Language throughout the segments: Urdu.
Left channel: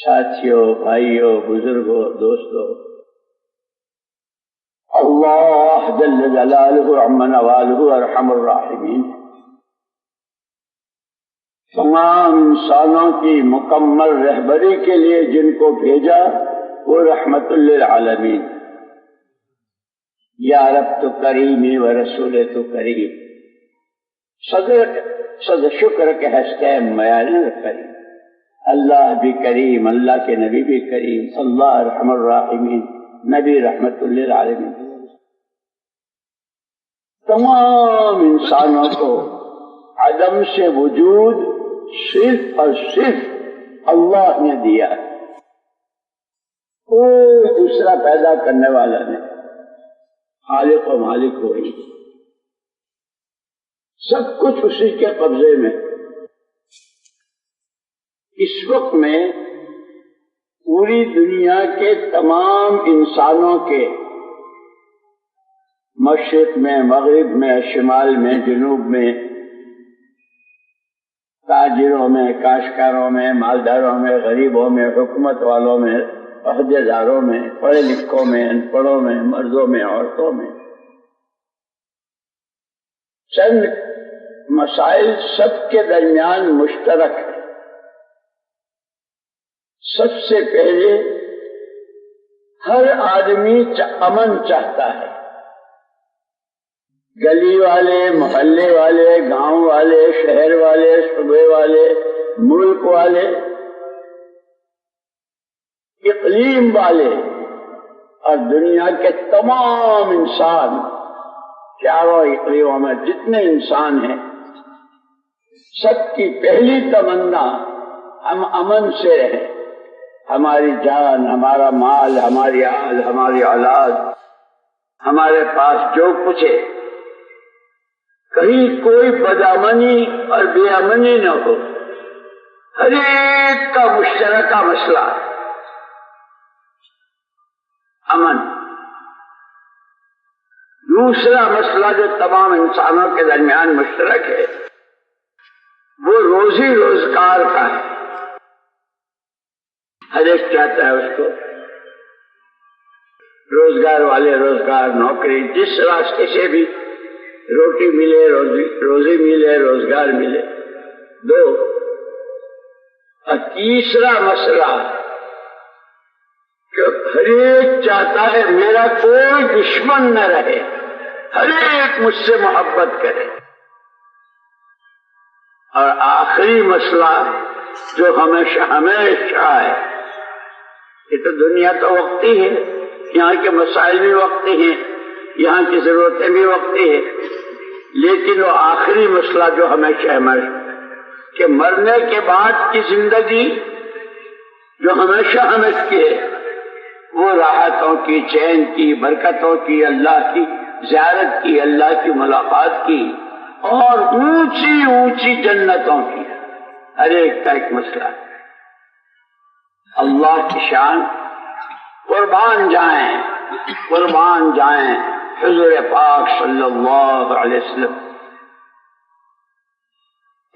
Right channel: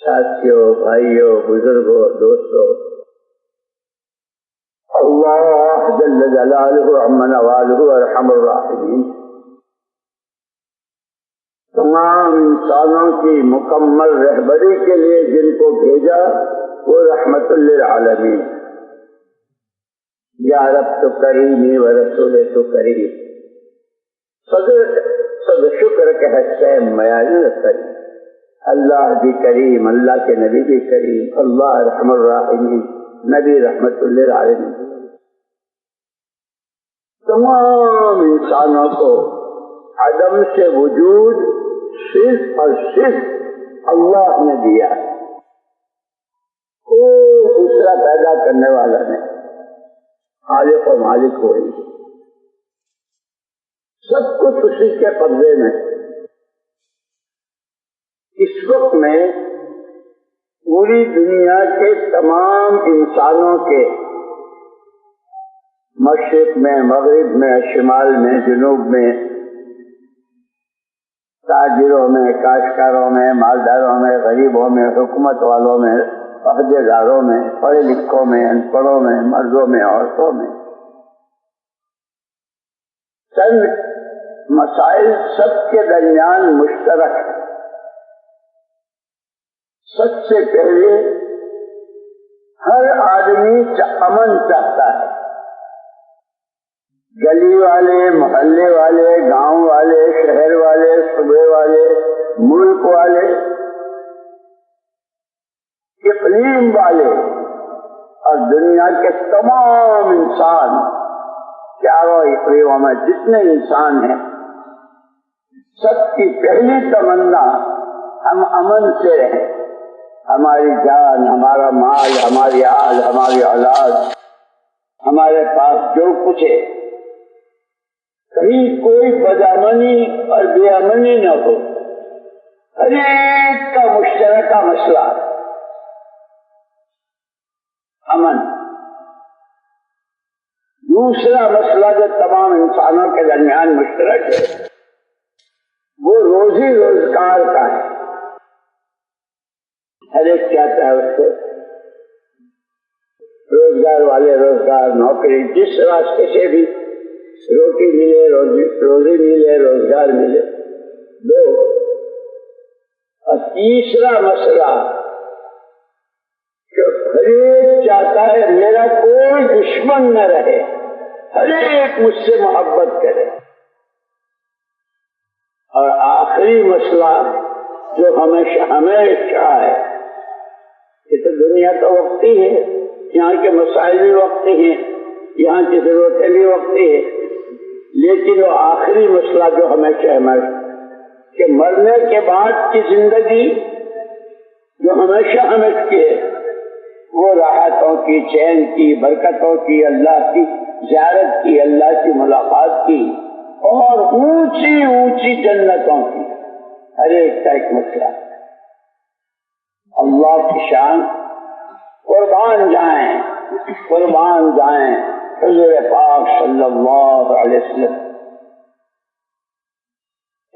ساتھیوں، بھائیوں، بزرگوں، دوستوں، اللہ جل جلالہ عم نوالہ ارحم الراحمین تمام انسانوں کی مکمل رہبری کے لیے جن کو بھیجا وہ رحمت للعالمین. یا رب تو کریمی و رسول تو کریم، صد شکر کے ہستے میال کریم. اللہ بھی کریم، اللہ کے نبی بھی کریم، اللہ ارحم الراحمین، نبی رحمت للعالمین. تمام انسانوں کو عدم سے وجود صرف اور صرف اللہ نے دیا ہے، کوئی دوسرا پیدا کرنے والا نہیں. خالق و مالک وہی، سب کچھ اسی کے قبضے میں. اس وقت میں پوری دنیا کے تمام انسانوں کے مشرق میں، مغرب میں، شمال میں، جنوب میں، تاجروں میں، کاشتکاروں میں، مالداروں میں، غریبوں میں، حکومت والوں میں، عہدے داروں میں، پڑھے لکھوں میں، ان پڑھوں میں، مردوں میں، عورتوں میں، چند مسائل سب کے درمیان مشترک ہے. سب سے پہلے ہر آدمی امن چاہتا ہے. گلی والے، محلے والے، گاؤں والے، شہر والے، صوبے والے، ملک والے، اقلیم والے اور دنیا کے تمام انسان، چاروں اقلیموں میں جتنے انسان ہیں، سب کی پہلی تمنا ہم امن سے رہیں. ہماری جان، ہمارا مال، ہماری آل، ہماری اولاد، ہمارے پاس جو کچھ ہے، کہیں کوئی بدامنی اور بے امنی نہ ہو. ہر ایک کا مشترکہ مسئلہ امن. دوسرا مسئلہ جو تمام انسانوں کے درمیان مشترک ہے وہ روزی روزگار کا ہے. ہر ایک چاہتا ہے اس کو روزگار والے روزگار، نوکری، جس راستے سے بھی روٹی ملے، روزی ملے، روزگار ملے. دو. اور تیسرا مسئلہ کہ ہر ایک چاہتا ہے میرا کوئی دشمن نہ رہے، ہر ایک مجھ سے محبت کرے. اور آخری مسئلہ جو ہمیشہ ہے، یہ تو دنیا تو وقتی ہے، یہاں کے مسائل بھی وقتی ہیں، یہاں کی ضرورتیں بھی وقتی ہیں، لیکن وہ آخری مسئلہ جو ہمیشہ ہے کہ مرنے کے بعد کی زندگی جو ہمیشہ کی ہے وہ راحتوں کی، چین کی، برکتوں کی، اللہ کی زیارت کی، اللہ کی ملاقات کی اور اونچی اونچی جنتوں کی. ہر ایک کا ایک مسئلہ ہے. اللہ کی شان قربان جائیں حضور پاک صلی اللہ علیہ وسلم.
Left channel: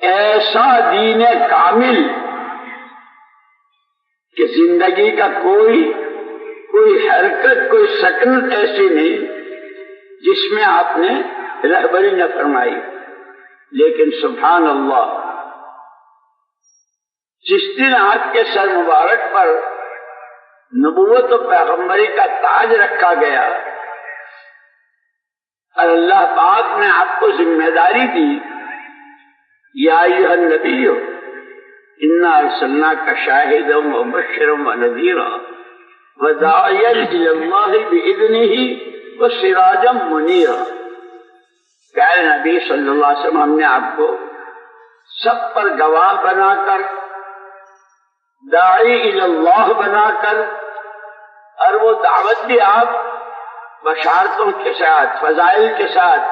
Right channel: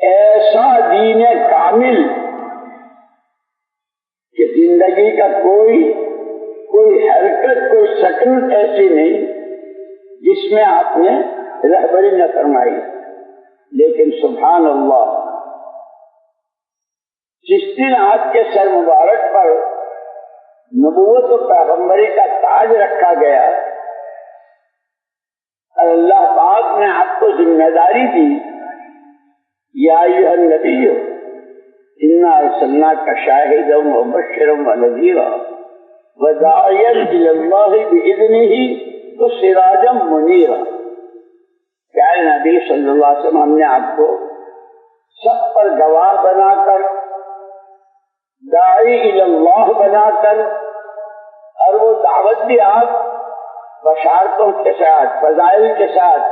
ایسا دین کامل کہ زندگی کا کوئی حرکت، کوئی سکنت ایسی نہیں جس میں آپ نے رہبری نہ فرمائی. لیکن سبحان اللہ، جس دن آپ کے سر مبارک پر نبوت و پیغمبری کا تاج رکھا گیا اور اللہ پاک نے آپ کو ذمہ داری دی، یا ایھا النبی انا ارسلناک شاہدا ومبشرا ونذیرا وداعیا الی اللہ باذنہ وسراجا منیرا. پیارے نبی صلی اللہ علیہ وسلم، ہم نے آپ کو سب پر گواہ بنا کر، داعی الی اللہ بنا کر، اور وہ دعوت بھی آپ بشارتوں کے ساتھ، فضائل کے ساتھ،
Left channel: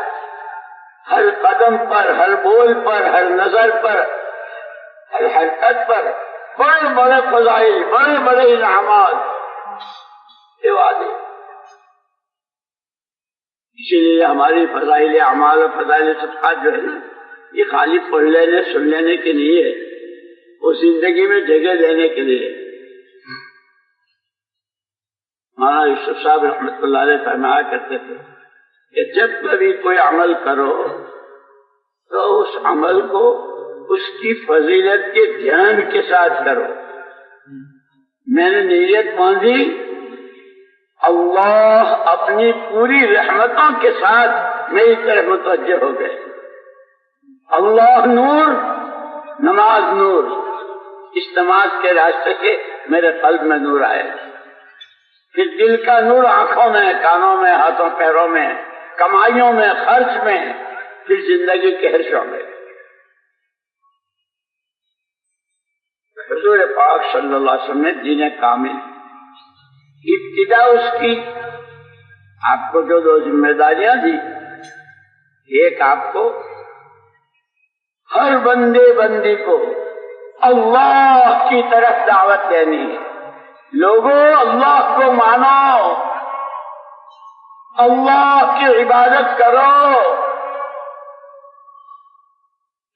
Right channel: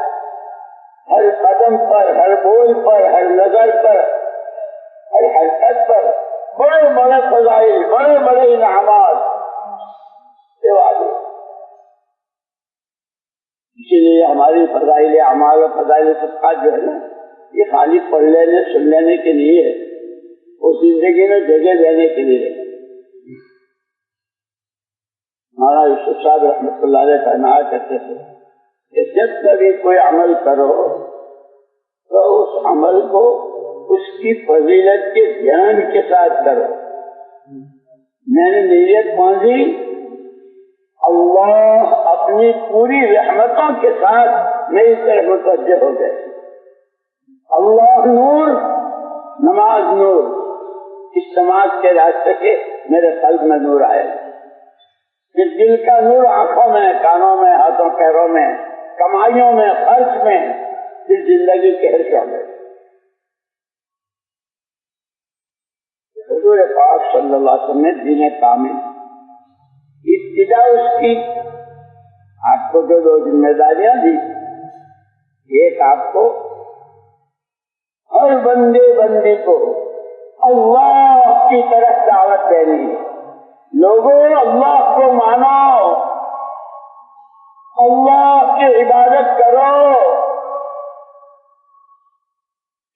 ہر قدم پر، ہر بول پر، ہر نظر پر، ہر حرکت پر بڑے بڑے فضائل، بڑے بڑے انعامات، یہ وعدے. اسی لیے ہماری فضائل اعمال اور فضائل صدقات جو ہے نا، یہ خالی پڑھ لینے، سن لینے کے لیے، وہ زندگی میں جگہ دینے کے لیے. مولانا یوسف صاحب رحمۃ اللہ علیہ فرمایا کرتے تھے کہ جب کبھی کوئی عمل کرو تو اس عمل کو اس کی فضیلت کے دھیان کے ساتھ کرو. میں نے نیت باندھی اللہ اپنی پوری رحمتوں کے ساتھ میری طرف متوجہ ہو گئے. اللہ نور، نماز نور، اس نماز کے راستے سے میرے قلب میں نور آئے. پھر دل کا نور آنکھوں میں، کانوں میں، ہاتھوں پیروں میں، کمائیوں میں، خرچ میں، پھر زندگی کے ہر شعبے. حضور پاک صلی اللہ علیہ وسلم نے دین کامل ابتدا اس کی آپ کو جو دو ذمہ داریاں دی. ایک آپ کو ہر بندے بندی کو اللہ کی طرف دعوت دینی ہے. لوگوں اللہ کو مانو، اللہ کی عبادت کرو،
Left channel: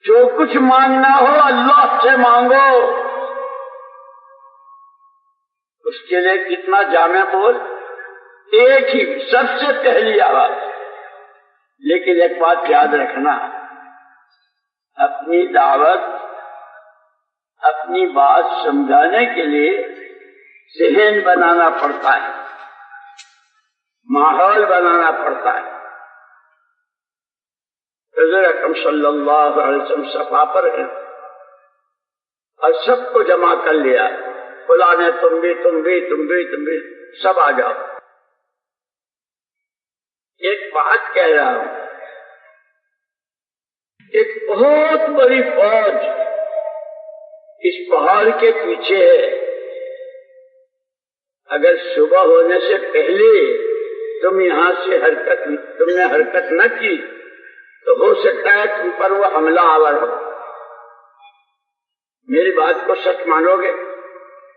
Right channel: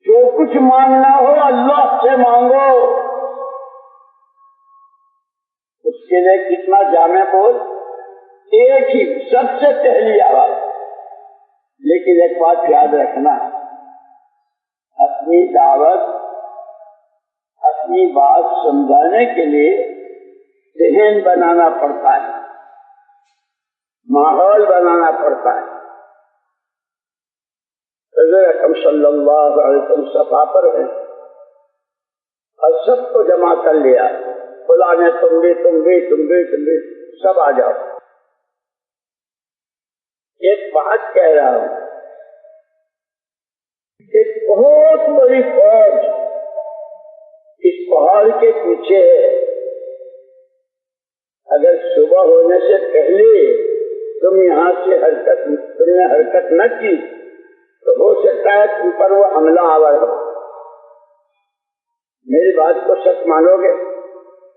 جو کچھ مانگنا ہو اللہ سے مانگو. اس کے لیے کتنا جامع بول، ایک ہی سب سے پہلی آواز. لیکن ایک بات یاد رکھنا، اپنی دعوت، اپنی بات سمجھانے کے لیے ذہن بنانا پڑتا ہے، ماحول بنانا پڑتا ہے. حضور اکرم صلی اللہ علیہ وسلم صفا پر ہیں اور سب کو جمع کر لیا. خدا نے تم بھی سب آ جاؤ. ایک بات کہہ رہا ہوں، ایک بہت بڑی فوج اس پہاڑ کے پیچھے ہے. اگر صبح ہونے سے پہلے تم یہاں سے تم نے حرکت نہ کی تو ہو سکتا ہے تم پر وہ حملہ آور ہو. میری بات کو سچ مانو گے؟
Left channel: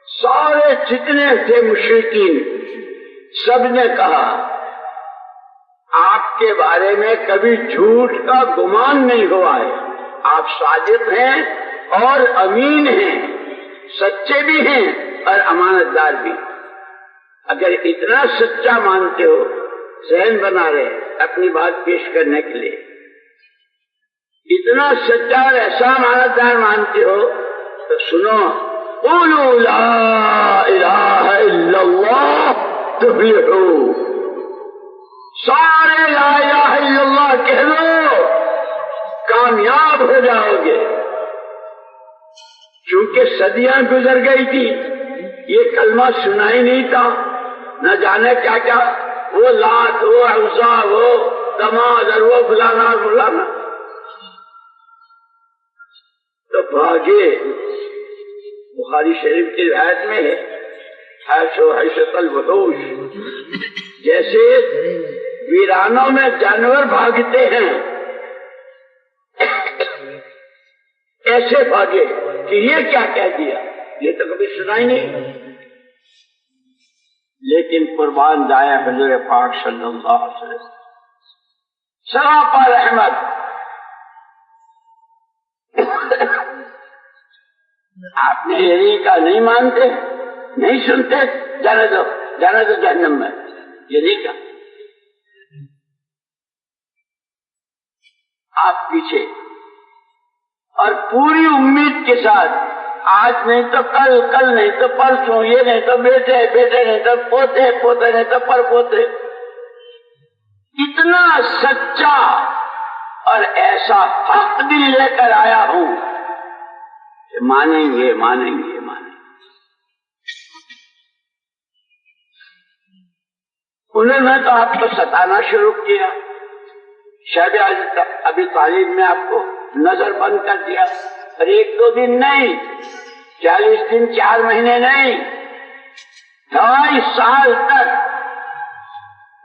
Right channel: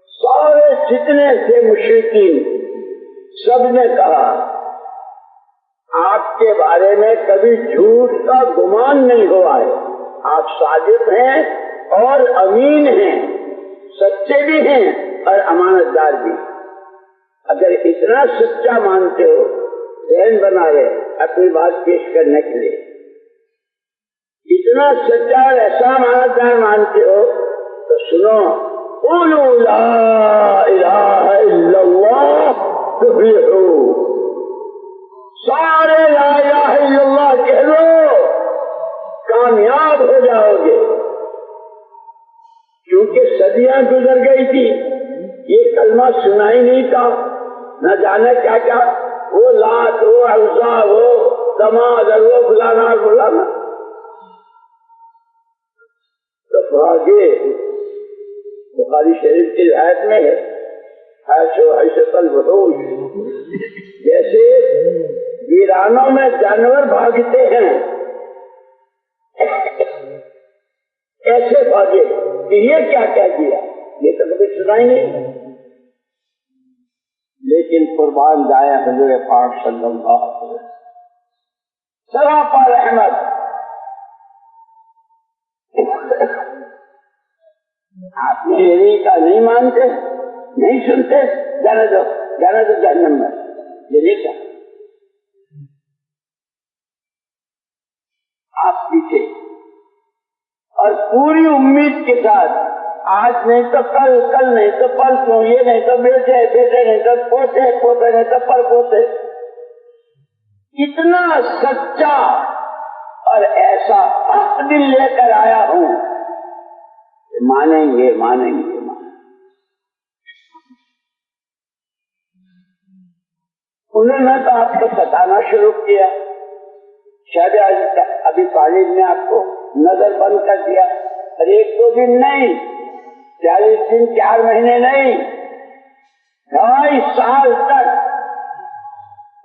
سارے جتنے تھے مشرکین سب نے کہا آپ کے بارے میں کبھی جھوٹ کا گمان نہیں ہوا ہے. آپ صادق ہیں اور امین ہیں، سچے بھی ہیں اور امانت دار بھی. اگر اتنا سچا مانتے ہو، ذہن بنا رہے اپنی بات پیش کرنے کے لیے، اتنا سچا اور ایسا امانت دار مانتے ہو تو سنو، قولوا لا الہ الا اللہ تفلحوا. سارے لا الہ الا اللہ کہہ دو، کامیاب ہو جاؤ گے. چونکہ صدیاں گزر گئی تھی، یہ کلمہ سنا ہی نہیں تھا، نہ جانے کیا کیا، وہ لات، وہ عزا، وہ دماد اور وہ فلانا فلانا. تو بھاگے. بخاری شریف کی روایت میں ہے حیث الوحوش، جیسے ویرانوں میں جانور بھاگتے ہیں ایسے بھاگے کہ یہ کیا کہہ دیا، یہ تو کبھی سنا ہی نہیں. لیکن قربان جائے حضور پاک صلی اللہ علیہ وسلم سراپا رحمت. آپ نے یہی کا نہیں مانتے، نہیں سنتے، جانے دو جہنم میں. یہ نہیں کہا. آپ پیچھے اور پوری امید کے ساتھ، آج نہیں تو کل، کل نہیں تو پرسوں، یہ نہیں تو بیٹے، بیٹے نہیں تو پوتے، پوتے نہیں تو پر پوتے. اتنا سچا اور ایسا حق دل لے کر آیا ہوں کہ مانیں گے مانیں گے مانیں گے. انہوں نے تو آپ کو ستانا شروع کیا. شاید ابھی تعلیم میں آپ کو نظر بند کر دیا، اور ایک دو دن نہیں، 40 دن 4 مہینے نہیں، 2.5 سال تک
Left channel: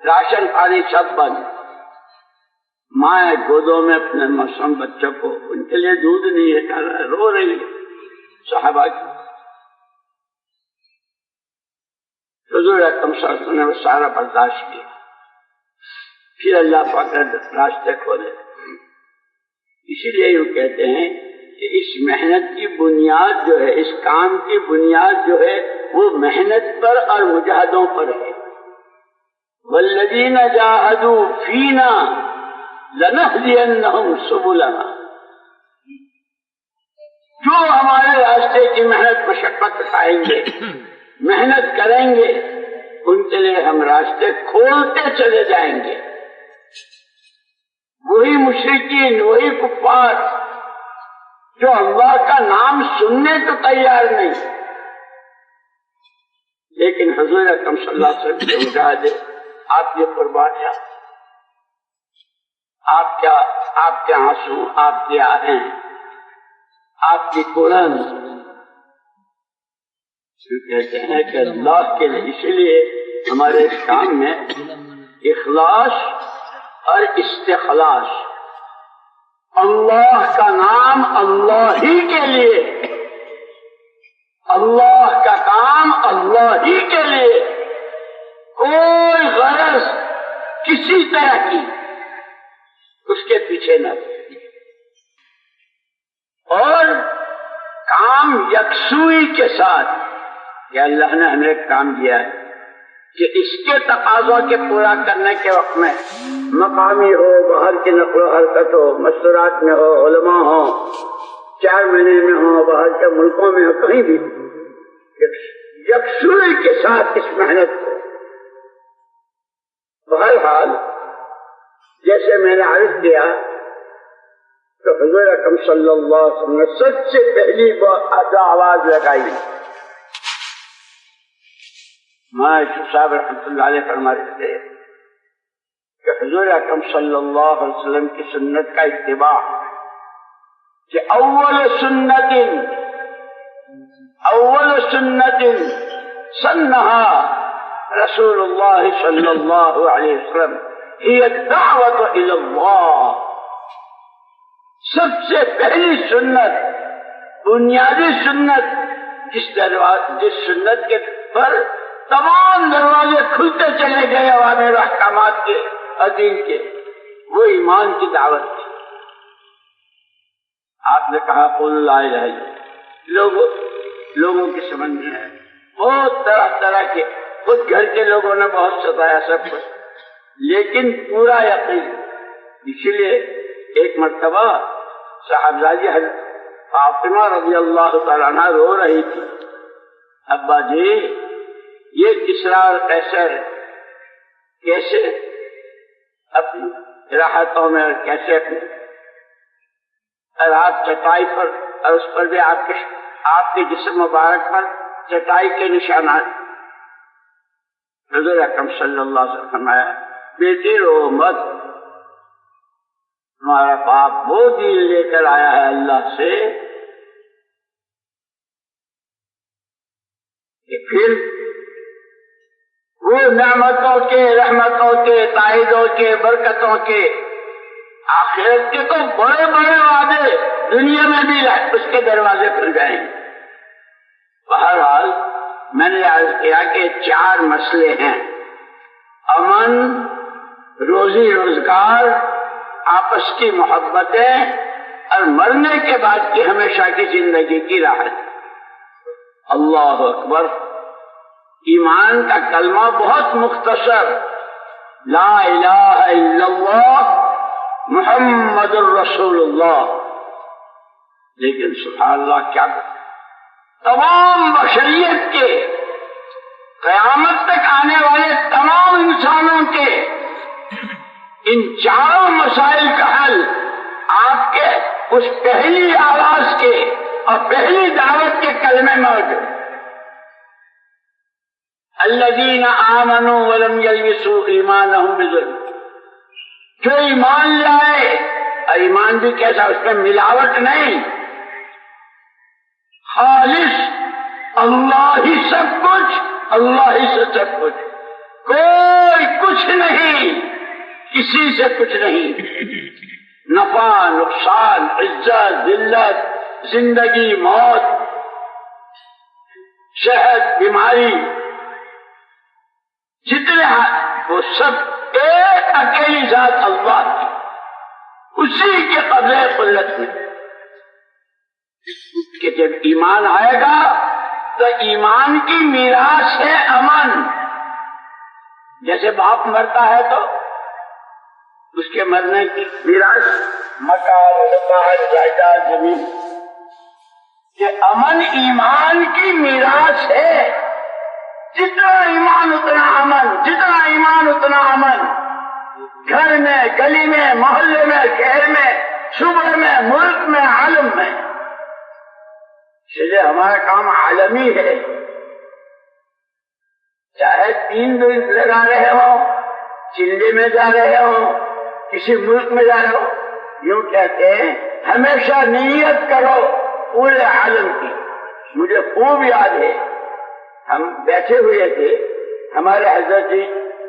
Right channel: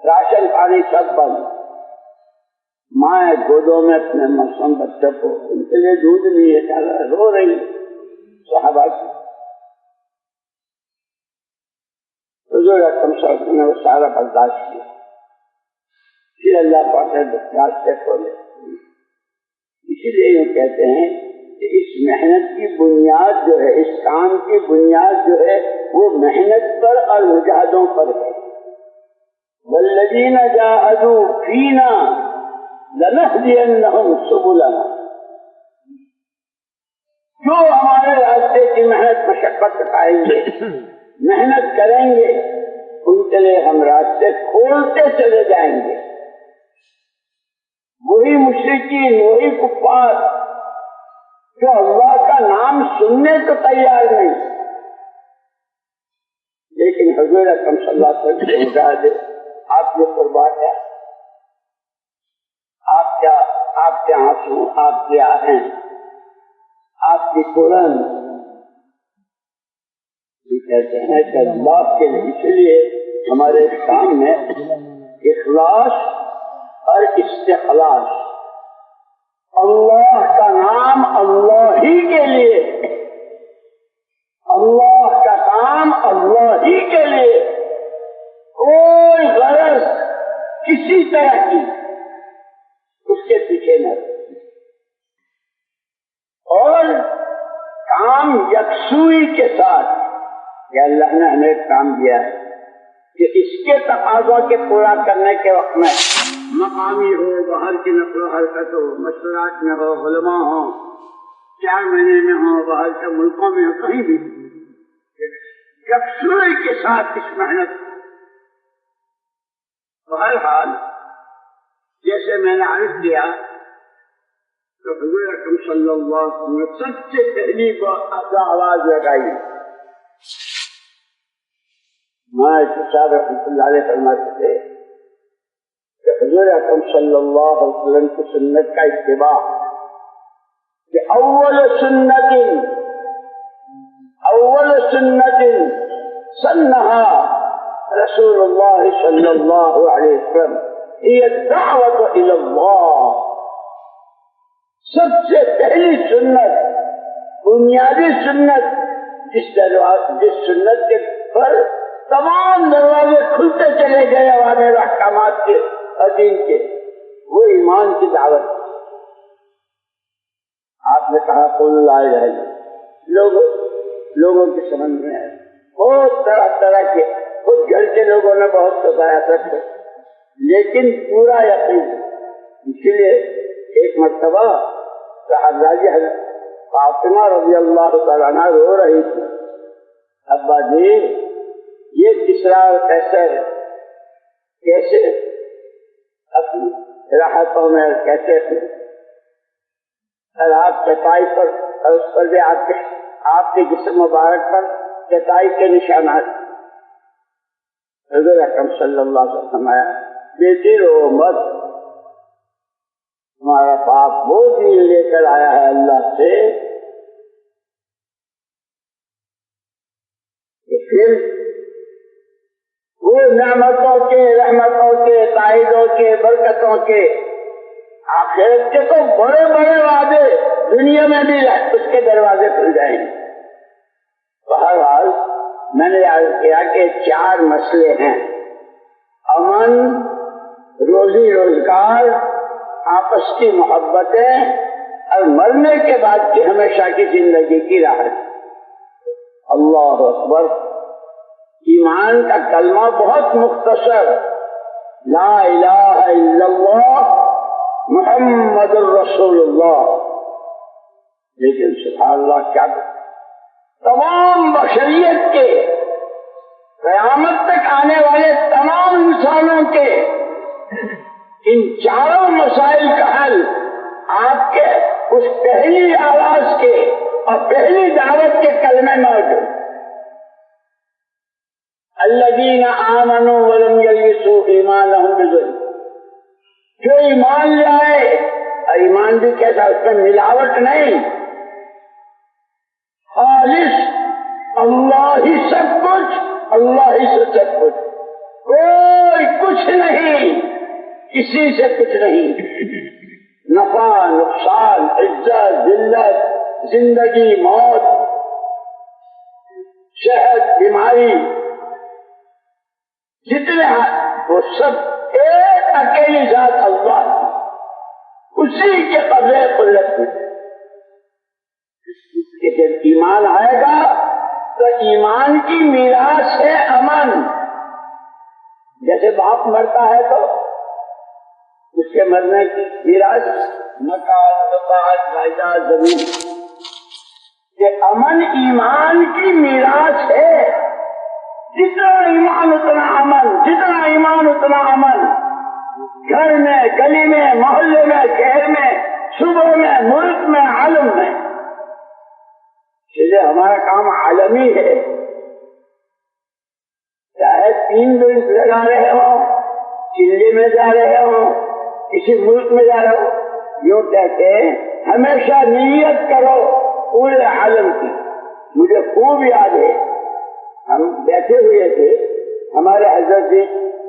راشن پانی سب بند. ماں گودوں میں اپنے معصوم بچوں کو، ان کے لیے دودھ نہیں ہے، رو رہی صحابہ کی. حضور اکرم صلی اللہ علیہ وسلم نے وہ سارا برداشت کیا. پھر اللہ پاک نے راستے کھولے. اسی لیے یوں کہتے ہیں کہ اس محنت کی بنیاد جو ہے، اس کام کی بنیاد جو ہے وہ محنت پر اور مجاہدوں پر ہے. والذین جاہدوا فینا لنہدینہم سبلنا، جو ہمارے راستے کی محنت مشقت اٹھائیں گے، محنت کریں گے، ان کے لیے ہم راستے کھولتے چلے جائیں گے۔ وہی مشرکین، وہی کفار جو اللہ کا نام سننے کو تیار نہیں، لیکن حضور اکرم صلی اللہ علیہ وسلم سے مجاہدے، آپ یہ قربانیاں، آپ کے آنسو، آپ کی آہیں، آپ کی قرآن، کہتے ہیں کہ اللہ کے لیے، اس لیے ہمارے کام میں اخلاص اور استخلاص، اللہ کا نام اللہ ہی کے لیے، اللہ کا کام اللہ ہی کے لیے، کوئی غرض کسی طرح کی اس کے پیچھے نہ، اور کام یکسوئی کے ساتھ، یا اللہ نے ہمیں ایک کام دیا ہے کہ اس کے تقاضوں کے پورا کرنے کے وقت میں مقامی ہو، باہر کی نقل و حرکت ہو، مستورات میں ہو، علماء ہو، 4 مہینے میں ہو، باہر کے ملکوں میں ہو، کہیں بھی یکسوئی کے ساتھ اس محنت کو، بہرحال جیسے میں نے عرض کیا تو حضور اکرم صلی اللہ علیہ وسلم نے سب سے پہلی آواز لگائی، مولانا صاحب رحمۃ اللہ علیہ فرماتے تھے کہ حضور اکرم صلی اللہ علیہ وسلم کی سنت کا اتباع، کہ اول سنت سنہا رسول اللہ صلی اللہ علیہ وسلم ہی الدعوت الی اللہ، سب سے پہلی سنت، بنیادی سنت، جس سنت کے پر تمام دروازے کھلتے چلے گئے اوامر احکامات کے اور دین کے، وہ ایمان کی دعوت تھی۔ آپ نے کہا قل لا الہ الا اللہ، لوگوں کی سمجھ میں آئے، بہت طرح طرح کے، خود گھر کے لوگوں نے بہت ستایا سب کچھ، لیکن پورا یقین۔ اسی لیے ایک مرتبہ صاحبزادی فاطمہ رضی اللہ تعالیٰ عنہ رو رہی تھی، ابا جی یہ کسریٰ اور قیصر کیسے اپنی راحتوں میں، کیسے اپنی رات چٹائی پر، اور اس پر بھی آپ کے جسم مبارک پر چٹائی کے نشانات، حضور اکرم صلی اللہ علیہ وسلم فرمایا بیٹی رو مت، ہمارا باپ وہ دین لے کر آیا ہے اللہ سے کہ پھر وہ نعمتوں کے، رحمتوں کے، تائیدوں کے، برکتوں کے، آخرت کے تو بڑے بڑے وعدے دنیا میں بھی اس کے دروازے کھل جائیں گے۔ بہرحال میں نے عرض کیا کہ 4 مسئلے ہیں، امن، روزی روزگار، آپس کی محبتیں، اور مرنے کے بعد کی ہمیشہ کی زندگی کی راحت۔ اللہ اکبر، ایمان کا کلمہ بہت مختصر، لا الہ الا اللہ محمد الرسول اللہ، لیکن سبحان اللہ کیا تمام بشریت کے، قیامت تک آنے والے تمام انسانوں کے ان 4 مسائل کا حل آپ کے اس پہلی آواز کے اور پہلی دعوت کے کلمے موجود۔ الذین آمنوا ولم یلبسوا ایمانہم بظلم، جو ایمان لائے، اور ایمان بھی کیسا، اس میں ملاوٹ نہیں، خالص اللہ ہی سب کچھ، اللہ ہی سے سب کچھ، کوئی کچھ نہیں، کسی سے کچھ نہیں، نفع نقصان، عزت ذلت، زندگی موت، صحت بیماری، جتنے وہ سب ایک اکیلی ذات اللہ کی، اسی کے قبضے قدرت میں، کہ جب ایمان آئے گا تو ایمان کی میراث ہے امن، جیسے باپ مرتا ہے تو اس کے مرنے کی میراث مکان، دکان، جائیداد، زمین، یہ امن ایمان کی میراث ہے. جتنا ایمان اتنا امن، جتنا ایمان اتنا امن. گھر میں، گلی میں، محلے میں، شہر میں، صوبے میں، ملک میں، عالم میں. اس لیے ہمارا کام عالمی ہے. چاہے 3 دن لگا رہے ہوں، چلے میں جا رہے ہوں، کسی ملک میں جا رہے ہو، یوں کہتے ہیں ہمیشہ نیت کرو پورے عالم کی. مجھے خوب یاد ہے، ہم بیٹھے ہوئے تھے، ہمارے حضرت جی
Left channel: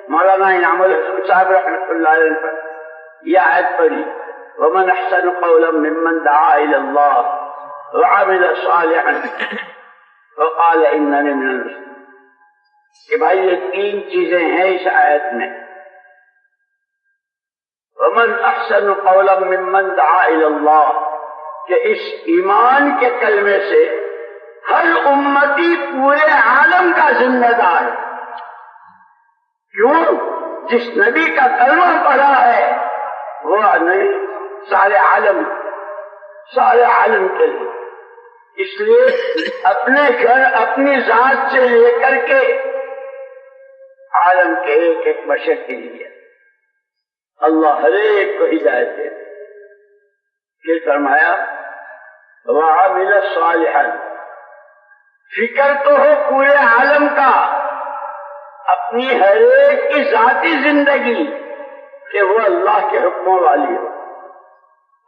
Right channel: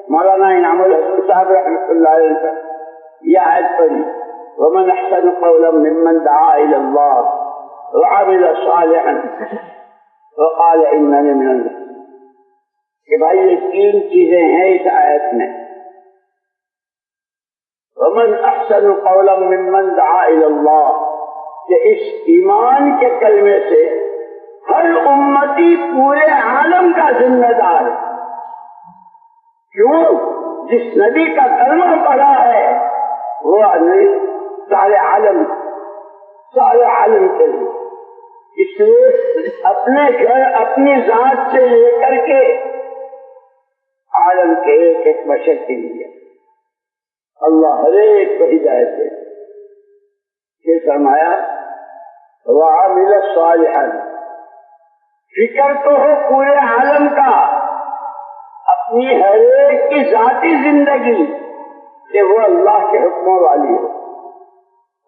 مولانا انعام الحسن صاحب رحمۃ اللہ علیہ پر یہ آیت پڑھی، ومن احسن قولا ممن دعا الى اللہ وعمل صالحا وقال اننی من المسلمین. کہ بھائی یہ 3 چیزیں ہیں اس آیت میں. ومن احسن قولا ممن دعا الى اللہ، کہ اس ایمان کے کلمے سے ہر امتی پورے عالم کا ذمہ دار. کیوں؟ جس نبی کا کلمہ پڑھا ہے وہ نبی سارے عالم کے لیے. اس لیے اپنے گھر اپنی ذات سے لے کر کے عالم کے ایک ایک بشر کے لیے اللہ ہر ایک کو ہدایت دے. پھر فرمایا وعمل صالحا، فکر تو ہو پورے عالم کا، اپنی ہر ایک کی ذاتی زندگی کہ وہ اللہ کے حکموں والی ہو.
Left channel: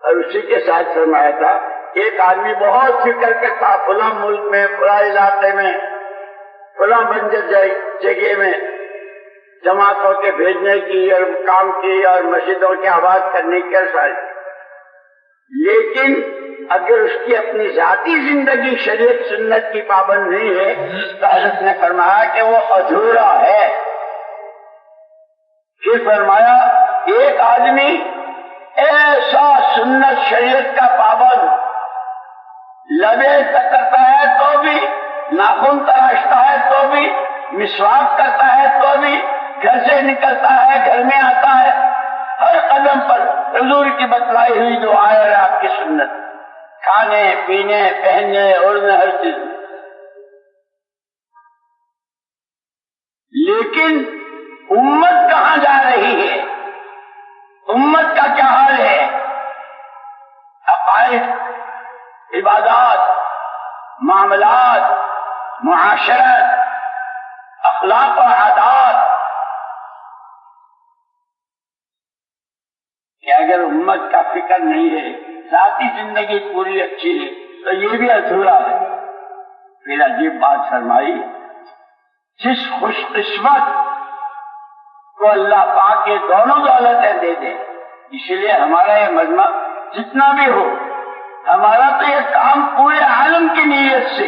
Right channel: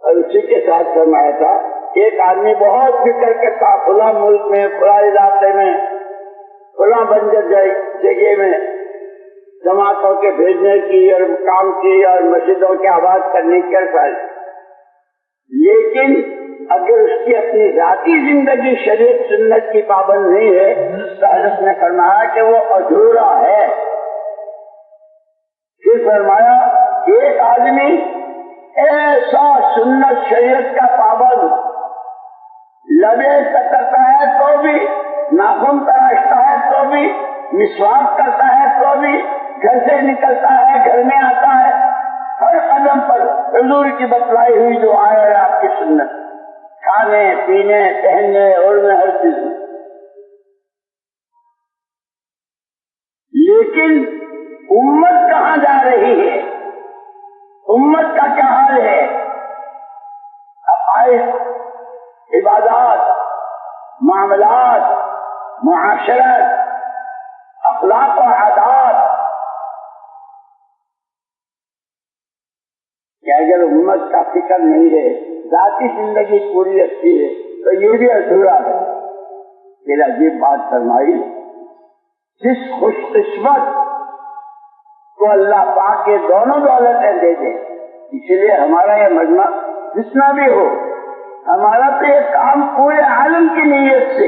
اور اسی کے ساتھ فرمایا تھا ایک آدمی بہت فکر کرتا فلاں ملک میں، فلاں علاقے میں، فلاں بنجر جگہ میں جماعتوں کے بھیجنے کی اور کام کی اور مسجدوں کے آباد کرنے کی ساری، لیکن اگر اس کی اپنی ذاتی زندگی شریعت سنت کی پابند نہیں ہے تو حضرت نے فرمایا کہ وہ ادھورا ہے. پھر فرمایا ایک آدمی ایسا سنت شریعت کا پابند، لبے کرتا ہے تو بھی، ناخن تراشتا ہے تو بھی، مسواک کرتا ہے تو بھی، گھر سے نکلتا ہے، گھر میں آتا ہے، ہر قدم پر حضور کی بتلائی ہوئی جو آیا ہے آپ کی سنت، کھانے پینے پہننے اوڑھنے ہر چیز. لیکن امت کہاں جا رہی ہے؟ امت کا کیا حال ہے؟ عقائد، عبادات، معاملات، معاشرت، اخلاق و عادات. کہ اگر امت کا فکر نہیں ہے، ذاتی زندگی پوری اچھی ہے تو یہ بھی ادھورا ہے. پھر عجیب بات فرمائی، جس خوش قسمت کو اللہ پاک یہ دونوں دولتیں دے دے. اس لیے ہمارا یہ مجمع جتنا بھی ہو، ہمارا تو یہ کام پورے عالم کی نیت سے،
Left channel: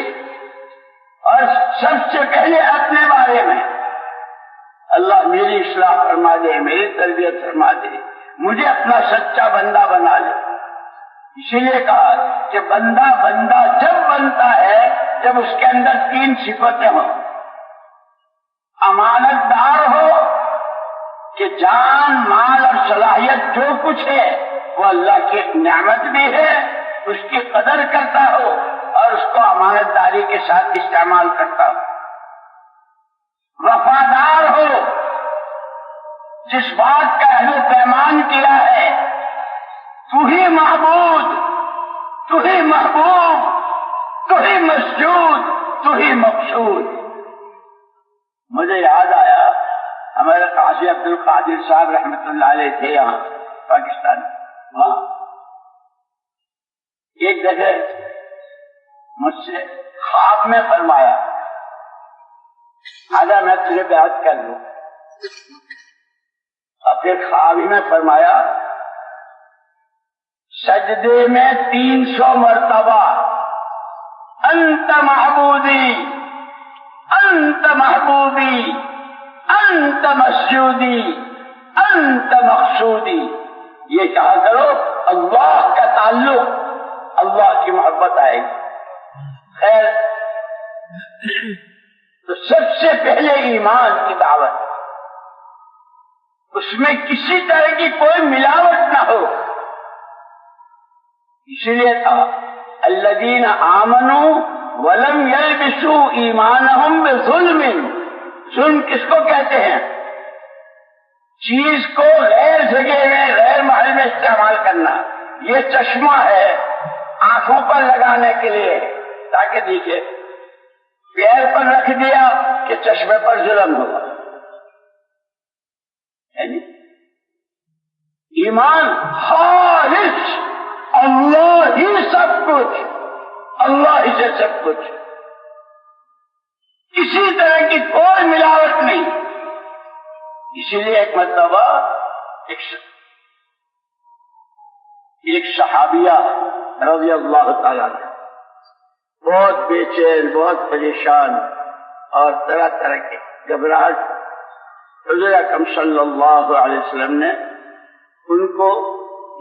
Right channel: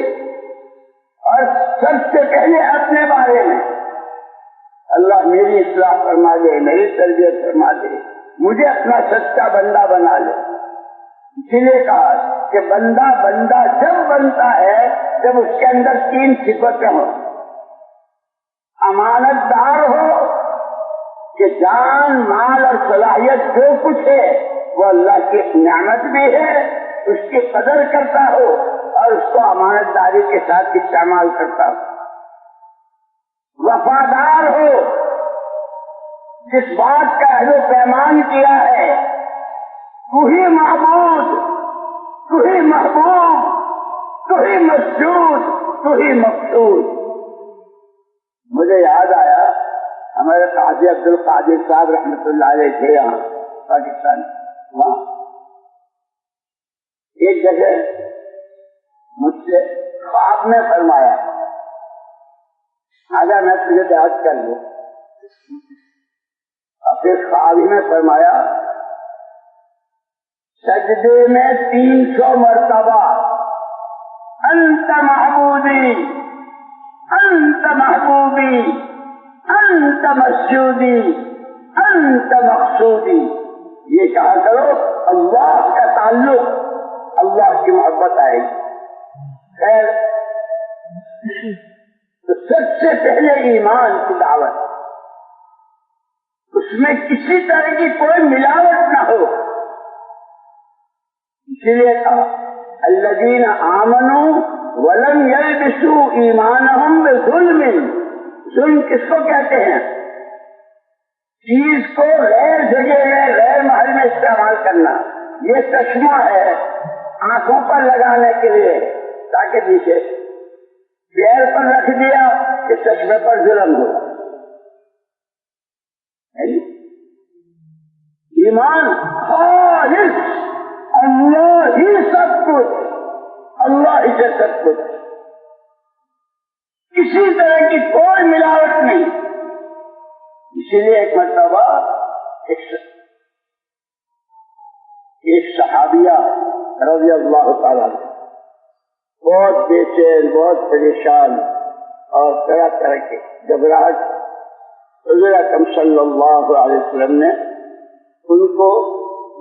اور سب سے پہلے اپنے بارے میں اللہ میری اصلاح فرما دے، میری تربیت فرما دے، مجھے اپنا سچا بندہ بنا لے. اسی لیے کہا کہ بندہ جب بنتا ہے جب اس کے اندر 3 صفتیں ہوں. امانت دار ہو کہ جان، مال اور صلاحیت جو کچھ ہے وہ اللہ کی نعمت بھی ہے، اس کی قدر کرتا ہو اور اس کو امانت داری کے ساتھ استعمال کرتا ہو. وفادار ہو، جس بات کا عہد و پیمان کیا ہے تو ہی معبود، تو ہی محبوب، تو ہی مسجود، تو ہی مقصود. مجھے یاد آیا ہمارے قاضی عبد القادر صاحب رحمۃ اللہ علیہ تھے یہاں پاکستان. وہاں ایک جگہ مجھ سے خواب میں فرمایا آجا میں تجھے بیعت کر لوں. اور پھر خواب میں فرمایا سجدے میں 300 مرتبہ انت معبودی، انت محبوبی، انت مسجودی، انت مقصودی. یہ کہا کرو اللہ کا تعلق، اللہ کی محبت آئے گی. خیر، تو سب سے پہلے ایمان کی دعوت. اس میں کسی طرح کی کوئی ملاوٹ نہ ہو. اس لیے تھا الذین آمنوا ولم یلبسوا ایمانہم بظلم. ظلم کس کو کہتے ہیں؟ چیز کو غیر جگہ میں غیر محل میں استعمال کرنا. یہ چشمہ ہے آنکھوں پر لگانے کے لیے تاکہ دیکھے، پیر پر رکھ دیا کہ چشمے پر ظلم ہوگا. ایمان خالص، اللہ ہی سب کچھ، اللہ ہی سے سب کچھ، کسی طرح کی کوئی ملاوٹ نہیں. اسی لیے ایک مرتبہ ایک صحابیہ رضی اللہ تعالیٰ عنہ بہت بے چین، بہت پریشان اور طرح طرح کے گھبراہٹ، حضور اکرم صلی اللہ علیہ وسلم نے ان کو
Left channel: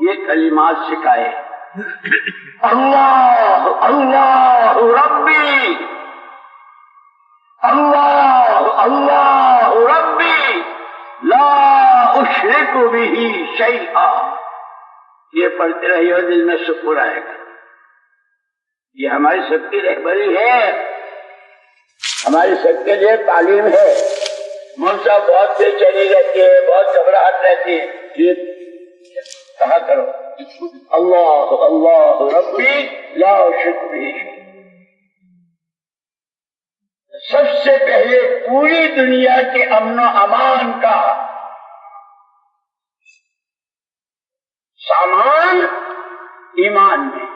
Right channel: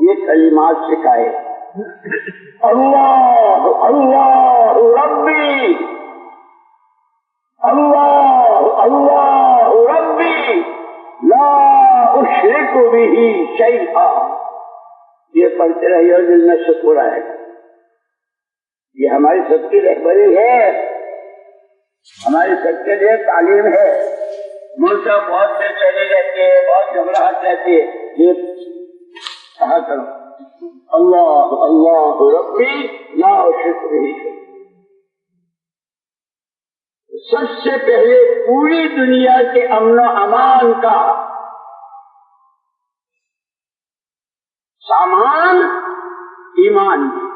یہ کلمات سکھائے: اللہ اللہ ربی، اللہ اللہ ربی، لا اشرک بہ شیئا. یہ پڑھتے رہیے، دل میں سکون آئے گا. یہ ہماری سب کی رہبری ہے، ہماری سب کے لیے تعلیم ہے. ملک بہت بے چینی رہتی ہے، بہت گھبراہٹ رہتی ہے. یہ کہا کرو اللہ اللہ ربی لا اشرک بہ شیئا. سب سے پہلے پوری دنیا کے امن و امان کا سامان ایمان میں.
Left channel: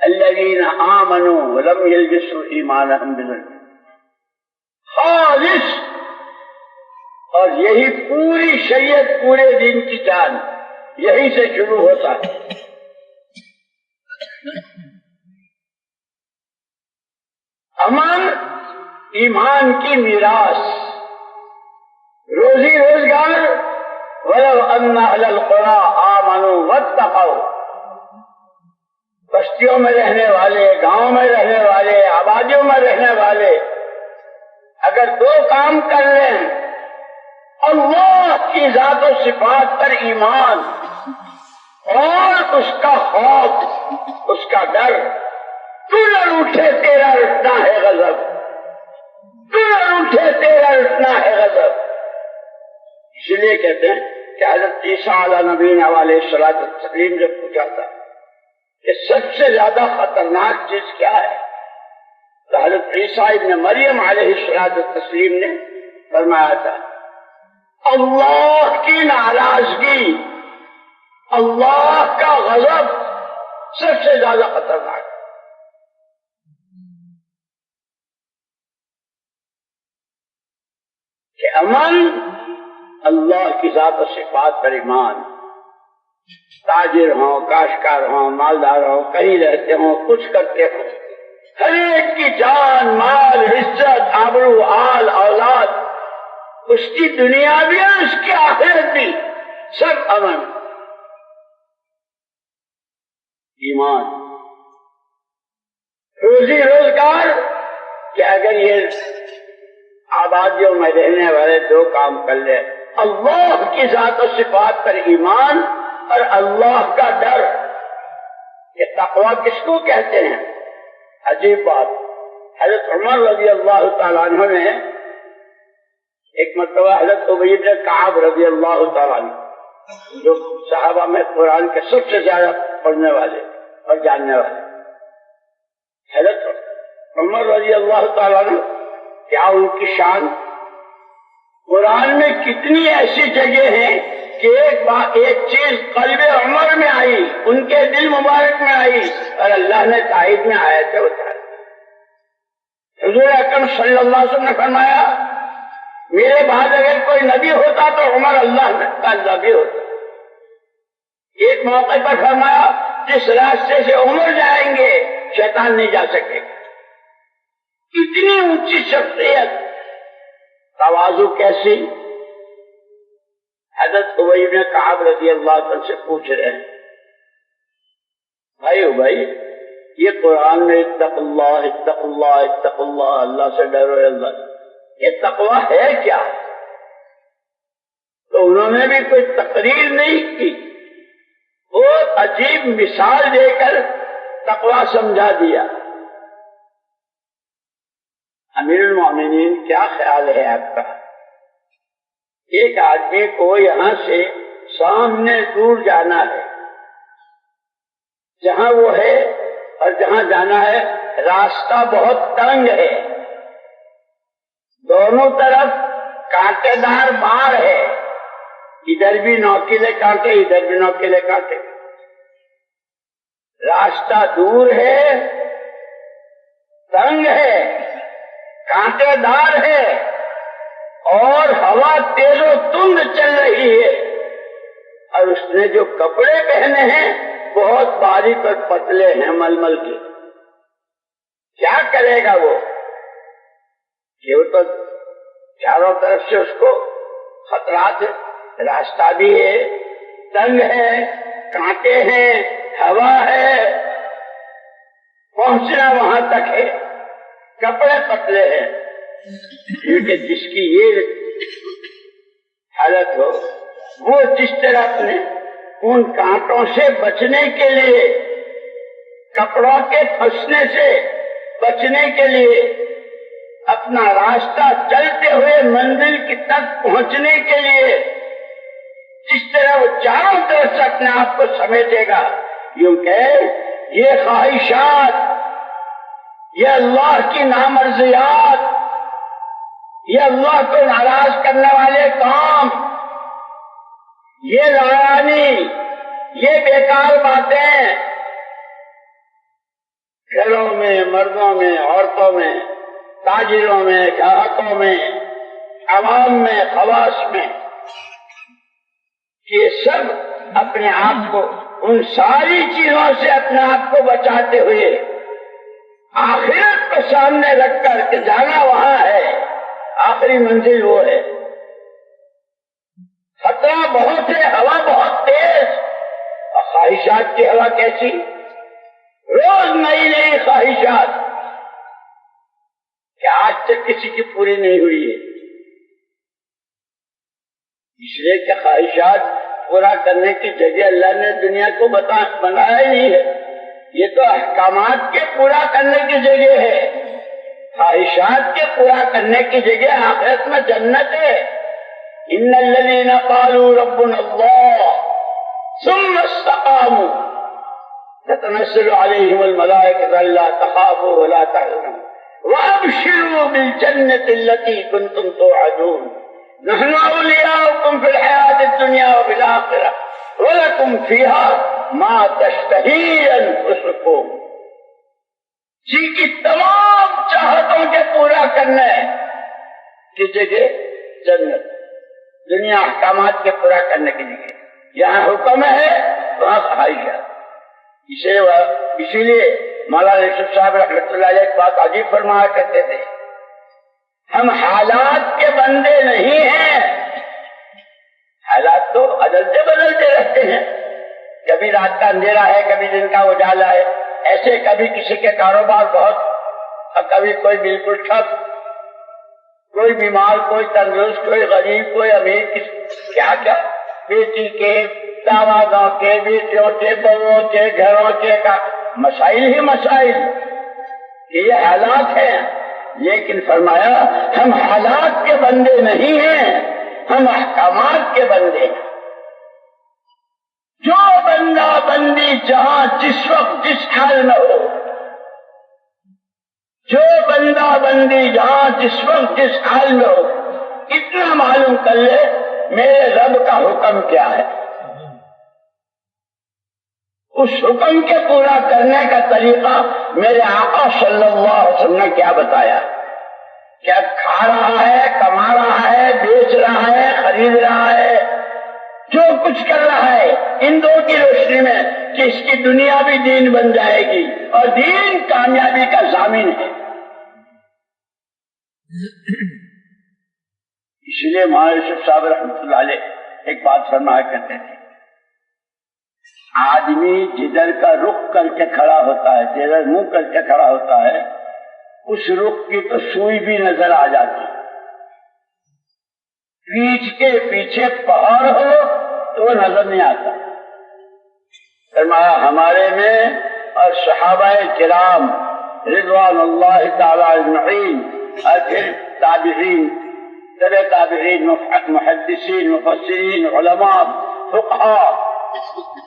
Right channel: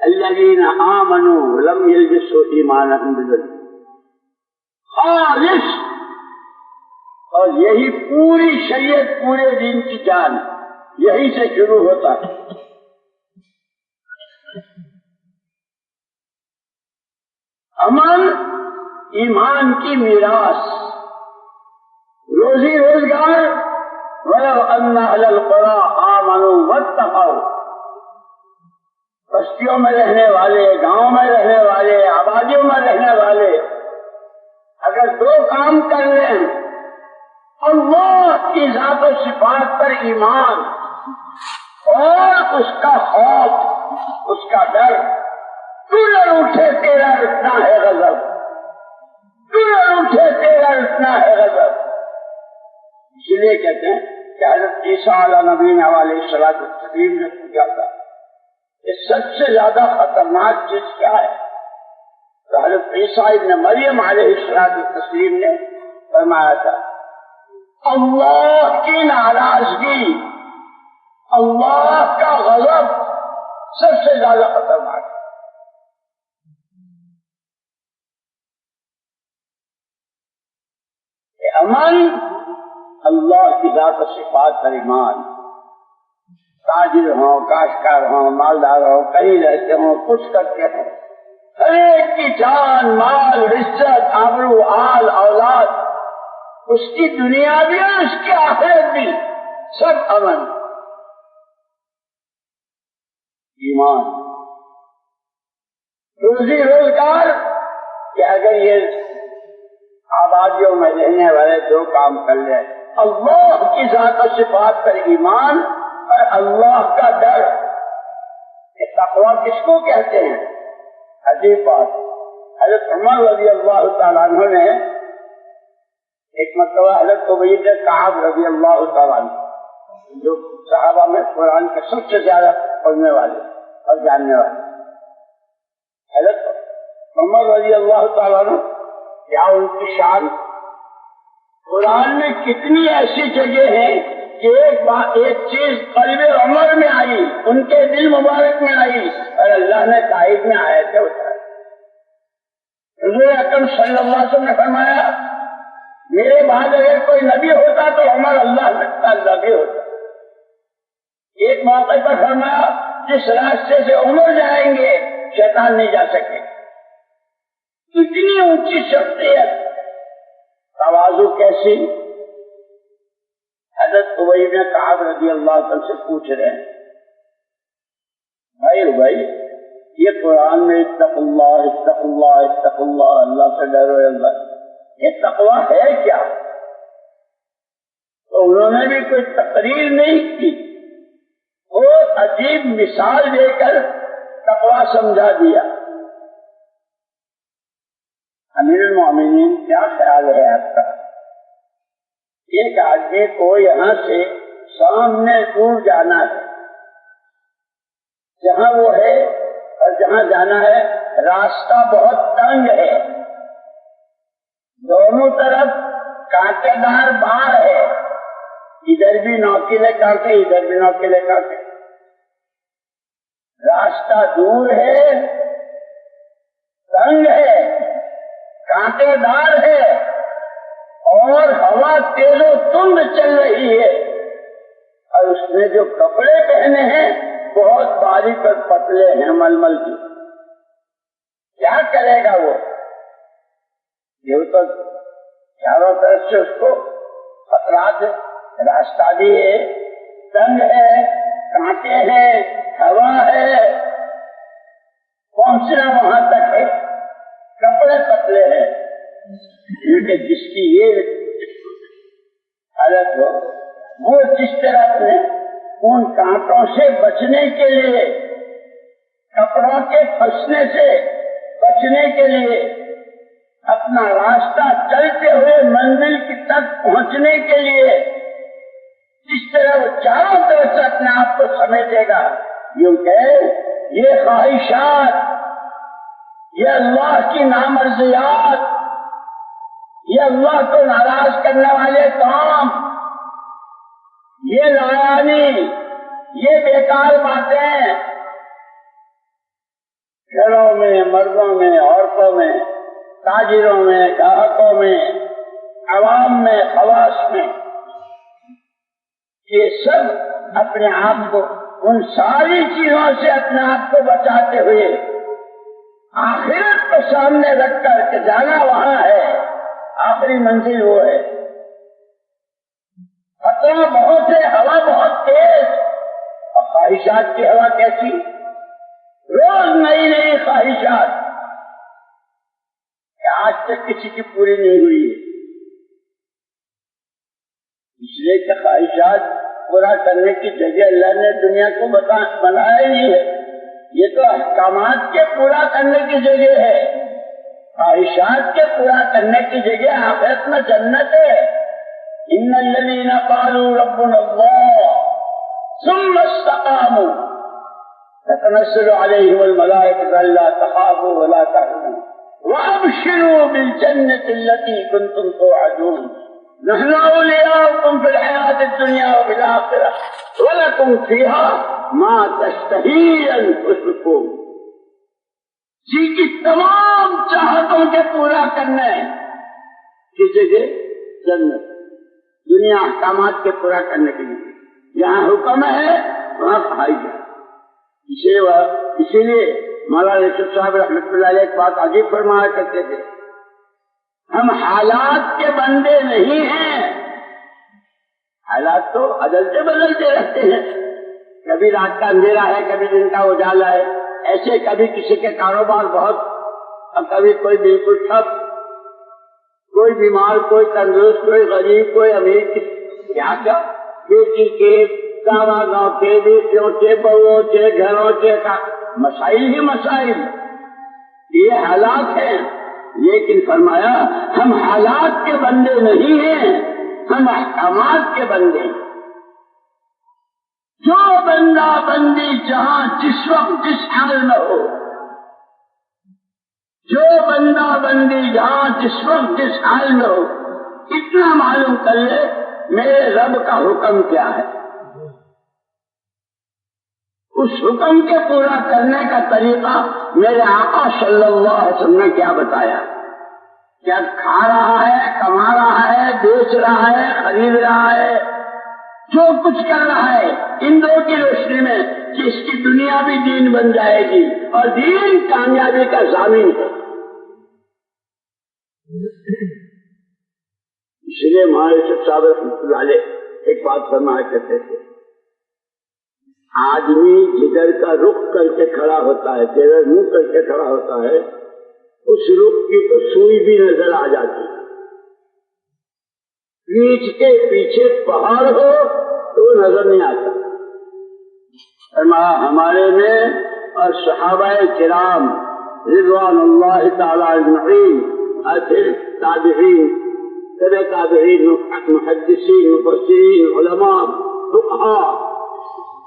الذین آمنوا ولم یلبسوا ایمانہم بظلم، خالص. اور یہی پوری شریعت، پورے دین کی جان یہی سے شروع ہوتا ہے. امن ایمان کی میراث، روزی روزگار. وَلَوْ أَنَّ أَهْلَ الْقُرَىٰ آمَنُوا وَاتَّقَوْا. بستیوں میں رہنے والے، گاؤں میں رہنے والے، آبادیوں میں رہنے والے اگر دو کام کر لیں: اللہ کی ذات و صفات پر ایمان اور اس کا خوف، اس کا ڈر. تو نہ روٹھے تیرا رٹنا ہے غضب، تو نہ روٹھے تیرا رٹنا ہے غضب. اس لیے کہتے ہیں کہ حضرت عیسیٰ علیہ نبینا علیہ الصلوۃ والتسلیم سے پوچھا تھا کہ سب سے زیادہ خطرناک چیز کیا ہے، تو حضرت عیسیٰ ابن مریم علیہ الصلوۃ والتسلیم نے فرمایا تھا اللہ کی ناراضگی، اللہ کا غضب سب سے زیادہ خطرناک. کہ امن اللہ کی ذات و صفات پر ایمان. تاجر ہوں، کاشتکار ہوں، مالدار ہوں، کہیں رہتے ہوں، کچھ کرتے ہوں، ہر ایک کی جان، مال، عزت، آبرو، آل، اولاد، اس کی دنیا بھی اور اس کی آخرت بھی سب امن. ایمان. روزی روزگار کہ اگر یہ آبادیوں میں رہنے والے دو کام کر لیں: اللہ کی ذات و صفات پر ایمان اور اللہ کا ڈر. یہ تقویٰ کس کو کہتے ہیں؟ عجیب بات. حضرت عمر رضی اللہ تعالیٰ عنہ نے ایک مرتبہ حضرت ابی بن کعب رضی اللہ تعالیٰ عنہ، جو صحابہ میں قرآن کے سب سے زیادہ پڑھنے والے اور جاننے والے، حضرت عمر رضی اللہ تعالیٰ عنہ، کیا ان کی شان. قرآن میں کتنی ایسی جگہ ہیں کہ ایک چیز قلب عمر میں آئی، ان کے دل مبارک میں آئی اور اللہ نے تائید میں آیتیں اتاری. حضور اکرم صلی اللہ علیہ وسلم نے فرمایا میرے بعد اگر کوئی نبی ہوتا تو عمر اللہ کا نبی ہوتا. ایک موقع پر فرمایا جس راستے سے عمر جائیں گے شیطان نہیں جا سکے. اتنی اونچی شخصیت، تواضع کیسی. حضرت ابی بن کعب رضی اللہ عنہ سے پوچھ رہے ہیں بھائی یہ قرآن میں اتق اللہ اتق اللہ اتق اللہ، اللہ سے ڈرو اللہ، یہ تقویٰ ہے کیا؟ تو انہوں نے بھی کوئی تقریر نہیں کی، بہت عجیب مثال دے کر تقویٰ سمجھا دیا۔ امیر المومنین کیا خیال ہے آپ کا؟ ایک آدمی کو یہاں سے سامنے دور جانا ہے، جہاں وہ ہے اور جہاں جانا ہے راستہ بہت تنگ ہے، دونوں طرف کانٹے دار بار ہے، ادھر بھی نوکیلے کانٹے ادھر بھی نوکیلے کانٹے، راستہ دور ہے، تنگ ہے، کانٹے دار ہے اور ہوا تیز و تند چل رہی ہے، اور اس نے جو کپڑے پہنے ہیں بہت باریک اور پتلے ہیں ململ کے۔ کیا کرے گا وہ؟ یہ تو چاروں طرف سے اس کو خطرات ہے، راستہ بھی ہے، تنگ ہے، کانٹے ہیں، ہوا ہے، پہنچنا وہاں تک ہے، کپڑے پتلے ہیں۔ کیونکہ جس کی یہ حالت ہو، وہ جس طرح اپنے ان کانٹوں سے بچنے کے لیے، کپڑوں کے پھنسنے سے بچنے کے لیے، اپنا راستہ چلتے ہوئے منزل کی تک پہنچنے کے لیے جس طرح وہ چاروں طرف سے اپنے آپ کو سمیٹے گا، یوں کہ یہ خواہشات، یہ اللہ کی نامرضیات، یہ اللہ کو ناراض کرنے والے کام، یہ لایانی، یہ بیکار باتیں گھروں میں، مردوں میں، عورتوں میں، تاجروں میں، گاہکوں میں، عوام میں، خواص میں، یہ سب اپنے آپ کو ان ساری چیزوں سے اپنے آپ کو بچاتے ہوئے آخرت کو سامنے رکھ کر کے جانا وہاں ہے، آخری منزل وہ ہے۔ خطرہ بہت ہے، ہوا بہت تیز، اور خواہشات کی ہوا کیسی؟ روز نئی نئی خواہشات، کہ آج تک کسی کی پوری نہیں ہوئی ہے، اس لیے کہ خواہشات پورا کرنے کی جگہ اللہ نے دنیا کو بنایا ہی نہیں ہے، یہ تو احکامات کے پورا کرنے کی جگہ ہے، خواہشات کے پورا کرنے کی جگہ آخرت میں جنت ہے۔ ان الذین قالوا ربنا اللہ ثم استقاموا تتنزل علیہم الملائکۃ الا تخافوا ولا تحزنوا وابشروا بالجنۃ التي كنتم توعدون نحن اولیاؤکم فی الحیاۃ الدنیا وفی الآخرہ ولکم فیہا ما تشتہی انفسکم۔ جی کی تمام چاہتوں کے پورا کرنا ہے کی جگہ جنت، دنیا احکامات کے پورا کرنے کی جگہ، یہاں حکم ہے وہاں خواہش ہے۔ اسی لیے مولانا یوسف صاحب رحمۃ اللہ علیہ ایک بات عجیب فرمایا کرتے تھے، ہم حالات کے بندے نہیں ہیں، حالات تو بدلتے بدلتے رہتے ہیں، کبھی رات کا اندھیرا ہے، کبھی دن کا اجالا ہے، ایسے کبھی کسی کے کاروبار بہت اور کبھی کوئی بالکل ٹھپ، کوئی بیمار، کوئی تندرست، کوئی غریب، کوئی امیر، کیا کیا بیٹی کے، دامادوں کے، بیٹیوں کے، بہوؤں کے، گھروں کے مسائل ہی مسائل، یہ حالات ہیں۔ لیکن فرمایا ہم حالات کے بندے نہیں ہیں، ہم احکامات کے بندے ہیں۔ جو بندہ بندی جہاں جس وقت جس حال میں ہو، جو بندہ بندی جہاں جس وقت جس حال میں ہو، اتنا معلوم کر لے میرے رب کا حکم کیا ہے، اس حکم کے پورا کرنے کا طریقہ میرے آقا صلی اللہ علیہ وسلم نے کیا بتایا، کیا کھا رہا ہے، کما رہا ہے، بیچ رہا ہے، خرید رہا ہے، جو کچھ کر رہا ہے ان دو کی روشنی میں کہ اس کی دنیا بھی دین بن جائے گی اور دین کامیابی کا ضامن ہے۔ اس لیے مولانا یوسف صاحب رحمۃ اللہ علیہ ایک بات فرمایا کرتے تھے، آدمی جدھر کا رخ کر کے کھڑا ہوتا ہے، جدھر منہ کر کے کھڑا ہوتا ہے، اس رخ کی تو سوئی بھی نظر آ جاتی، پیٹھ کے پیچھے پہاڑ ہو تو وہ نظر نہیں آتا. فرمایا ہمارے میں اور صحابہ کرام رضوان اللہ تعالی اجمعین اور پھر تابعین تبع تابعین محدثین مفسرین علماء فقہاء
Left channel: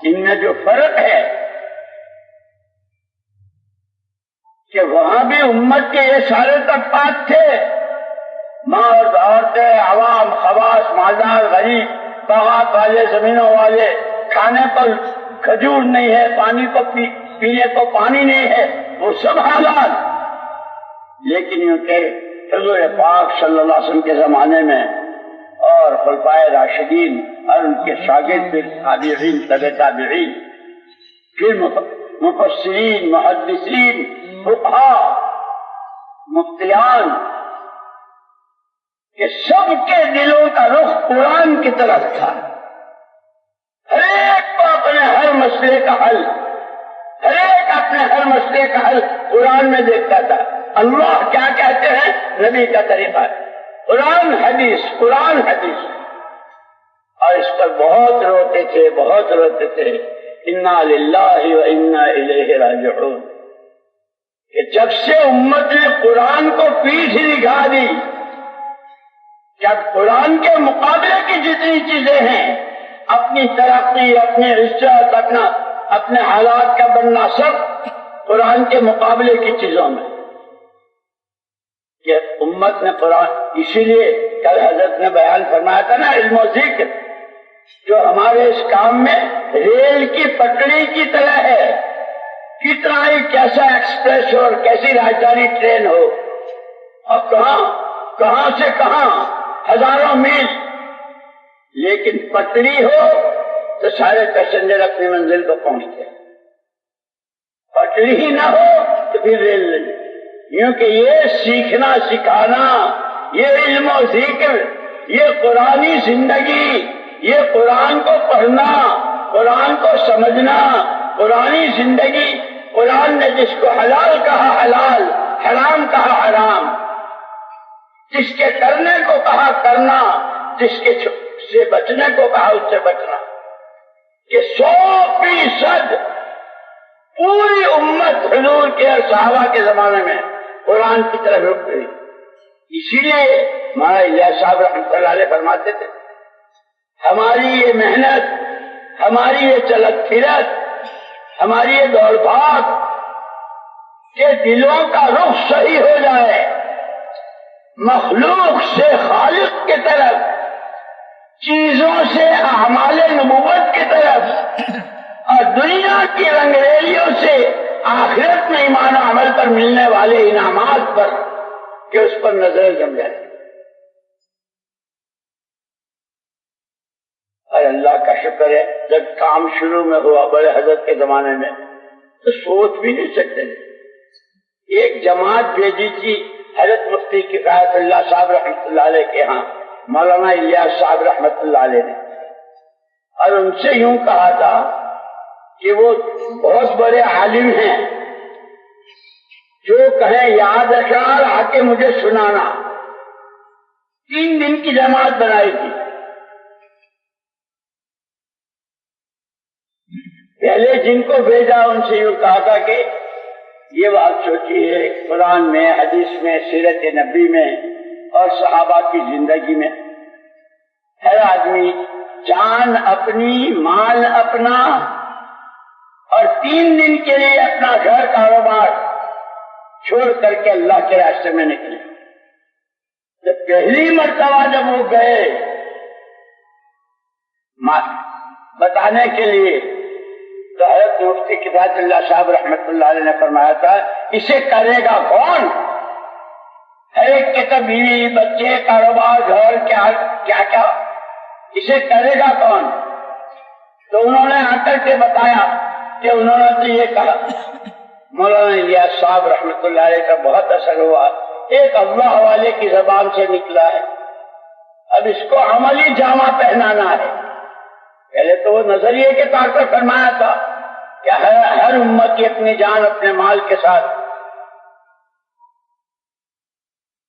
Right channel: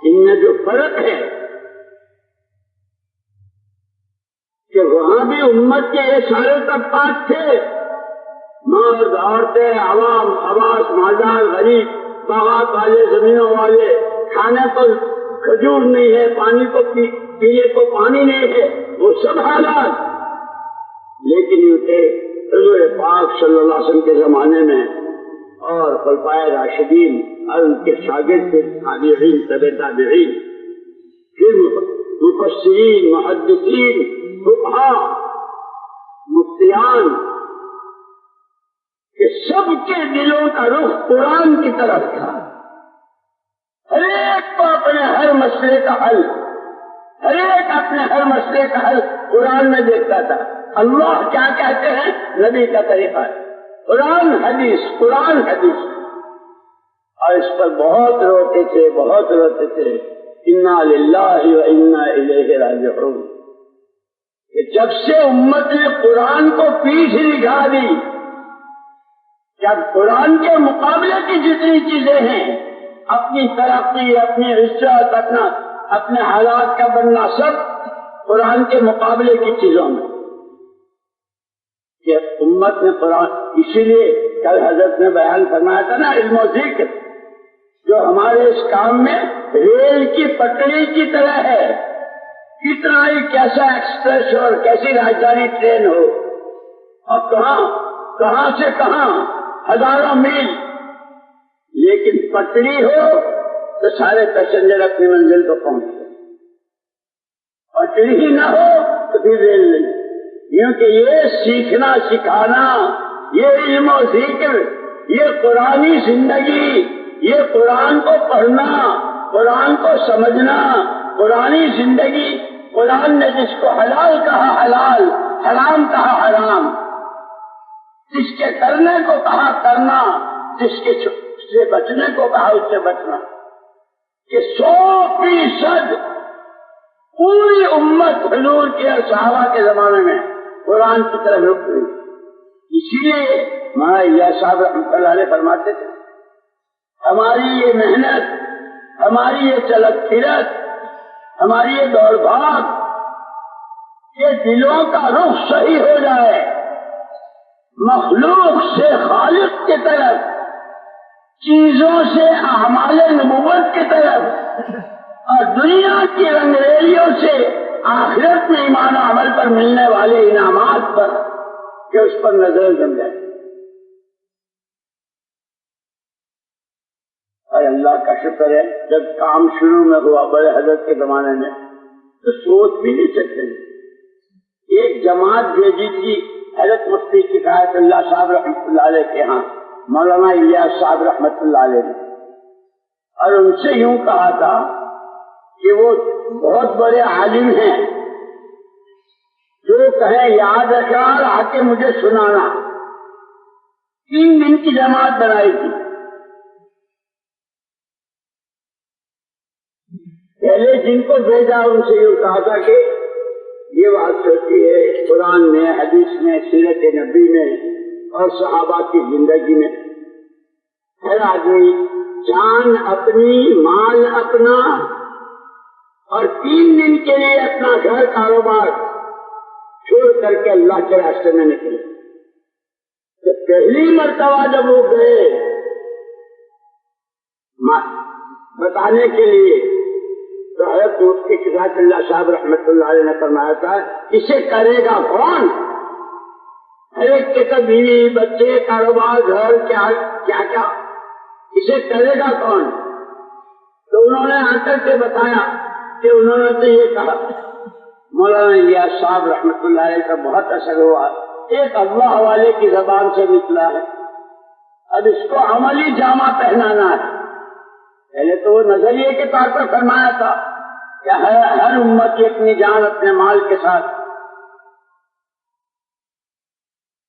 ان میں جو فرق ہے کہ وہاں بھی امت کے یہ سارے طبقات تھے، مرد عورتیں عوام خواص مالدار غریب باغات والے زمینوں والے، کھانے کو کھجور نہیں ہے، پانی کو پینے کو پانی نہیں ہے، وہ سب حالات. لیکن یوں کہ حضور پاک صلی اللہ علیہ وسلم کے زمانے میں اور خلفائے راشدین اور ان کے شاگرد تابعین تبع تابعین پھر مفسرین محدثین فقہاء مفتیان کہ سب کے دلوں کا رخ قرآن کی طرف تھا. ہر ایک کو اپنے ہر مسئلے کا حل، ہر ایک اپنے ہر مسئلے کا حل قرآن میں دیکھتا تھا. اللہ کیا کہتے ہیں نبی کا طریقہ ہے قرآن حدیث قرآن حدیث. اور اس پر بہت روتے تھے بہت روتے تھے. انا للہ و انا الیہ راجعون کہ جب سے امت نے قرآن کو پیٹھ دکھا دی، جب قرآن کے مقابلے کی جتنی چیزیں ہیں، اپنی ترقی اپنی عزت اپنے حالات کا بننا سب قرآن کے مقابلے کی چیزوں میں کہ امت نے قرآن. اسی لیے کل حضرت نے بیان فرمایا تھا نا علم و ذکر جو ہمارے اس کام میں ریل کی پٹڑی کی طرح ہے. کتنا ہی کیسا ایکسپریس اور کیسی راجدھانی ٹرین ہو اور کہاں سے کہاں ہزاروں میل، لیکن پٹڑی ہو تو سارے پیسنجر اپنی منزل کو پہنچتے. پٹڑی ہی نہ ہو تو پھر ریل نہیں. کیونکہ یہ سیکھنا سکھانا، یہ علم و ذکر، یہ قرآنی زندگی، یہ قرآن کو پڑھنا، قرآن کو سمجھنا، قرآنی زندگی. قرآن نے جس کو حلال کہا حلال، حرام کہا حرام، جس کے کرنے کو کہا کرنا، جس کے سے بچنے کو کہا اس سے بچنا. کہ 100% پوری امت حضور کے اور صحابہ کے زمانے میں قرآن کی طرف رک گئی. اسی لیے مولانا الیاس صاحب رحمۃ اللہ علیہ فرماتے تھے ہماری یہ محنت، ہماری یہ چلت پھرت، ہماری یہ دوڑ بھاگ کہ دلوں کا رخ صحیح ہو جائے مخلوق سے خالق کی طرف، چیزوں سے اعمال نبوت کی طرف، اور دنیا کی رنگریلیوں سے آخرت میں ایمان عمل پر ملنے والے انعامات پر کہ اس پر نظر جم جائے. اور اللہ کا شکر ہے جب کام شروع میں ہوا بڑے حضرت کے زمانے میں تو سوچ بھی نہیں سکتے تھے. ایک جماعت بھیجی تھی حضرت مفتی کفایت اللہ صاحب رحمۃ اللہ علیہ کے ہاں مولانا الیاس صاحب رحمۃ اللہ علیہ نے، اور ان سے یوں کہا تھا کہ وہ بہت بڑے عالم ہیں، جو کہیں یاد رکھنا اور آ کے مجھے سنانا. 3 دن کی جماعت بنائی تھی. پہلے جن کو بھیجا ان سے یوں کہا تھا کہ یہ بات سوچیے قرآن میں، حدیث میں، سیرت نبی میں اور صحابہ کی زندگی میں ہر آدمی جان اپنی، مال اپنا اور 3 دن کے لیے اپنا گھر کاروبار چھوڑ کر کے اللہ کے راستے میں نکلے. تو پہلی مرتبہ جب وہ گئے بتانے کے لیے تو حضرت مفتی کفایت اللہ صاحب رحمۃ اللہ علیہ نے فرمایا تھا اسے کرے گا کون؟ ہر ایک کے تو بیوی بچے کاروبار گھر کیا اسے کرے گا کون؟ تو انہوں نے آ کر کے بتایا کہ انہوں نے تو یہ کہا. مولانا الیاس صاحب رحمۃ اللہ علیہ کا بہت اثر ہوا. ایک اللہ والے کی زبان سے نکلا ہے، اب اس کو عملی جامہ پہنانا ہے. پہلے تو وہ نظریے کے طور پر فرمایا تھا کہ ہر امت کی اپنی جان اپنے مال کے ساتھ.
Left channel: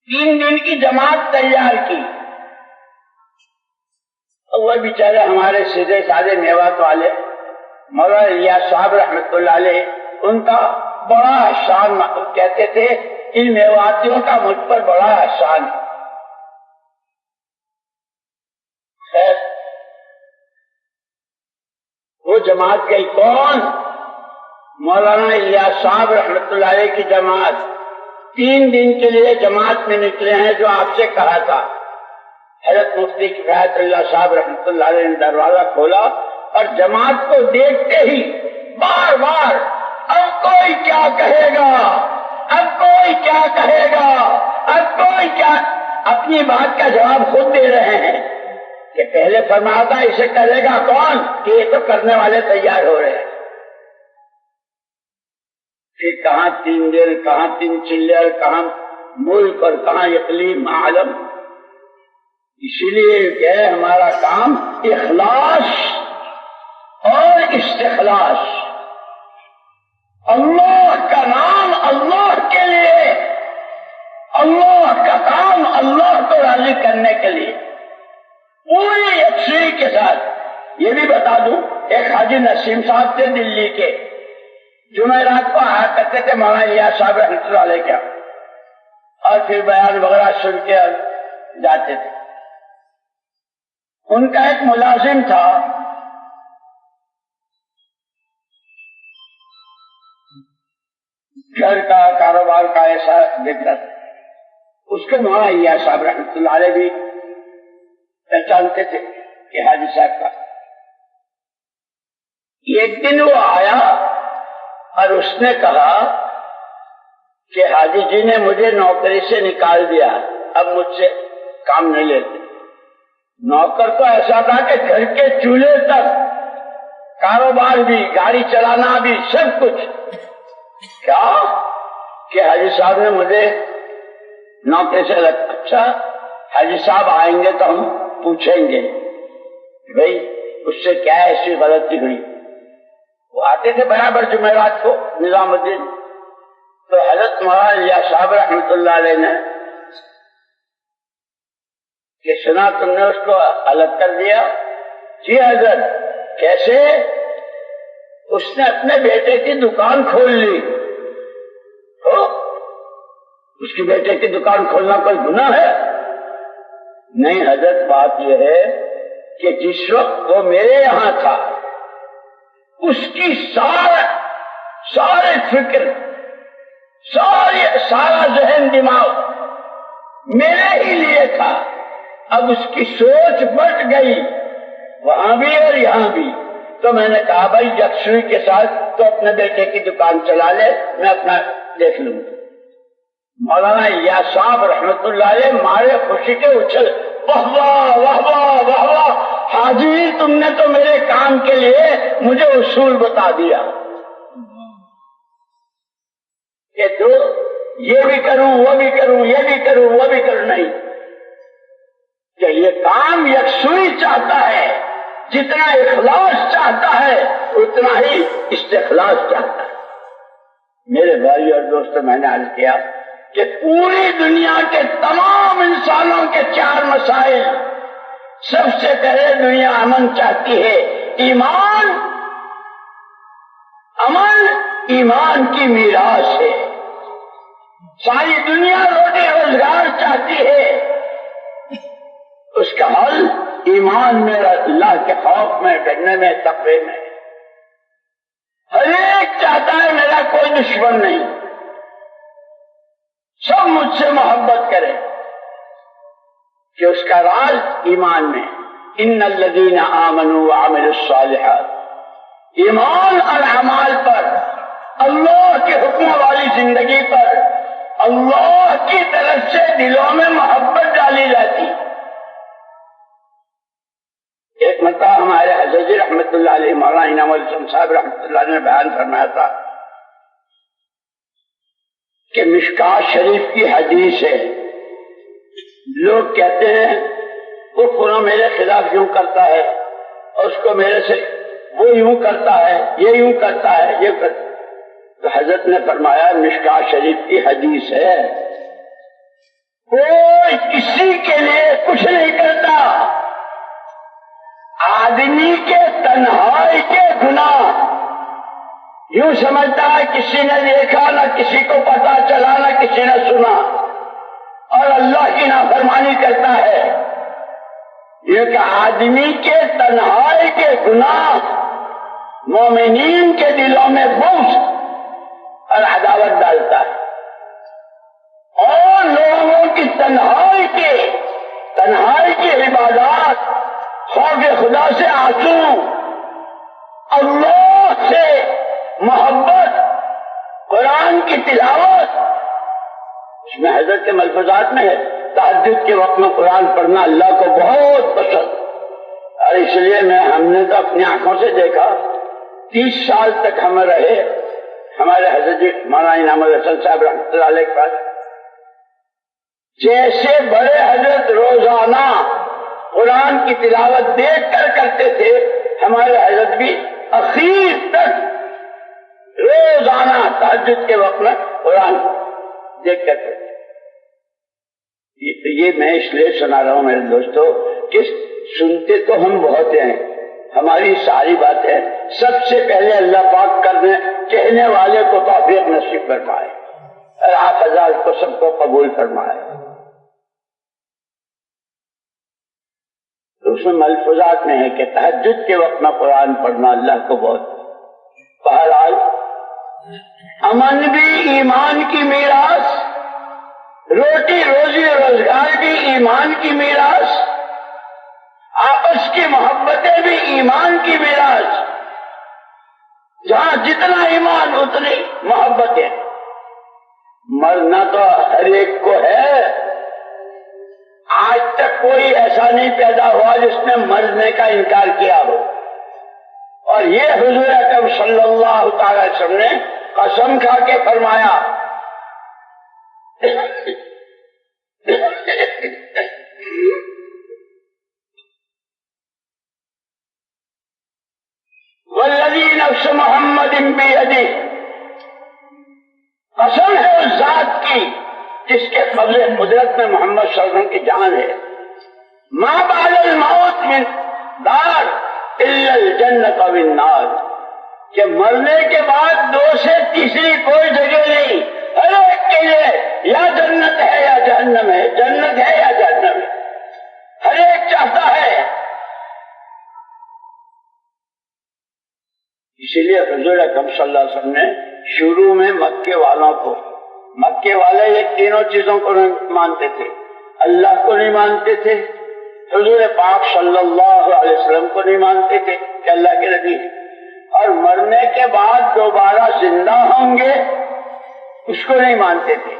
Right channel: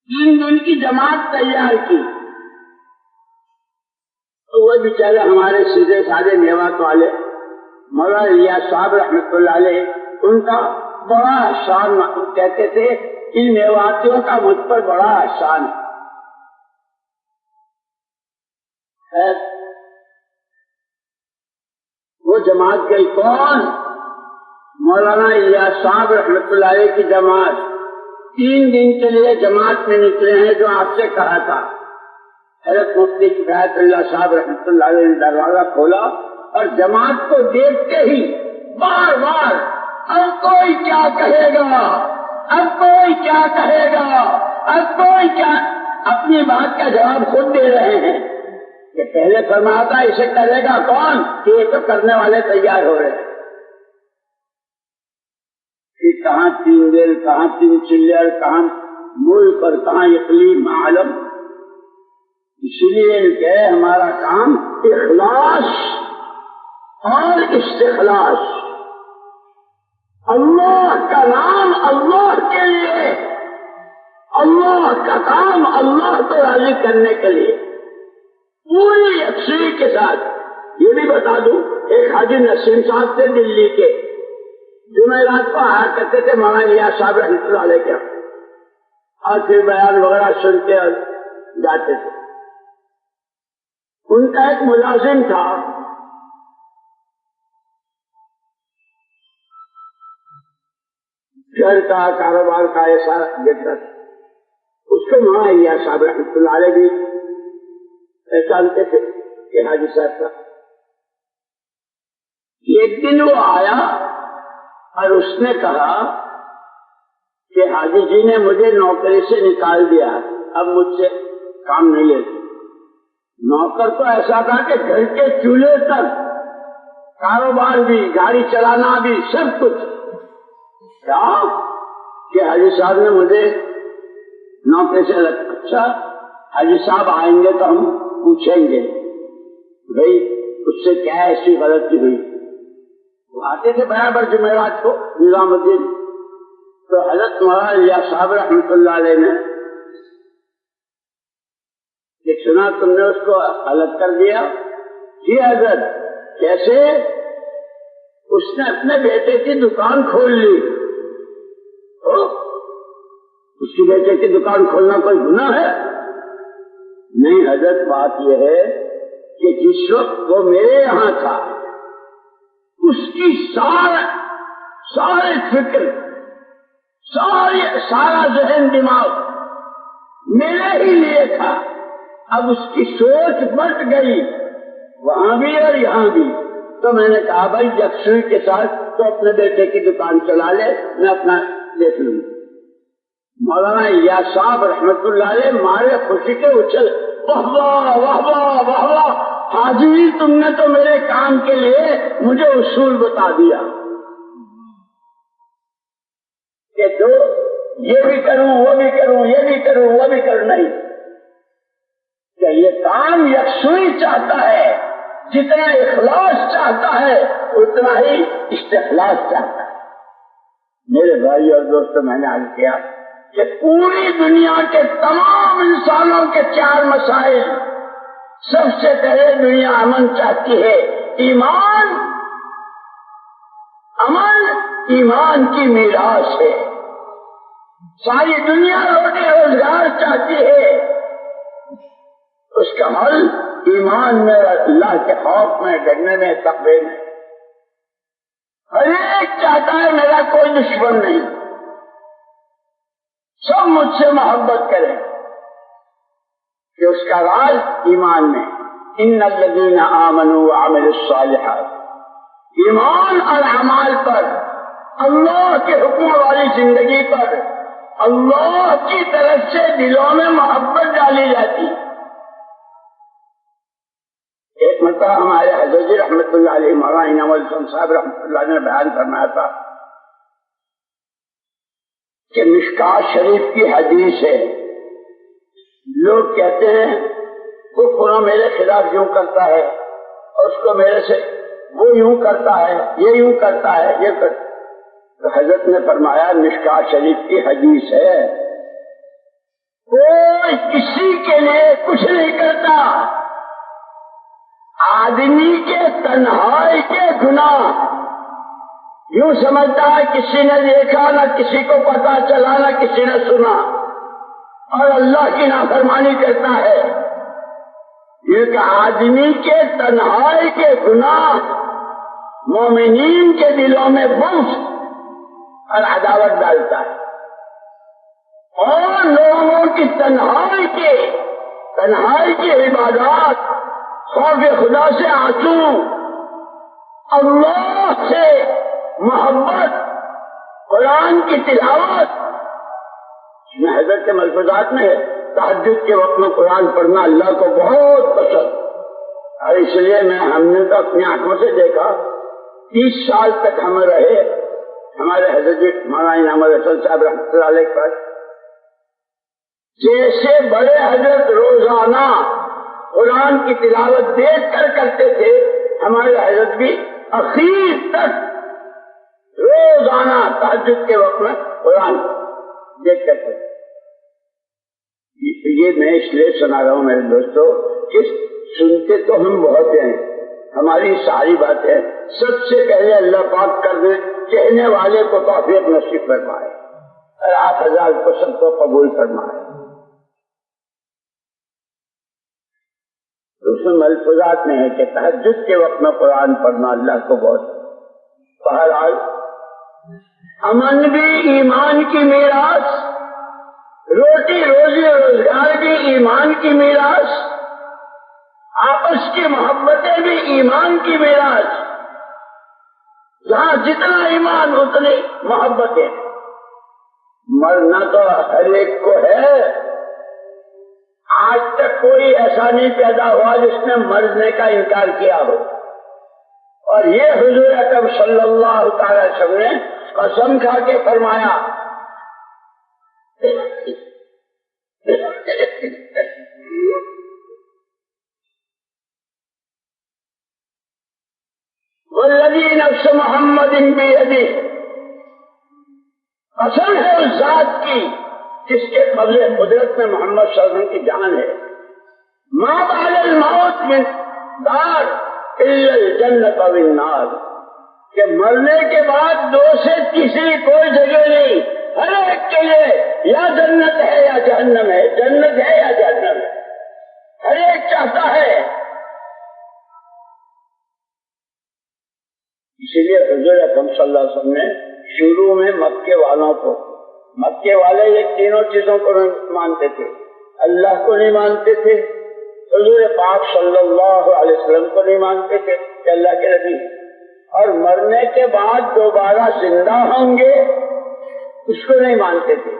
3 دن کی جماعت تیار کی وہ بیچارے ہمارے سیدھے سادے میوات والے مولانا الیاس صاحب رحمۃ اللہ علیہ، ان کا بڑا احسان کہتے تھے، ان میواتیوں کا مجھ پر بڑا احسان ہے۔ خیر وہ جماعت گئی کون؟ مولانا الیاس صاحب رحمۃ اللہ علیہ کی جماعت 3 دن کے لیے جماعت میں نکلے ہیں، جو آپ سے کہا تھا۔ حضرت مفتی کفایت اللہ صاحب رحمۃ اللہ علیہ نے دروازہ کھولا اور جماعت کو دیکھتے ہی بار بار اب کوئی کیا کہے گا، اب کوئی کیا کہے گا، اب کوئی کیا، اپنی بات کا جواب خود دے رہے ہیں کہ پہلے فرمایا تھا اسے کرے گا کون، کہ یہ تو کرنے والے تیار ہو رہے ہیں۔ پھر کہاں 3 دن، کہاں 3 چلر، کہاں ملک اور کہاں اقلیم عالم۔ اسی لیے کہ ہمارا کام اخلاص اور استخلاص، اللہ کا نام اللہ کے لیے، اللہ کا کام اللہ کو راضی کرنے کے لیے پوری یکسوئی کے ساتھ۔ یہ بھی بتا دوں، ایک حاجی نسیم صاحب تھے دلی کے، جمعرات کو آیا کرتے تھے مولانا الیاس صاحب رحمۃ اللہ علیہ کا، اور پھر بیان وغیرہ سن کے جاتے تھے۔ ان کا ایک ملازم تھا، گھر کا کاروبار کا ایسا دیکھتا تھا، اس کو مولانا الیاس صاحب رحمۃ اللہ علیہ بھی پہچانتے تھے کہ حاجی صاحب کا۔ ایک دن وہ آیا اور اس نے کہا کہ حاجی جی نے مجھے نوکری سے نکال دیا، اب مجھ سے کام نہیں لیتے۔ نوکر تو ایسا تھا کہ گھر کے چولہے تک، کاروبار بھی، گاڑی چلانا بھی، سب کچھ۔ کیا کہ حاجی صاحب نے مجھے نوکری سے لگا۔ اچھا حاجی صاحب آئیں گے تو ہم پوچھیں گے کہ بھائی اس سے کیا ایسی غلطی ہوئی۔ وہ آتے تھے برابر جمعرات کو نظام الدین، تو حضرت مولانا الیاس صاحب رحمۃ اللہ علیہ نے کہ سنا تم نے اس کو الگ کر دیا؟ جی حضرت۔ کیسے؟ اس نے اپنے بیٹے کی دکان کھول لی۔ اس کی بیٹے کی دکان کھولنا کوئی گناہ ہے؟ نہیں حضرت، بات یہ ہے کہ جس وقت وہ میرے یہاں تھا اس کی سارے فکر، سارا ذہن دماغ میرے ہی لیے تھا۔ اب اس کی سوچ بٹ گئی وہاں بھی اور یہاں بھی، تو میں نے کہا بھائی یکسوئی کے ساتھ تو اپنے بیٹے کی دکان چلا لے، میں اپنا دیکھ لوں۔ مولانا الیاس صاحب رحمۃ اللہ علیہ مارے خوشی کے اچھل، واہ واہ واہ واہ واہ واہ، حاجی تم نے تو میرے کام کے لیے مجھے اصول بتا دیا کہ تو یہ بھی کروں، وہ بھی کروں، یہ بھی کروں، وہ بھی کروں۔ نہیں، کہ یہ کام یکسوئی چاہتا ہے، جتنا اخلاص چاہتا ہے اتنا ہی استخلاص چاہتا ہے۔ میرے بھائی اور دوستوں، میں نے عرض کیا کہ پوری دنیا کے تمام انسانوں کے 4 مسائل، سب سے پہلے دنیا امن چاہتی ہے، ایمان، امن ایمان کی میراث ہے۔ ساری دنیا روزی روزگار چاہتی ہے، اس کا حل ایمان میں، اللہ کے خوف میں، ڈرنے میں، تقوی میں۔ ہر ایک چاہتا ہے میرا کوئی دشمن نہیں، سب مجھ سے محبت کریں، کہ اس کا راز ایمان میں۔ ان الذین آمنوا وعملوا الصالحات، ایمان اور اعمال پر، اللہ کے حکم والی زندگی پر اللہ کی طرف سے دلوں میں محبت ڈالی جاتی۔ ایک مرتبہ ہمارے حضرت جی رحمۃ اللہ علیہ، مولانا انعام الحسن صاحب رحمۃ اللہ علیہ نے بیان فرمایا تھا کہ مشکوٰۃ شریف کی حدیث ہے، لوگ کہتے ہیں وہ فلاں میرے خلاف یوں کرتا ہے، اور اس کو میرے سے وہ یوں کرتا ہے، یہ یوں کرتا ہے، یہ کرتا ہے۔ تو حضرت نے فرمایا مشکوٰۃ شریف کی حدیث ہے، کوئی کسی کے لیے کچھ نہیں کرتا، آدمی کے تنہائی کے گناہ یوں سمجھتا ہے کسی نے دیکھا نہ کسی کو پتا چلا نہ کسی نے سنا اور اللہ کی نافرمانی کرتا ہے. یہ کہ آدمی کے تنہائی کے گناہ مومنین کے دلوں میں بغض اور عداوت ڈالتا ہے اور لوگوں کی تنہائی کی عبادات، خوف خدا سے آنسو، اللہ سے محبت، قرآن کی تلاوت. اس میں حضرت کے ملفوظات میں ہے تہجد کے وقت میں قرآن پڑھنا اللہ کو بہت پسند، اور اس لیے ہم نے تو اپنی آنکھوں سے دیکھا 30 سال تک ہم رہے ہمارے حضرت مولانا انعام الحسن صاحب رحمۃ اللہ علیہ کے پاس. جیسے بڑے حضرت روزانہ قرآن کی تلاوت دیکھ کر کرتے تھے، ہمارے حضرت بھی اخیر تک روزانہ تہجد کے وقت میں قرآن دیکھ کرتے تھے. یہ میں اس لیے سنا رہا ہوں میرے دوستو کہ سنتے تو ہم بہت ہیں، ہماری ساری باتیں سب سے پہلے اللہ پاک کہنے والے کو توفیق نصیب فرمائے اور آپ حضرات کو سب کو قبول فرمائے. اس میں ملفوظات میں ہے کہ تہجد کے وقت میں قرآن پڑھنا اللہ کو بہت. بہرحال امن بھی ایمان کی میراث، روٹی روزی روزگار بھی ایمان کی میراث، آپس کی محبتیں بھی ایمان کی میراث. جہاں جتنا ایمان اتنی محبتیں. مرنا تو ہر ایک کو ہے، آج تک کوئی ایسا نہیں پیدا ہوا جس نے مرنے کا انکار کیا ہو. اور یہ حضور اکرم صلی اللہ تعالی وسلم نے قسم کھا کے فرمایا والذی نفس محمد بیدہ، قسم ہے اس ذات کی جس کے قبضے قدرت میں محمد صلی اللہ علیہ وسلم کی جان ہے. ما بعد الموت من دار الا الجنت والنار، کہ مرنے کے بعد 2 سے تیسری کوئی جگہ نہیں، ہر ایک کے لیے یا جنت ہے یا جہنم ہے، جنت ہے یا جہنم ہے، ہر ایک چاہتا ہے. اسی لیے حضور اکرم صلی اللہ علیہ وسلم نے شروع میں مکے والوں کو، مکے والے یہ تینوں چیزوں کو نہیں مانتے تھے، اللہ کو نہیں مانتے تھے، حضور پاک صلی اللہ علیہ وسلم کو نہیں مانتے تھے کہ اللہ کے نبی، اور مرنے کے بعد دوبارہ زندہ ہوں گے اس کو نہیں مانتے تھے.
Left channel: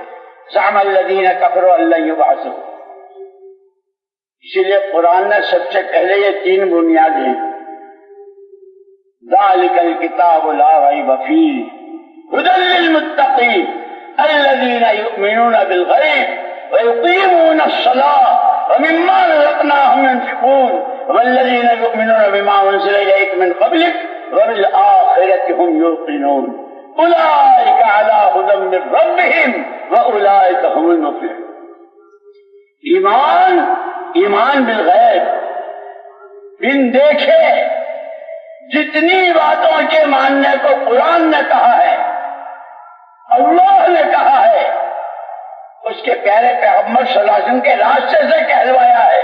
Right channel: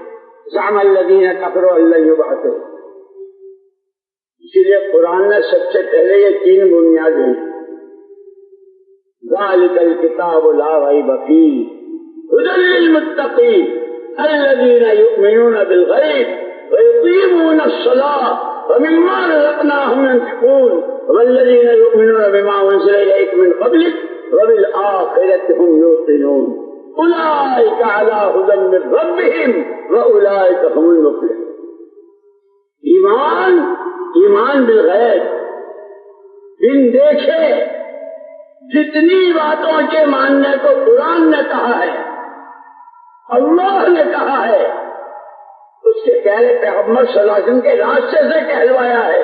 زعم الذین کفروا ان لن یبعثوا. اسی لیے قرآن نے سب سے پہلے یہ 3 بنیادیں، ذالک الکتاب لا ریب فیہ ھدی للمتقین الذین یؤمنون بالغیب ویقیمون الصلاۃ ومما رزقناهم ينفقون والذین یؤمنون بما انزل الیک من قبلک وبالآخرة هم یوقنون اولئک علی ھدی من ربهم واولئک هم المفلحون. ایمان بالغیب، بن دیکھے جتنی باتوں کے ماننے کو قرآن نے کہا ہے، اللہ نے کہا ہے، اس کے پیارے پیغمبر صلی اللہ علیہ وسلم کے راستے سے کہلوایا ہے،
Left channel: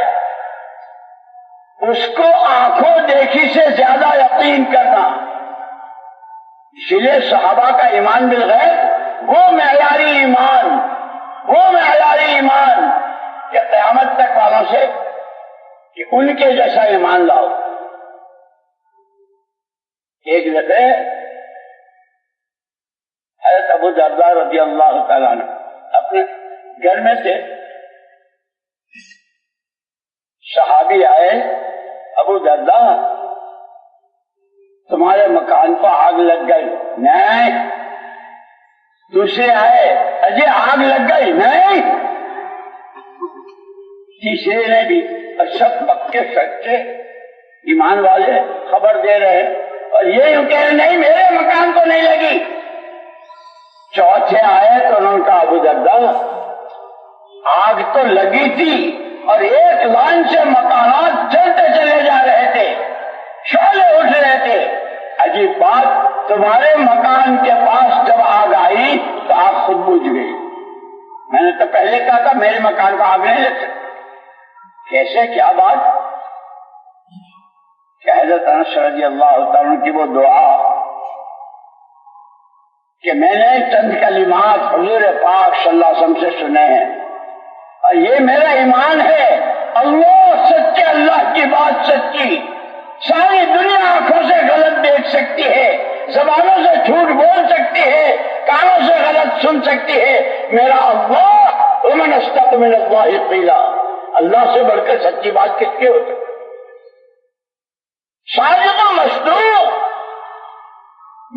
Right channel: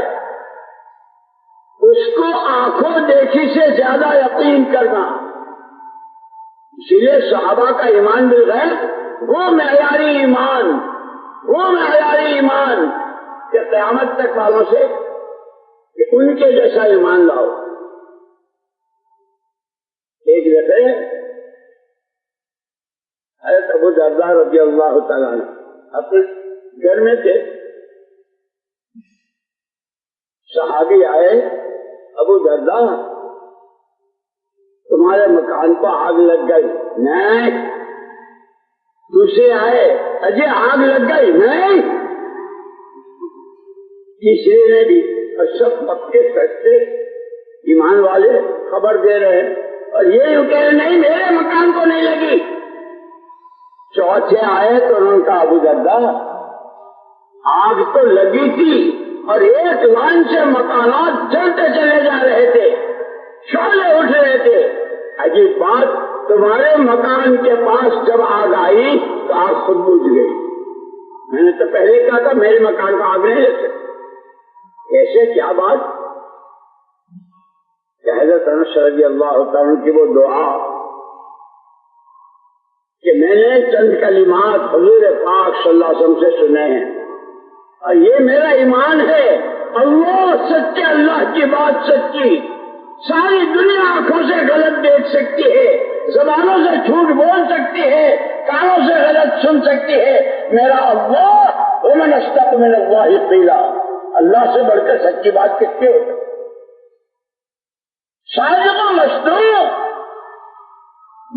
اس کو آنکھوں دیکھی سے زیادہ یقین کرنا. اسی لیے صحابہ کا ایمان بالغیب وہ معیاری ایمان کہ قیامت تک والوں سے کہ ان کے جیسا ایمان لاؤ. ایک دفعہ حضرت ابو درداء رضی اللہ تعالیٰ عنہ اپنے گھر میں تھے، صحابی آئے، ابو درداء تمہارے مکان کو آگ لگ گئی. نہیں. دوسرے آئے، اجی آگ لگ گئی. نہیں. تیسرے نے بھی، اور سب پکے سچے ایمان والے خبر دے رہے ہیں، اور یہ یوں کہہ رہے نہیں میرے مکان کو نہیں لگی. چوتھے آئے تو انہوں نے کہا ابو درداء آگ تو لگی تھی اور ایک لائن سے مکانات جلتے چلے جا رہے تھے، بگولے اٹھ رہے تھے. عجیب بات، تمہارے مکان کے پاس جب آگ آئی تو آگ خود بجھ گئی. میں نے تو پہلے کہا تھا میرے مکان کا آگ نہیں لگ سکتی. کیسے، کیا بات؟ کہ حضرت انس رضی اللہ تعالیٰ کی وہ دعا کہ میں نے چند کلمات حضور پاک صلی اللہ علیہ وسلم سے سنے ہیں اور یہ میرا ایمان ہے، اللہ سچے، اللہ کی بات سچی. ساری دنیا آنکھوں سے غلط دیکھ سکتی ہے، زبانوں سے جھوٹ بول سکتی ہے، کانوں سے غلط سن سکتی ہے، میرا اللہ ومن اصدق من اللہ قیلا، اللہ سے بڑھ کر سچی بات کس کی ہو سکتی؟ صادق و مصدوق،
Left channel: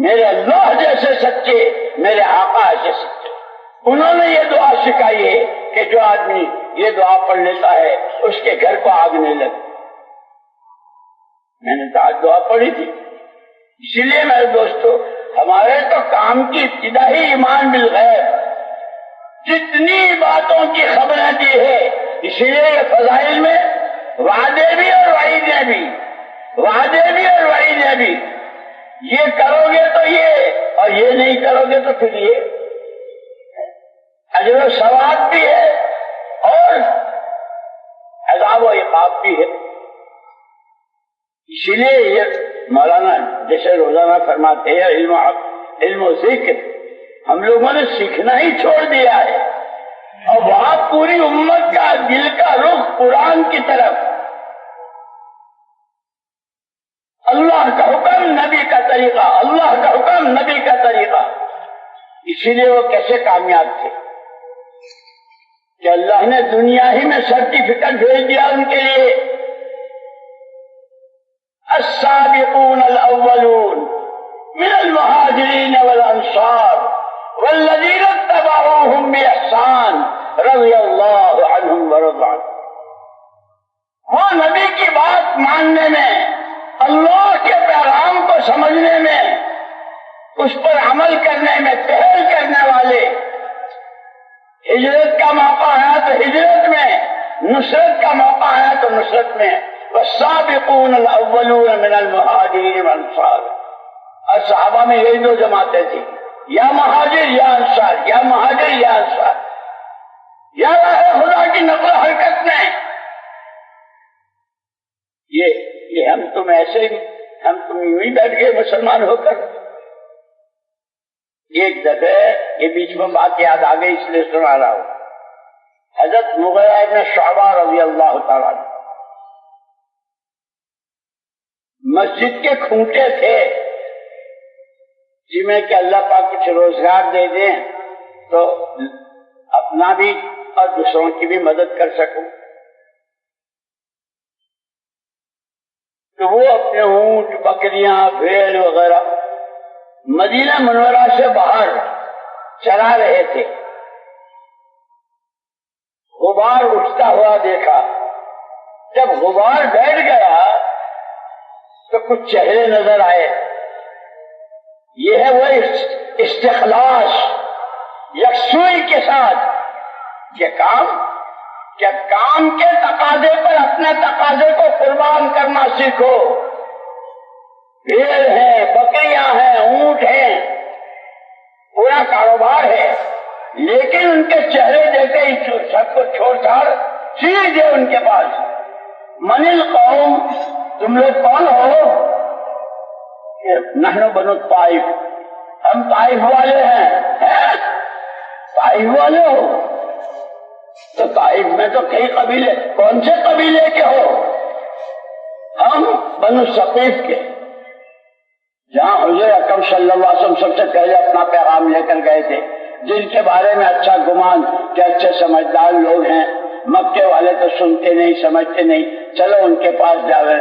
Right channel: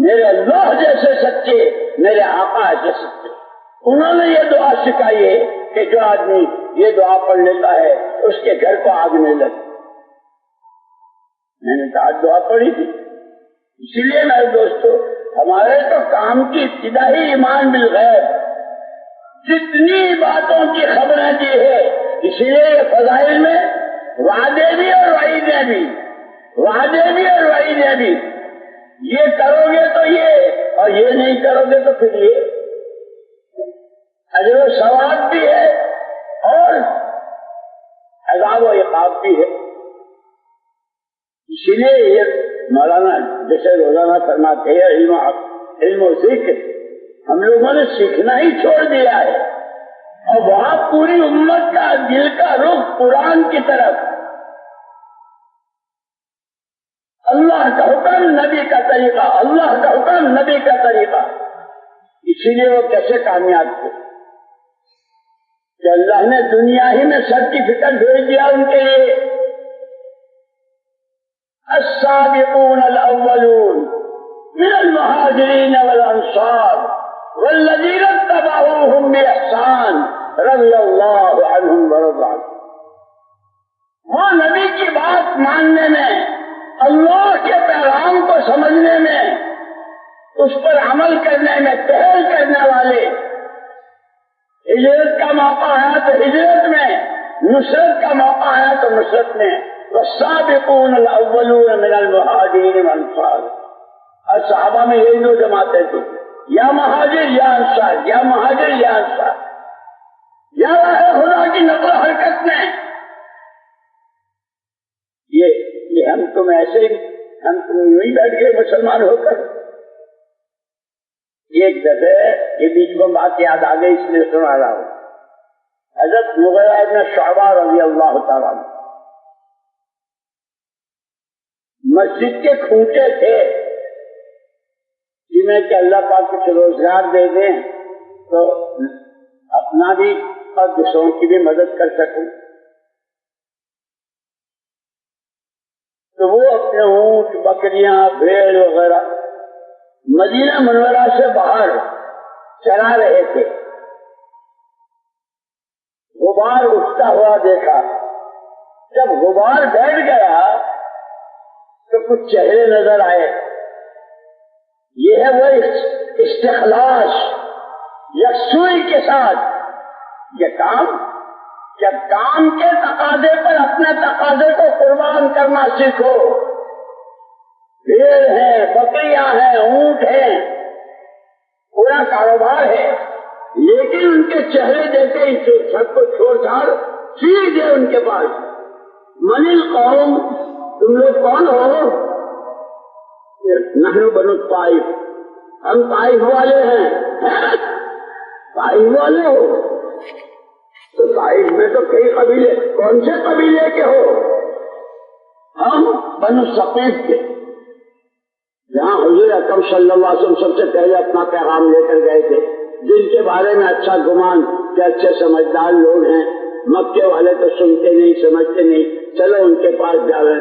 میرے اللہ جیسے سچے، میرے آقا ایسے سچے. انہوں نے یہ دعا سکھائی ہے کہ جو آدمی یہ دعا پڑھ لیتا ہے اس کے گھر کو آگ نہیں لگتی. میں نے تو آج دعا پڑھی تھی. اسی لیے میرے دوستو، ہمارے تو کام کی ابتدا ہی ایمان بالغیب، جتنی باتوں کی خبریں دی ہے. اسی لیے یہ فضائل میں وعدے بھی اور وعیدیں بھی، وعدے بھی اور وعیدیں بھی. یہ کرو گے تو یہ، اور یہ نہیں کرو گے تو پھر یہ. اجر و ثواب بھی ہے اور عذاب و عقاب بھی ہے. اسی لیے یہ مولانا جیسے روزانہ فرماتے ہیں علم و ذکر ہم لوگوں نے سیکھنا ہی چھوڑ دیا ہے، اور وہاں پوری امت کا دل کا رخ قرآن کی طرف، اللہ کا حکم نبی کا طریقہ، اللہ کا حکم نبی کا طریقہ. اسی لیے وہ کیسے کامیاب تھے کہ اللہ نے دنیا ہی میں سرٹیفکیٹ بھیج دیا ان کے لیے. السابقون الاولون من المہاجرین والانصار والذین اتبعوهم باحسان رضی اللہ عنہم ورضوا عنہ. وہ نبی کی بات ماننے میں، اللہ کے پیغام کو سمجھنے میں، اس پر عمل کرنے میں پہل کرنے والے. ہجرت کا موقع آیا تو ہجرت میں، نصرت کا موقع آیا تو نصرت میں. والسابقون الاولون من المہاجرین والانصار. اور صحابہ میں یہی دو جماعتیں تھیں، یا مہاجر یا انصار، یا مہاجر یا انصار. یا راہ خدا کی نقل و حرکت میں یہ ہم تم ایسے ہی، ہم تم یوں ہی بیٹھ گئے مسلمان ہو کر. ایک دفعہ یہ بیچ میں بات یاد آ گئی اس لیے سنا رہا ہوں. حضرت مغیرہ ابن شعبہ رضی اللہ تعالیٰ عنہ مسجد کے کھوٹے تھے، جی میں کہ اللہ پاک کچھ روزگار دے دیں تو اپنا بھی اور دوسروں کی بھی مدد کر سکوں. تو وہ اپنے اونٹ، بکریاں، بھیڑ وغیرہ مدینہ منورہ سے باہر چلا رہے تھے. غبار اٹھتا ہوا دیکھا. جب غبار بیٹھ گیا تو کچھ چہرے نظر آئے. یہ ہے وہ استخلاص، یکسوئی کے ساتھ یہ کام، کہ کام کے تقاضے پر اپنے تقاضے کو قربان کرنا سیکھو. بھیڑ ہے، بکریاں ہیں، اونٹ ہیں، پورا کاروبار ہے، لیکن ان کے چہرے دیکھتے ہی سب کو چھوڑ چھاڑ سیدھے ان کے پاس. من القوم، تم لوگ کون ہو؟ نحن بنو الطائف، ہم طائف والے ہیں. طائف والے ہو تو طائف میں تو کئی قبیلے، کون سے قبیلے کے ہو؟ ہم بنو ثقیف کے، جہاں حضور اکرم صلی اللہ علیہ وسلم سب سے پہلے اپنا پیغام لے کر گئے تھے، جن کے بارے میں اچھا گمان کہ اچھے سمجھدار لوگ ہیں. مکے والے تو سنتے نہیں، سمجھتے نہیں، چلو ان کے پاس جاوے.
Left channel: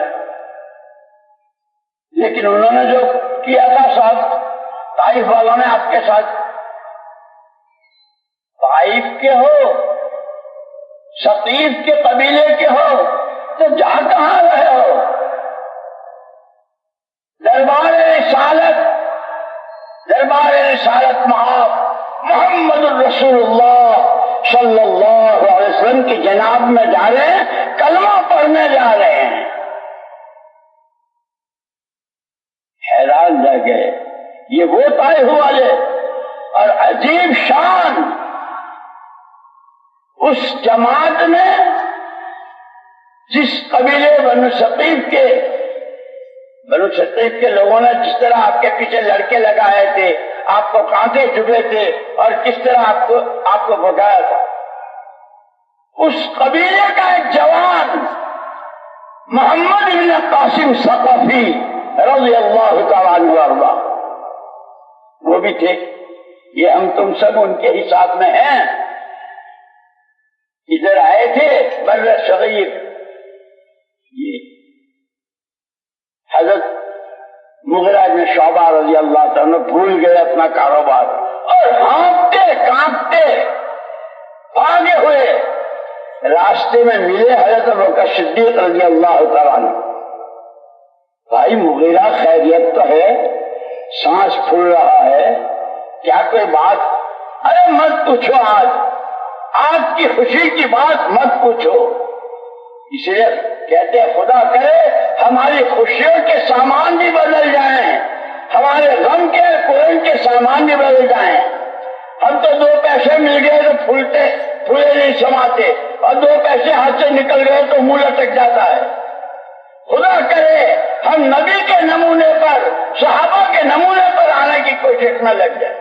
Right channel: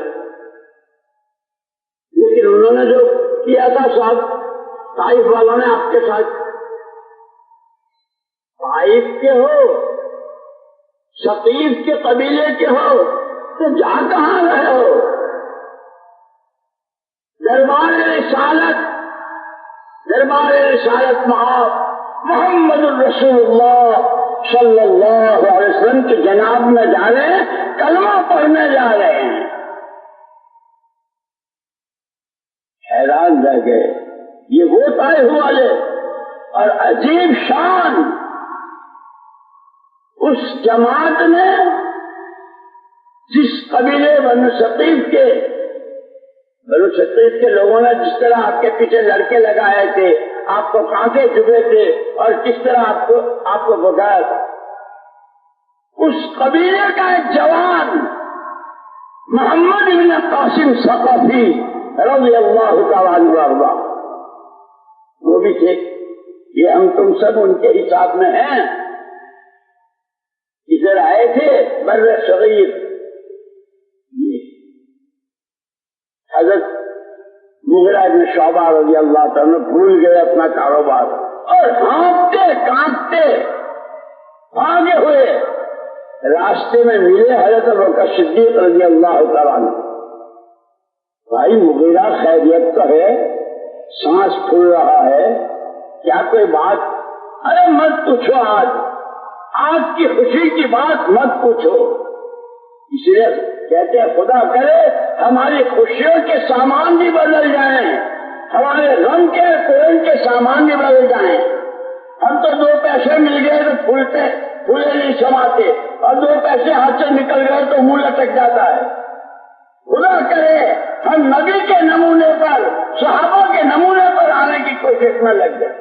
لیکن انہوں نے جو کیا تھا ساتھ طائف والوں نے آپ کے ساتھ، طائف کے ہو، ثقیف کے قبیلے کے ہو تو جا کہاں رہے ہو؟ دربار رسالت محمد الرسول اللہ صلی اللہ علیہ وسلم کی جناب میں جا رہے ہیں، کلمہ پڑھنے جا رہے ہیں. طائف والے اور عجیب شان اس جماعت نے جس قبیلے بنو ثقیف کے لوگوں نے جس طرح آپ کے پیچھے لڑکے لگائے تھے، آپ کو کانٹے چبھے تھے اور کس طرح آپ کو بھگایا تھا، اس قبیلے کا ایک جوان محمد بن قاسم ثقفی رضی اللہ تعالیٰ عنہ وارضہ وہ بھی تھے. یہ ہم تم سب ان کے ہی ساتھ میں ہیں. ادھر آئے تھے بر صغیر. یہ حضرت مغیرہ بن شعبہ رضی اللہ تعالیٰ بھول گئے اپنا کاروبار اور ہانپتے کانپتے بھاگے ہوئے راستے میں ملے حضرت ابوبکر صدیق رضی اللہ تعالیٰ عنہ. بھائی مغیرہ خیریت تو ہے، سانس پھول رہا ہے، کیا کوئی بات؟ ارے مت پوچھو، آج کی خوشی کی بات مت پوچھو. اس لیے کہتے ہیں خدا کرے ہماری خوشیوں کے سامان بھی بدل جائیں، ہمارے غم کے کوئی کے سامان بھی بدل جائیں. ہم تو 2 پیسے مل گئے تو پھولے نہیں سماتے، اور 2 پیسے ہاتھ سے نکل گئے تو منہ لٹک جاتا ہے. خدا کرے ہم نبی کے نمونے پر، صحابہ کے نمونے پر آنے کی کوشش میں لگ جائے.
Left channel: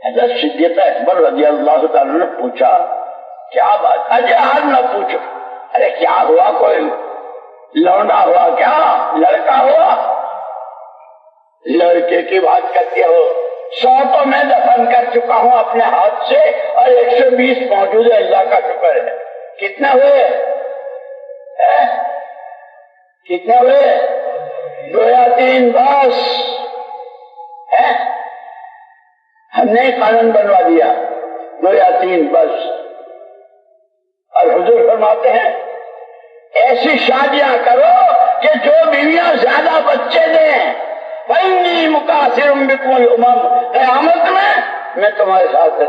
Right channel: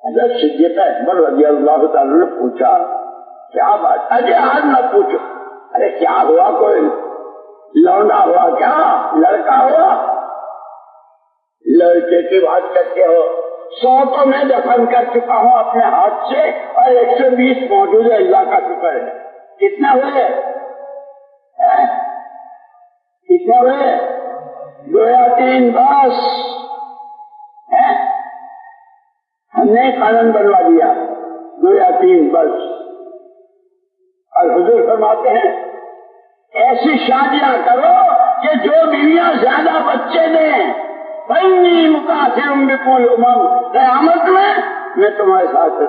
حضرت صدیق اکبر رضی اللہ تعالیٰ نے پوچھا کیا بات؟ اجے آج نہ پوچھو. ارے کیا ہوا؟ کوئی لونڈا ہوا کیا؟ لڑکا ہوا؟ لڑکے کی بات کرتے ہو؟ 100 تو میں دفن کر چکا ہوں اپنے ہاتھ سے اور 120 موجود ہے، اللہ کا شکر ہے. کتنے ہوئے؟ کتنے ہوئے؟ 2 یا 3 بس. ہم نے قانون بنوا دیا 2 یا 3 بس. اور حضور فرماتے ہیں ایسی شادیاں کرو کہ جو بیویاں زیادہ بچے دیں. فَإِنِّي مُكَاثِرٌ بِكُمُ الْأُمَمَ، قیامت میں تمہارے ساتھ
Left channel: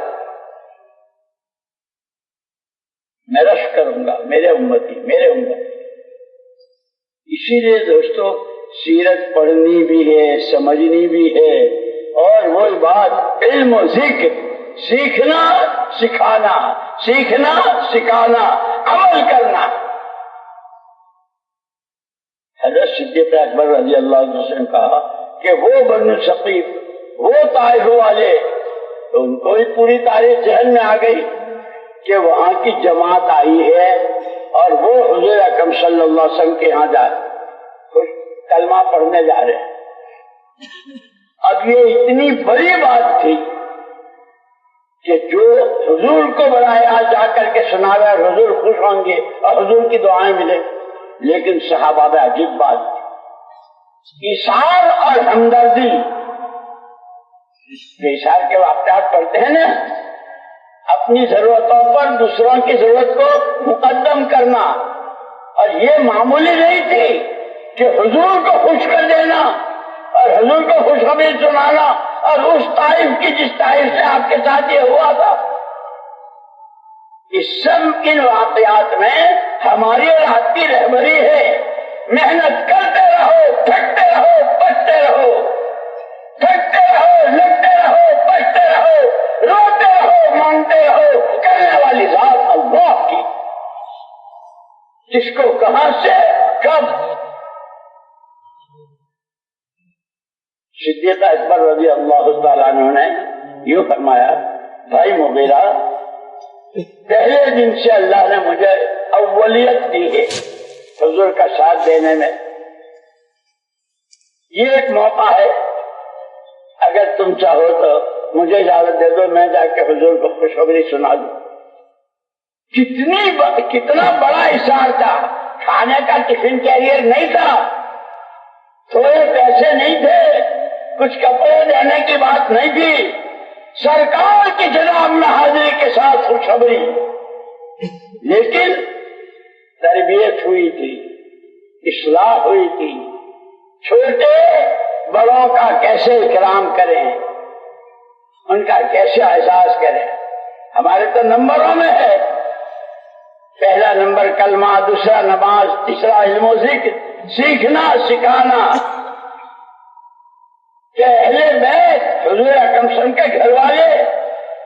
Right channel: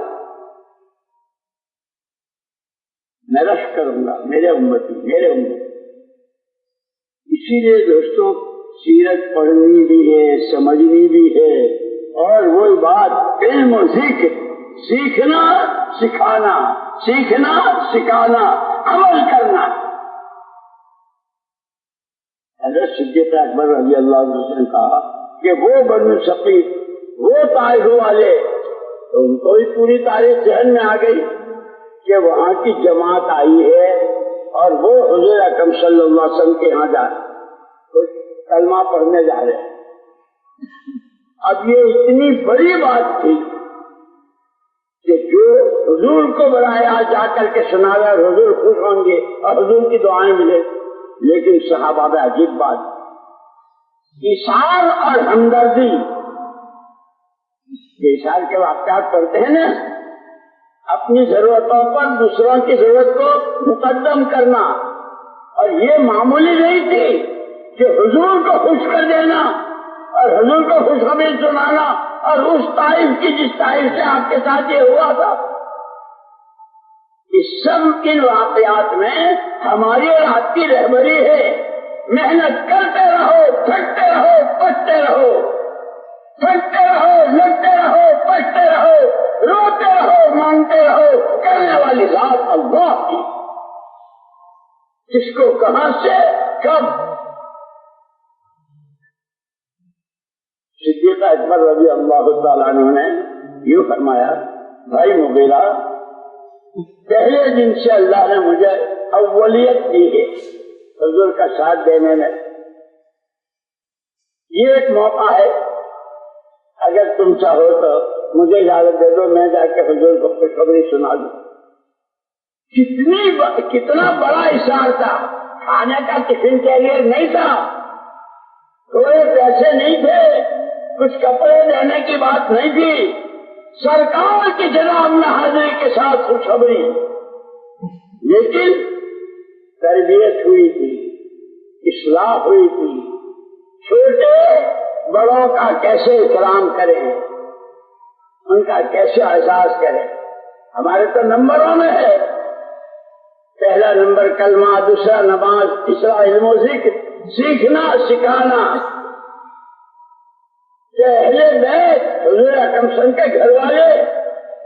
میں رش کروں گا، میرے امتی. اسی لیے دوستو سیرت پڑھنی بھی ہے، سمجھنی بھی ہے، اور وہی بات علم و ذکر، سیکھنا سکھانا، سیکھنا سکھانا، عمل کرنا. حضرت صدیق اکبر رضی اللہ عنہ نے کہا کہ وہ بنو ثقیف، وہ طائف والے، تو ان کو بھی پوری تاریخ ذہن میں آ گئی کہ وہاں کی جماعت آئی ہے اور وہ حضور اکرم صلی اللہ علیہ وسلم کے یہاں کلمہ پڑھنے جا رہے ہیں. اب یہ اتنی بڑی بات تھی کہ جو حضور کو بلایا جا کر کے سنا رہا، حضور خوش ہوں گے اور حضور کی دعائیں ملے. لیکن صحابہ میں عجیب بات تھی، ایثار اور ہمدردی. ایثار کے واقعات پڑھتے ہیں نا، اپنی ضرورتوں پر دوسروں کی ضرورت کو مقدم کرنا. اور یہ معمولی نہیں تھی کہ حضور کو خوش کر دینا اور حضور کو خوشخبری سنانا، اور اس طائف کی جس طائف سے آپ کے ساتھ یہ ہوا تھا. اس سب ان واقعات میں ہماری اور آپ کی رہبری ہے. محنت کرتے رہو، تھکتے رہو، پچتے رہو، تھکتے رہو، لگتے رہو، پچتے رہو، روتے رہو، مانگتے رہو. کرنے والی ذات اللہ کی، جس کو کہاں سے کب. صدیق اکبر رضی اللہ تعالیٰ عنہ نے یوں فرمایا، بھائی مغیرہ، پہلے دن سے اللہ نے مجھے اولیت دی ہے حضور کا ساتھ دینے میں. یہ ایک موقع ہے، اگر تم چاہو تو مجھے اجازت دے دو، میں جا کے حضور کو خوشخبری سنا دوں. کتنا بڑا اشار تھا. کھانے کا ٹفن کیریئر نہیں تھا، تھوڑے پیسے نہیں تھے، کچھ کپڑے دینے کی بات نہیں تھی. سرکار کی جناب میں حاضری کے ساتھ خوشخبری. لیکن تربیت ہوئی تھی، اصلاح ہوئی تھی. چھوٹے بڑوں کا کیسے اکرام کریں، ان کا کیسے احساس کریں. ہمارے تو نمبروں میں ہے، پہلا نمبر کلمہ، دوسرا نماز، تیسرا علم و ذکر، سیکھنا سکھانا. کہ اہل بیت حضور اکرم صلی اللہ علیہ وسلم کے گھر والے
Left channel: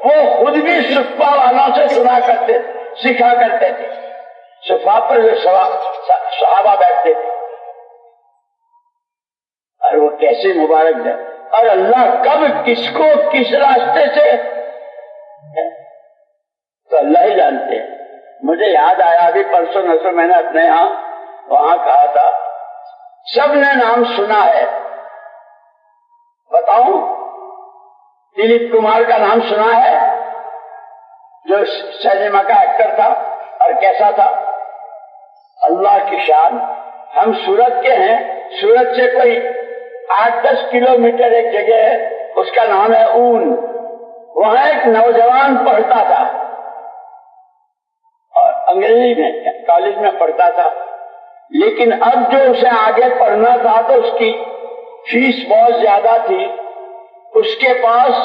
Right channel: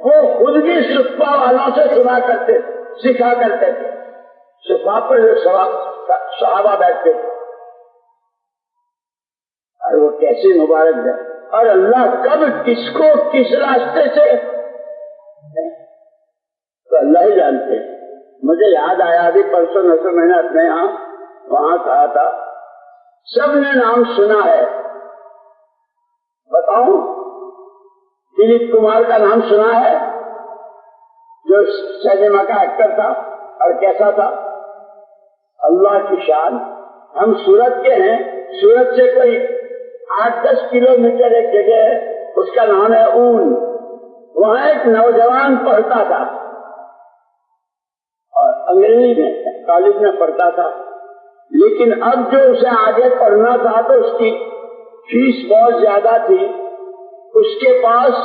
وہ خود بھی صفہ والوں سے سنا کرتے تھے، سکھا کرتے تھے. صفہ پر جو صحابہ بیٹھتے تھے، اور وہ کیسے مبارک ہے. اور اللہ کب کس کو کس راستے سے تو اللہ ہی جانتے ہیں. مجھے یاد آیا ابھی پرسوں نسل میں نے اپنے یہاں وہاں کہا تھا، سب نے نام سنا ہے، بتاؤں دلیپ کمار کا نام سنا ہے جو سینما کا ایکٹر تھا اور کیسا تھا؟ اللہ کی شان. ہم سورت کے ہیں، سورت سے کوئی 8-10 کلومیٹر ایک جگہ ہے، اس کا نام ہے اون. وہاں ایک نوجوان پڑھتا تھا اور انگریزی میں کالج میں پڑھتا تھا، لیکن اب جو اسے آگے پڑھنا تھا تو اس کی فیس بہت زیادہ تھی، اس کے پاس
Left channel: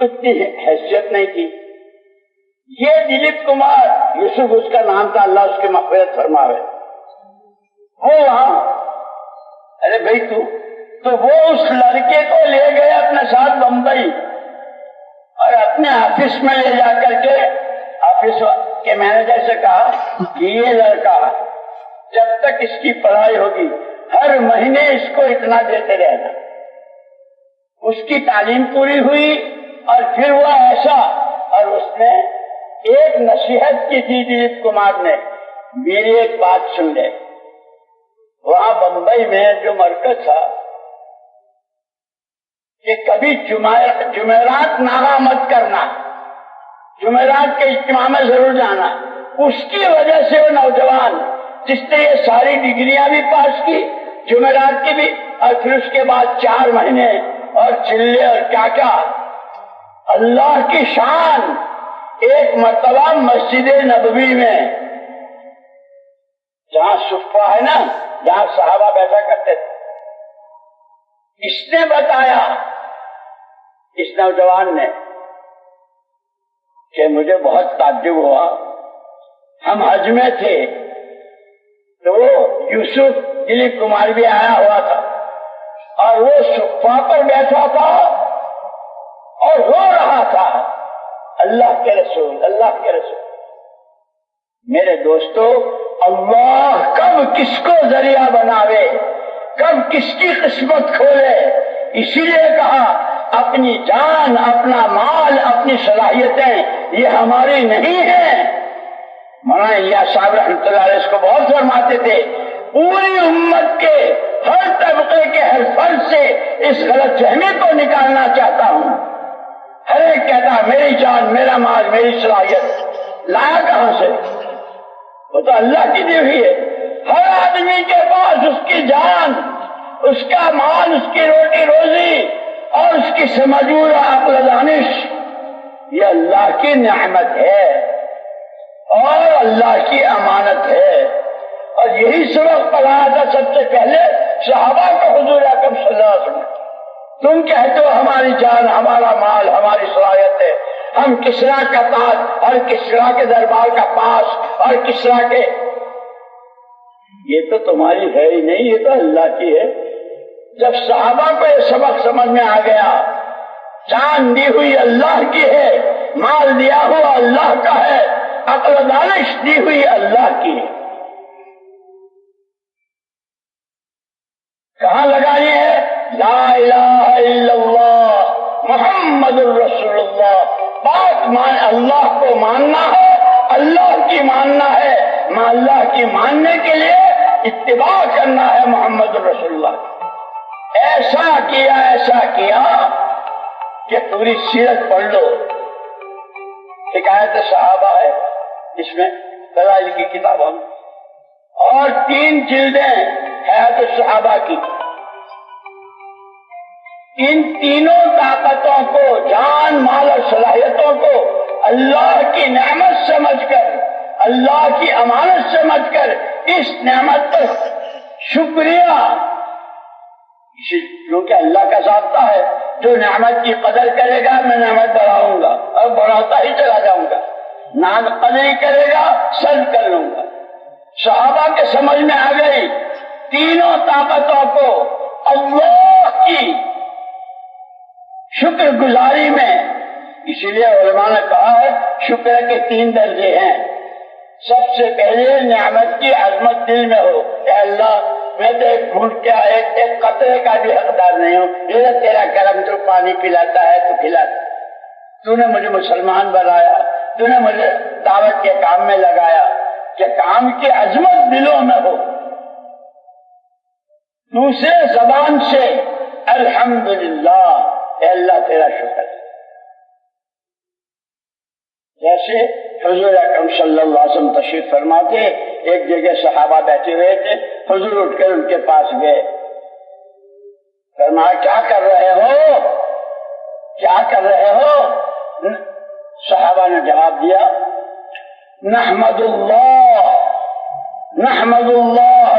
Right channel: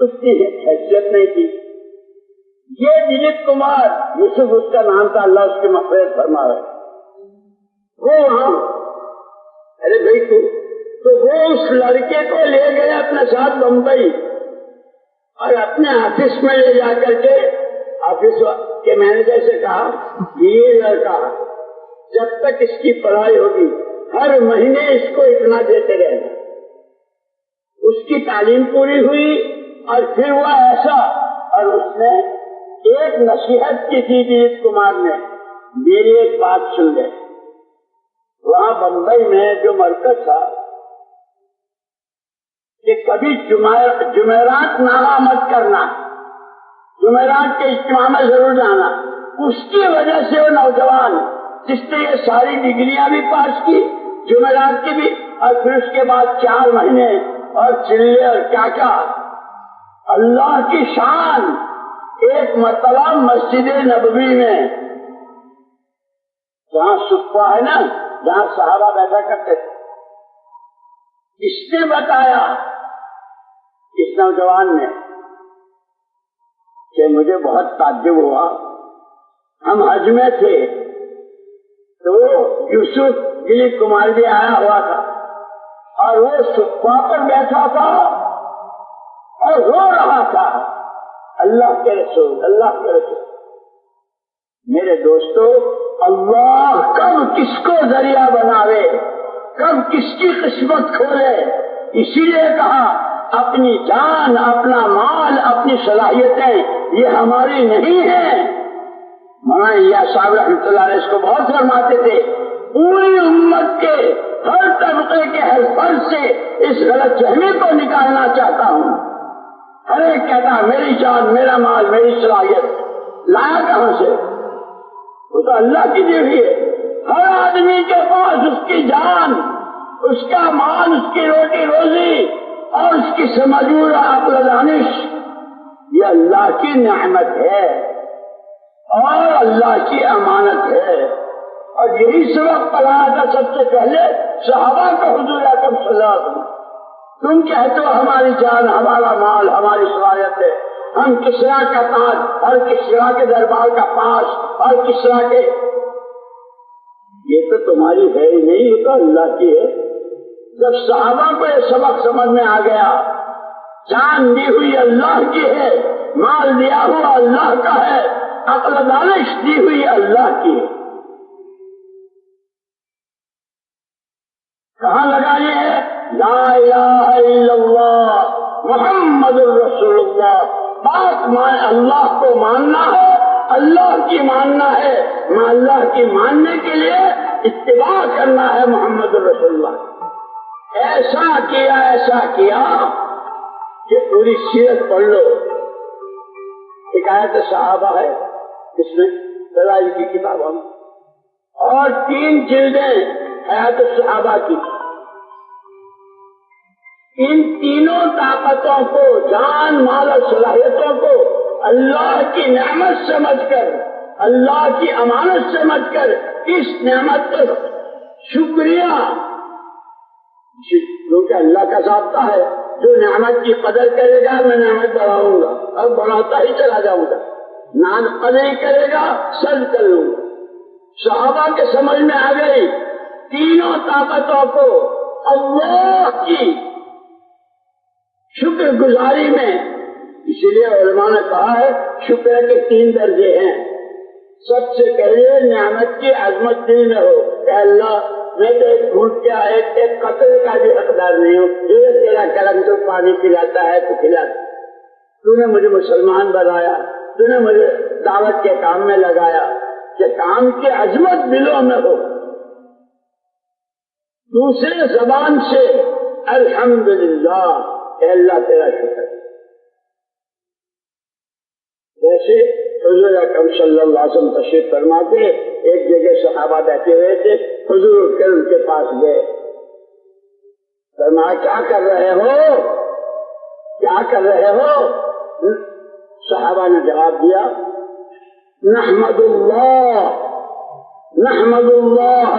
اتنی حیثیت نہیں تھی. یہ دلیپ کمار یوسف اس کا نام تھا، اللہ اس کی مغفرت فرماوے. وہ وہاں ارے بھائی تو وہ اس لڑکے کو لے گئے اپنے ساتھ بمبئی اور اپنے آفس میں لے جا کر کے آفس کے مینیجر سے کہا کہ یہ لڑکا جب تک اس کی پڑھائی ہوگی ہر مہینے اس کو اتنا دیتے رہنا. اس کی تعلیم پوری ہوئی اور پھر وہ ایسا، اور اس نے ایک نصیحت کی تھی دلیپ کمار نے، میری ایک بات سن لے. وہاں بمبئی میں جو مرکز تھا کہ کبھی جمعرات ناغہ مت کرنا، جمعرات کے اجتماع میں ضرور جانا. اس کی وجہ سے وہ نوجوان جس نے یہ ساری ڈگریاں بھی پاس کی، جمعرات کی بھی، اور پھر اس کے بعد 4 مہینے اور چلے اور کیا کیا. اللہ کی شان. ایک مرتبہ مسجد نبوی میں جہاں صفہ ہے نا، جہاں صحابہ بیٹھا کرتے تھے، اس نے بتایا اس نوجوان نے کہ مجھے بہت تعجب ہوا. ہم حج میں تھے تو یوسف دلیپ کمار بھی آیا ہوا تھا اور وہ صفہ پر بیٹھا تھا اور رو رہا تھا، اللہ کے رسول، اللہ کے رسول. میرے دوستو، اللہ کب کس کو ذریعہ بناوے، کب کس کی قسمت کھولے. اسی لیے کہا اپنی جان، اپنا مال، اپنی صلاحیتیں یہ ہماری نہیں ہیں. مولانا الیاس صاحب رحمۃ اللہ علیہ اس کو بہت فرماتے تھے، پوری امت کے ہر طبقے کے ہر فرد سے اس غلط فہمی کو نکالنا چاہتا ہوں. ہر ایک کہتا ہے میری جان، میرا مال، میری صلاحیت، لایا کہاں سے؟ وہ تو اللہ کی دی ہوئی ہے. ہر آدمی کے پاس اس کی جان، اس کا مال، اس کی روٹی روزی اور اس کی سمجھ اور عقل و دانش یہ اللہ کی نعمت ہے اور اللہ کی امانت ہے. اور یہی سبق پڑھایا تھا سب سے پہلے صحابہ کو حضور اکرم صلی اللہ علیہ وسلم. تم کہتے ہو ہماری جان، ہمارا مال، ہماری صلاحیت ہے، ہم کسرا کا تاج اور کسرا کے دربار کا پاس اور کسرا کے، یہ تو تمہاری ہے ہی نہیں، یہ تو اللہ کی ہے. جب صحابہ کو یہ سبق سمجھ میں آ گیا، جان دی ہوئی اللہ کی ہے، مال دیا ہوا اللہ کا ہے، عقل و دانش دی ہوئی اللہ کی ہے. کہاں لگانی ہے؟ لا الہ الا اللہ محمد الرسول اللہ. بات اللہ کو ماننا ہے، اللہ کی ماننا ہے. اللہ کی ماننے کے لیے اتباع کرنا ہے محمد الرسول اللہ. ایسا کیا کہ پوری سیرت پڑھ لو. حکایت صحابہ ہے اس میں، دلائل کی کتاب ہم، اور 3 جلدیں حیات صحابہ کی. ان تینوں طاقتوں کو، جان، مال اور صلاحیتوں کو اللہ کی نعمت سمجھ کر، اللہ کی امانت سمجھ کر اس نعمت پر شکریہ، کیونکہ اللہ کا ضابطہ ہے جو نعمت کی قدر کرے گا میں نعمت بڑھاؤں گا اور بڑھاتا ہی چلا جاؤں گا، نہ قدر کرے گا سرد کر لوں گا. صحابہ کے سمجھ میں آ گئی تینوں طاقتوں کو اللہ کی شکر گزاری میں. اسی لیے علماء نے کہا ہے شکر کے 3 درجے ہیں. سب سے پہلے نعمت کی عظمت دل میں ہو. اے اللہ میں تو ایک گھونٹ کیا ایک قطرے کا بھی حقدار نہیں ہوں. یہ تیرا کرم، تو پانی پلاتا ہے تو کھلاتا. تو نے مجھے مسلمان بنایا، تو نے مجھے دعوت کے کام میں لگایا، کہ کام کی عظمت دلوں میں ہو. دوسرے زبان سے الحمدللہ، اے اللہ تیرا شکر. جیسے حضور اکرم صلی اللہ علیہ وسلم تشریف فرماتے، ایک جگہ صحابہ بیٹھے ہوئے تھے، حضور اٹھ کر ان کے پاس گئے. فرمایا کیا کر رہے ہو، کیا کر رہے ہو؟ صحابہ نے جواب دیا نحمد اللہ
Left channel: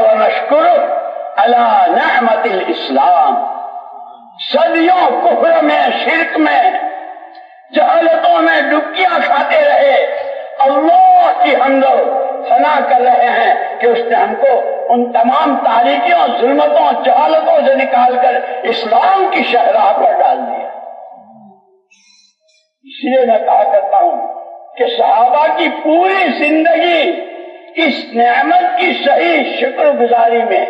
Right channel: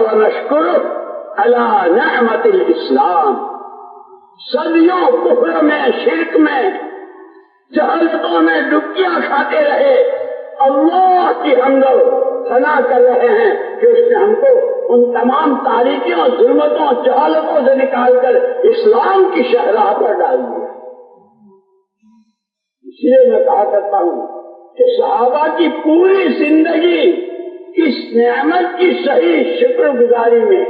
ونشکر علی نعمت الاسلام. صدیوں کفر میں، شرک میں، جہالتوں میں ڈبکیاں کھاتے رہے، اللہ کی حمد و ثنا کر رہے ہیں کہ اس نے ہم کو ان تمام تاریکیوں، ظلمتوں، جہالتوں سے نکال کر اسلام کی شاہراہ پر ڈال دیا. اس لیے میں کہا کرتا ہوں کہ صحابہ کی پوری زندگی اس نعمت کی صحیح شکر گزاری میں،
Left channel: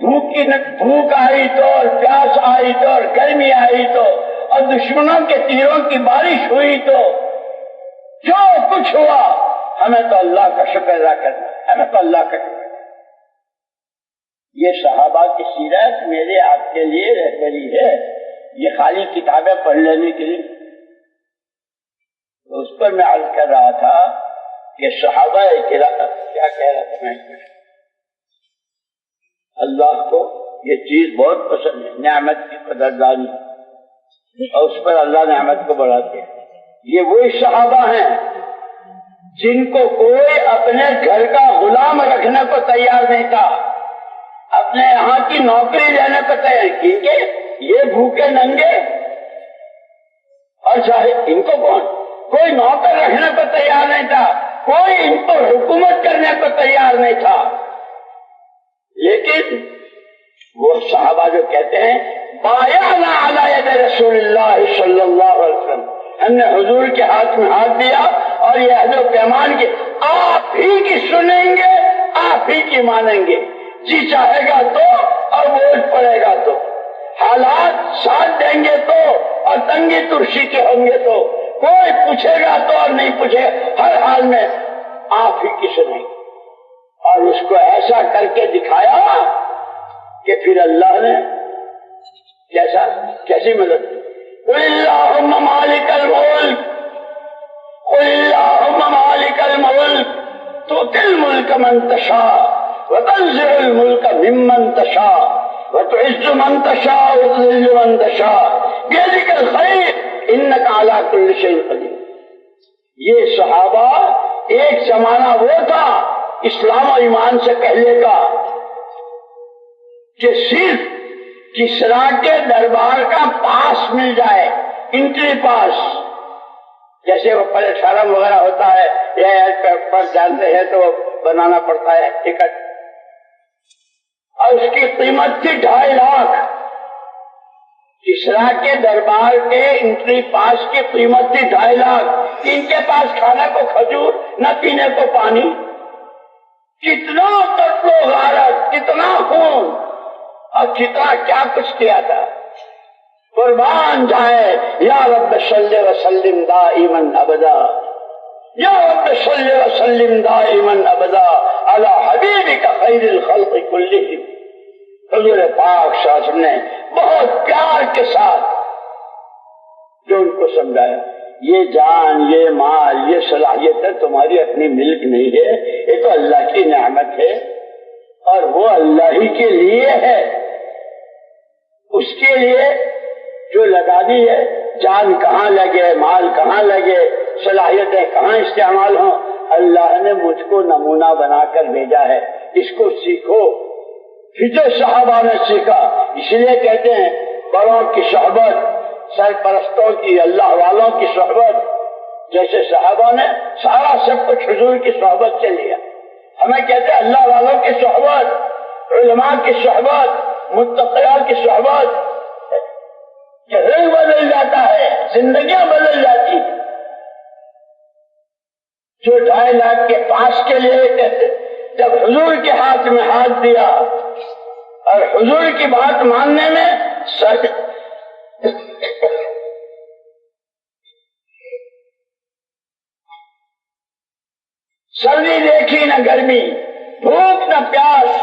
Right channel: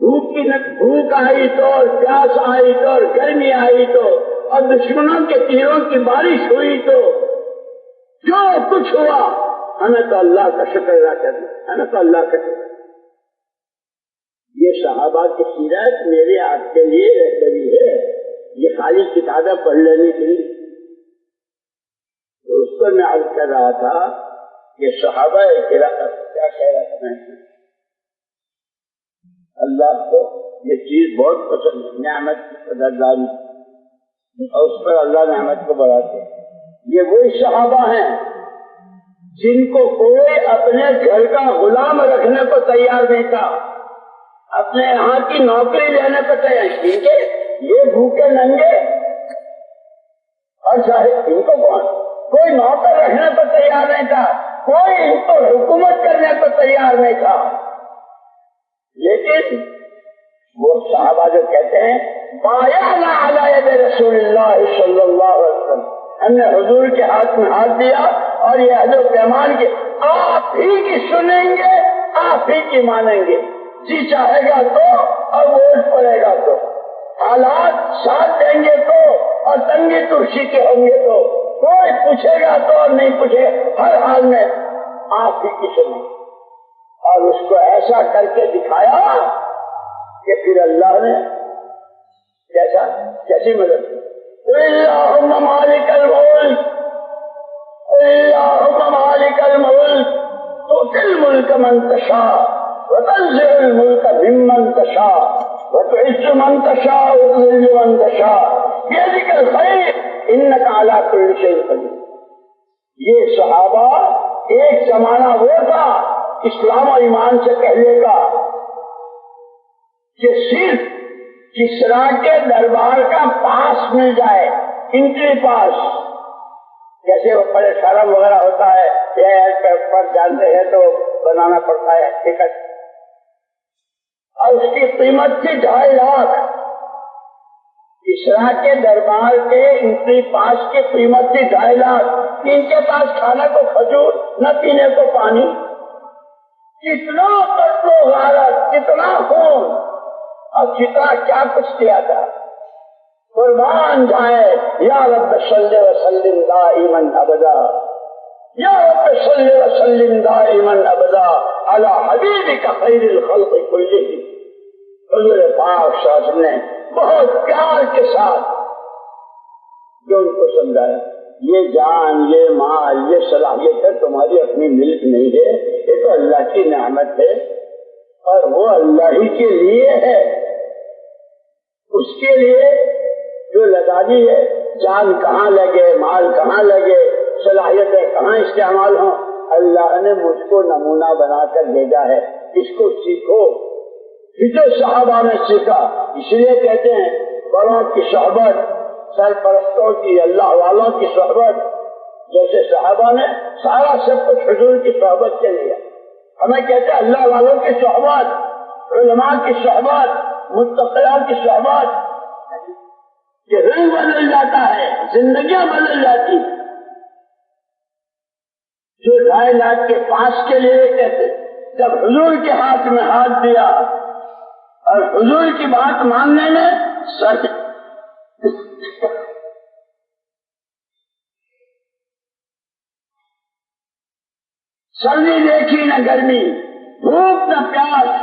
بھوک آئی تو اور پیاس آئی تو اور گرمی آئی تو اور دشمنوں کے تیروں کی بارش ہوئی تو جو کچھ ہوا، ہمیں تو اللہ کا شکر ادا کرنا ہے، ہمیں تو اللہ کا شکر. یہ صحابہ کی سیرت میرے آپ کے لیے رہبری ہے، یہ خالی کتابیں پڑھ لینے کے لیے. اس پر میں عرض کر رہا تھا کہ صحابہ کیا کہہ رہا تھا میں، اللہ کو یہ چیز بہت پسند ہے، نعمت کی قدردانی، اور اس پر اللہ نعمت کو بڑھاتے ہیں. یہ وہی صحابہ ہیں جن کو کوئی اپنے گھر کا غلام رکھنے کو تیار نہیں تھا، اپنے یہاں کی نوکری لینے کو تیار، کیونکہ یہ بھوکے ننگے اور چاہے ان کو کوئی نوکر رکھنے کو تیار نہیں تھا، کوئی ان کو حکومت کرنے کو تیار نہیں تھا. لیکن وہ صحابہ جو کہتے ہیں بایعنا علی ید رسول اللہ صلی اللہ علیہ وسلم، ہم نے حضور کے ہاتھ میں ہاتھ دیا اور یہ عہد و پیمان کے آپ ہی کی سنیں گے، آپ ہی کی مانیں گے، جی چاہے گا تو اور ووٹ پڑے گا تو، حالات ساتھ دیں گے تو اور تنگی ترشی کے ہوں گے تو، کوئی پوچھے گا تو اور نہیں پوچھے گا، ہر حال میں آپ ہی کی سنیں گے. اور اس کو ایسا کر کے دکھایا کہ پھر اللہ نے کیسی مدد کی. قل اللہم مالک الملک، قل اللہم مالک الملک تؤتی الملک من تشاء وتنزع الملک ممن تشاء وتعز من تشاء وتذل من تشاء بیدک الخیر انک علی کل شیء قدیر. یہ صحابہ ایک زمانہ وہ تھا اسلام و ایمان سے پہلے کا کہ صرف کسرا کے دربار کا پاس مل جائے، انٹری پاس، جیسے وہ پلیٹفارم وغیرہ ہوتا ہے یا ایئرپورٹ پر جانتے ہیں تو بنانا پڑتا ہے ٹکٹ، اور اس کی قیمت تھی 2.5 لاکھ. کسرا کے دربار کے انٹری پاس کی قیمت تھی 2.5 لاکھ. ان کے پاس کھانے کو کھجور، نہ پینے کو پانی. کتنا قتل و غارت، کتنا خون اور کتنا کیا کچھ کیا تھا. قربان جائے یا رب صلی وسلم دائما ابدا، یا رب صلی وسلم دائما ابدا علی حبیبک خیر الخلق کلہم. حضور پاک صلی اللہ علیہ وسلم نے بہت پیار کے ساتھ جو ان کو سمجھایا، یہ جان، یہ مال، یہ صلاحیت تمہاری اپنی ملک نہیں ہے، یہ تو اللہ کی نعمت ہے اور وہ اللہ ہی کے لیے ہے. اس کے لیے جو لگانی ہے، جان کہاں لگے، مال کہاں لگے، صلاحیتیں کہاں استعمال ہوں، اللہ نے مجھ کو نمونہ بنا کر بھیجا ہے، اس کو سیکھو. پھر جو صحابہ نے سیکھا، اس لیے کہتے ہیں بڑوں کی صحبت، سرپرستوں کی، اللہ والوں کی صحبت. جیسے صحابہ نے سارا سب کچھ حضور کی صحبت سے لیا، ہمیں کہتے ہیں اللہ والوں کی صحبت، علماء کی صحبت، متقیوں کی صحبت. کہ رنگ بدل جاتا ہے، زندگیاں بدل جاتی. جو 2.5 لاکھ کے پاس کے لیے کہتے، جب حضور کے ہاتھ میں ہاتھ دیا اور حضور کی بات ماننے میں سچ سردی دیکھی نہ گرمی، بھوک نہ پیاس،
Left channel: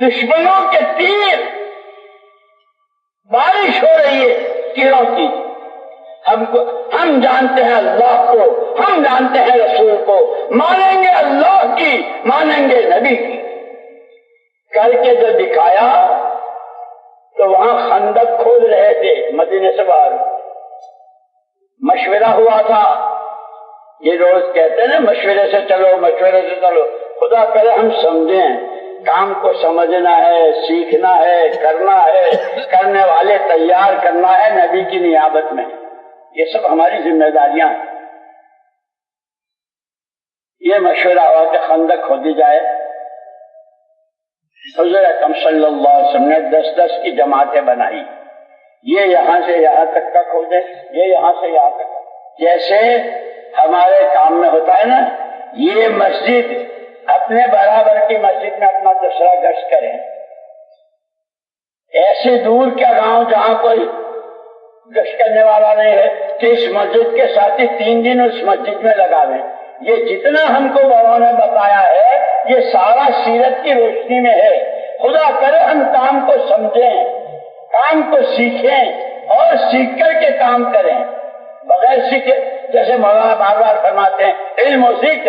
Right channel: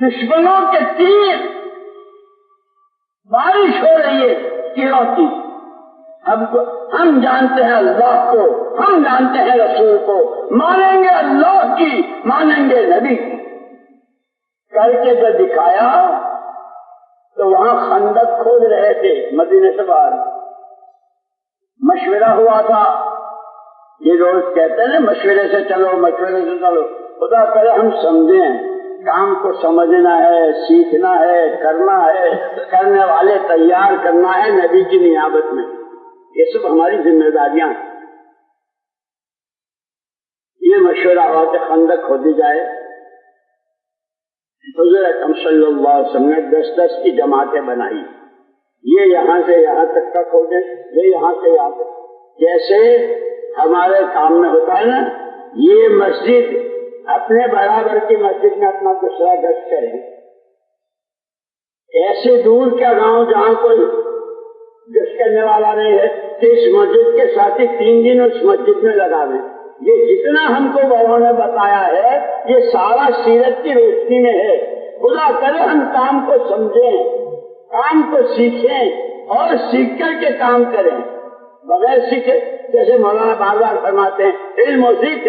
دشمنوں کے تیر، بارش ہو رہی ہے تیروں کی. ہم جانتے ہیں اللہ کو، ہم جانتے ہیں رسول کو، مانیں گے اللہ کی، مانیں گے نبی کی. کر کے جو دکھایا تو وہاں خندق کھود رہے تھے مدینے سے باہر. مشورہ ہوا تھا، یہ روز کہتے ہیں نا مشورے سے چلو، مشورے سے چلو. خدا کرے ہم سمجھیں، کام کو سمجھنا ہے، سیکھنا ہے، کرنا ہے، کرنے والے تیار کرنا ہے نبی کی نیابت میں. یہ سب ہماری ذمہ داریاں ہیں. یہ مشورہ ہوا کہ خندق کھودی جائے. حضور اکرم صلی اللہ علیہ وسلم نے 10 کی جماعتیں بنائی. یہ یہاں سے یہاں تک کا کھودے، یہ یہاں سے یہاں تک. جیسے ہمارے کام میں ہوتا ہے نا، یہ مسجد اپنے برابر کی مسجد میں اپنا دوسرا گشت کریں. ایسی دور کا گاؤں جہاں کوئی گشت کرنے والا نہیں ہے کہ اس مسجد کے ساتھ ہی 3 دن اس مسجد میں لگاویں. یہ جتنا ہم کو بابوں نے بتایا ہے یہ سارا سیرت کی روشنی میں ہے. خدا کرے ہم کام کو سمجھیں، کام کو سیکھیں اور سیکھ کر کے کام کریں. بغیر سیکھے، جیسے مولانا بار بار فرماتے ہیں، علم و سیکھ،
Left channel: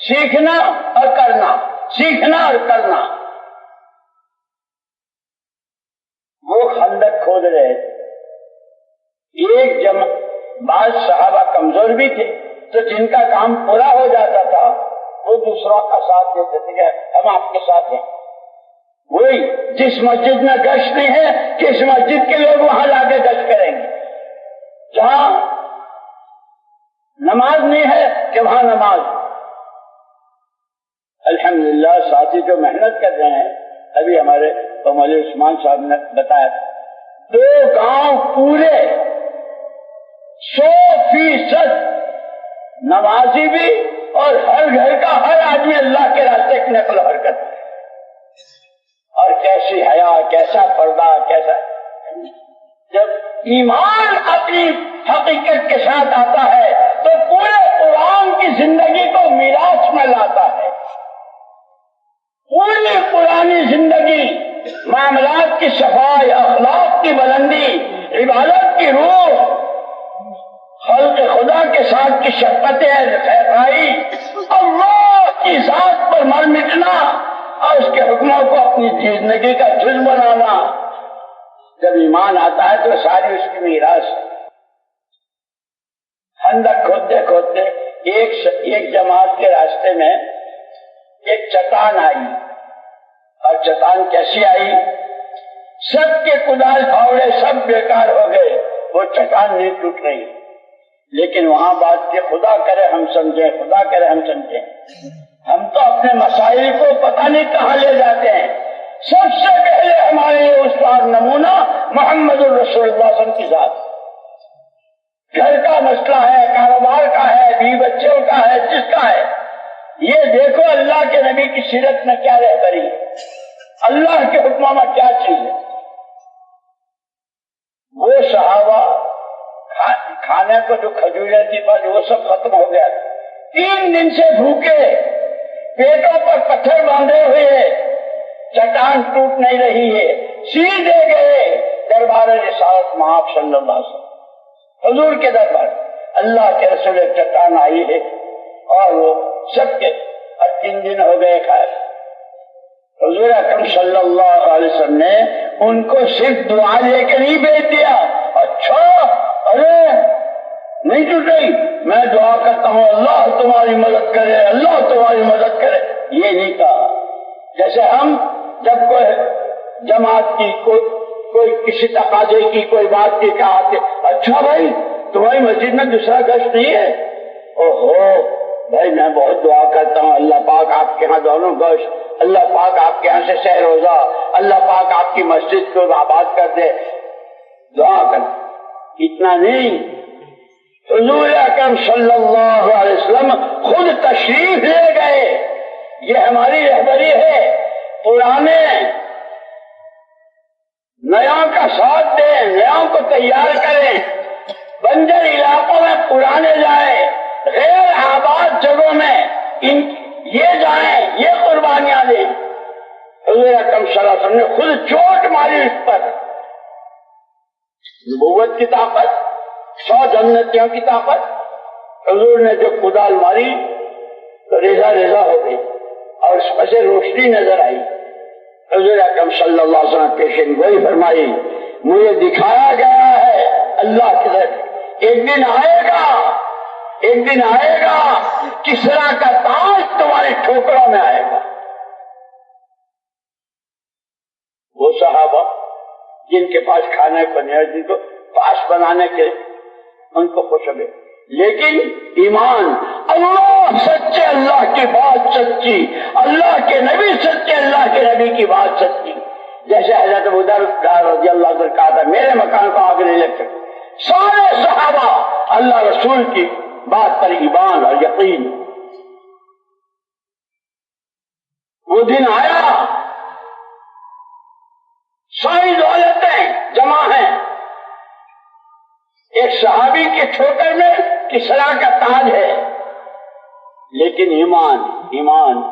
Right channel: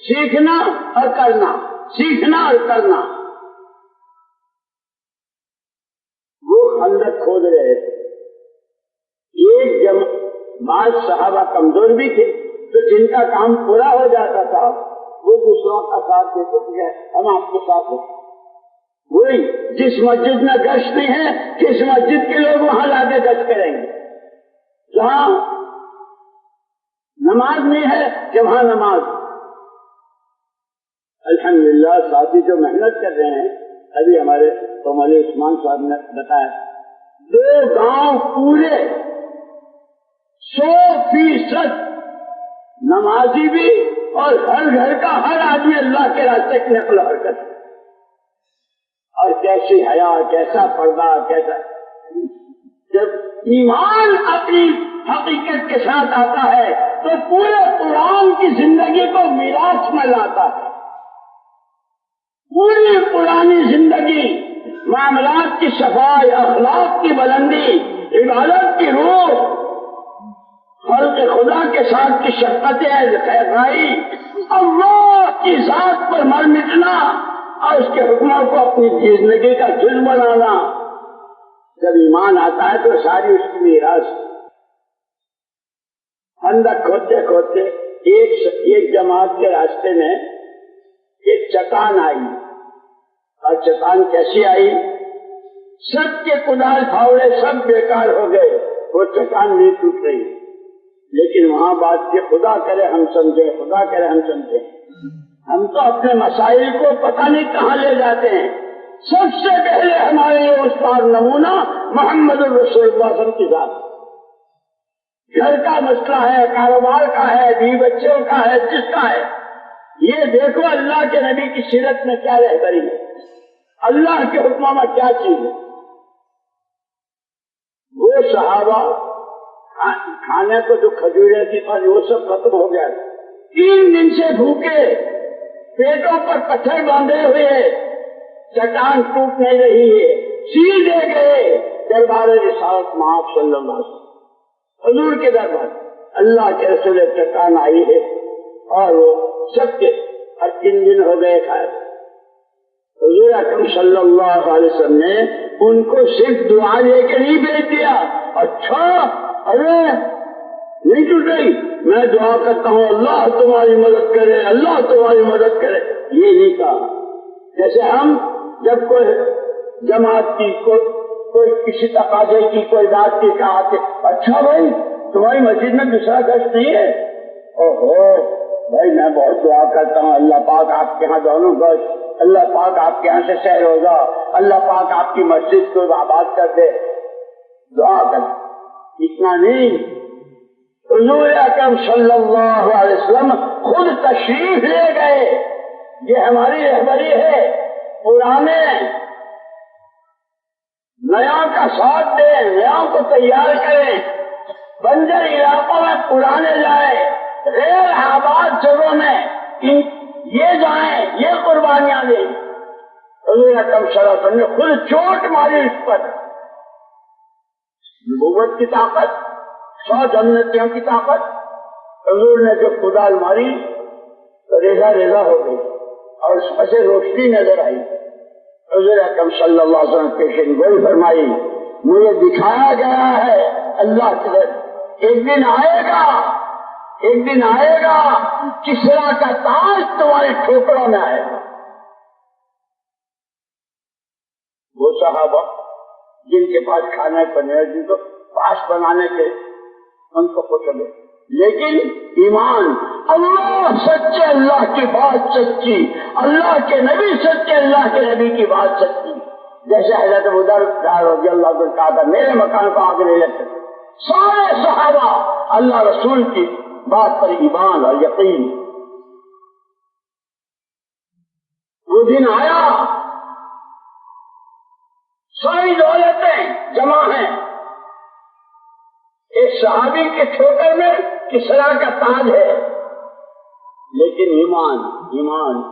سیکھنا اور کرنا، سیکھنا اور کرنا. وہ خندق کھود رہے تھے. بعض صحابہ کمزور بھی تھے تو جن کا کام پورا ہو جاتا تھا وہ دوسروں کا ساتھ دیتے تھے کہ ہم آپ کے ساتھ ہیں. وہی جس مسجد میں گشت نہیں ہے، کس مسجد کے لوگ وہاں لا کے گشت کریں گے. جہاں نماز نہیں ہے کہ وہاں نماز. الحمدللہ ساتھی جو محنت کر رہے ہیں، ابھی ہمارے مولوی عثمان صاحب نے بتایا 2 گاؤں پورے 100% نمازی بھی اور ہر گھر کا ہر آدمی اللہ کے راستے کی نقل و حرکت. اور کیسی حیا، کیسا پردہ، کیسا. جب ایمان اپنی حقیقت کے ساتھ آتا ہے تو پورے قرآن کی زندگی کو میراث میں لاتا ہے. پوری پرانی زندگی، معاملات کی صفائی، اخلاق کی بلندی، عبادت کی روح، خلق خدا کے ساتھ کی شفقت خیرائی، اللہ کی ذات پر مر مٹنا اور اس کے حکموں کو اپنی زندگی کا جز بنانا. جب ایمان آتا ہے تو ساری اس کی میراث. خندق کھودتے کھودتے ایک جماعت کے راستے میں ایک چٹان آئی. اور چٹان کیسی آئی؟ سب کے کدال پھاوڑے سب بیکار ہو گئے، وہ چٹان نہیں ٹوٹ رہی. لیکن وہاں بات کہ خدا کرے ہم سمجھیں، خدا کرے ہم سمجھیں. ہم تو اپنے مسائل کو پتہ نہیں کہاں لے جاتے ہیں. سب سے پہلے ہمارے لیے استاد نمونہ محمد الرسول اللہ صلی اللہ علیہ وسلم کی ذات. گھر کا مسئلہ ہے، کاروبار کا ہے، بیوی بچوں کا ہے، جس کا ہے، یہ دیکھو اللہ کے نبی کی سیرت میں کیا رہبری ہے، اللہ کے حکموں میں کیا چیز ہے. وہ صحابہ کھانے کو جو کھجوریں تھی وہ سب ختم ہو گیا. 3 دن سے بھوکے، پیٹوں پر پتھر باندھے ہوئے، چٹان ٹوٹ نہیں رہی ہے. سیدھے گئے دربار رسالت مآب صلی اللہ علیہ وسلم، حضور کے دربار. اللہ کے رسول چٹان آئی ہے اور وہ سب کے، اور 3 دن ہو گئے خیر. حضور اکرم صلی اللہ علیہ وسلم نے ان کو صرف دعا لے کے نہیں بھیج دیا. اچھا، ارے نہیں ٹوٹ رہی، میں دعا کرتا ہوں اللہ تمہاری مدد کرے، اللہ تمہاری مدد کرے، یہ نہیں کہا. جیسے ہم جب کوئی جماعت کی کوئی کسی تقاضے کی کوئی بات کی کہا کہ اچھا بھائی تمہاری مسجد میں دوسرا گشت نہیں ہے. اوہو بھائی میں بہت دعا کرتا ہوں اللہ پاک آپ کے ہاں دونوں گشت، اللہ پاک آپ کے ہاں سے سہ روزہ، اللہ پاک آپ کی مسجد کو آباد کر دے. دعا کر. اتنا نہیں، حضور اکرم صلی اللہ علیہ وسلم خود تشریف لے گئے. یہ ہماری رہبری ہے، پرانے نیاؤں کا ساتھ دیں، نیاؤں کو تیار کریں، بنجر علاقوں میں پرانے جائیں، غیر آباد جگہوں میں یہ جائیں، یہ قربانیاں دیں. حضور اکرم صلی اللہ علیہ وسلم نے خود چوٹ ماری اس پر. نبوت کی طاقت، 100 جنتیوں کی طاقت. حضور نے جو کدال ماری تو ریزہ ریزہ ہو گئی اور اس میں سے روشنی نظر آئی. حضور اکرم صلی اللہ علیہ وسلم پیشن گوئی فرمائی، مجھے دکھایا گیا ہے اللہ کی طرف، ایک دن آئے گا، ایک دن آئے گا کسرا کا تاج تمہارے ٹھوکروں میں آئے گا. وہ صحابہ جن کے پاس کھانے پنیر دی تو پاس بنانے کے ان کو خوش ہوئے، لیکن ایمان، اللہ سچے، اللہ کی بات سچی، اللہ کے نبی سچے، اللہ کے نبی کی بات سچی. جیسے حضرت ابو ذر رضی اللہ عنہ کہا تھا میرے مکان کو آگ نہیں لگ سکتے. سارے صحابہ اللہ رسول کی بات پر ایمان اور یقین. وہ دن آیا، ساری دولتیں جمع ہیں، ایک صحابی کے ٹھوکر میں کسرا کا تاج ہے، لیکن ایمان، ایمان.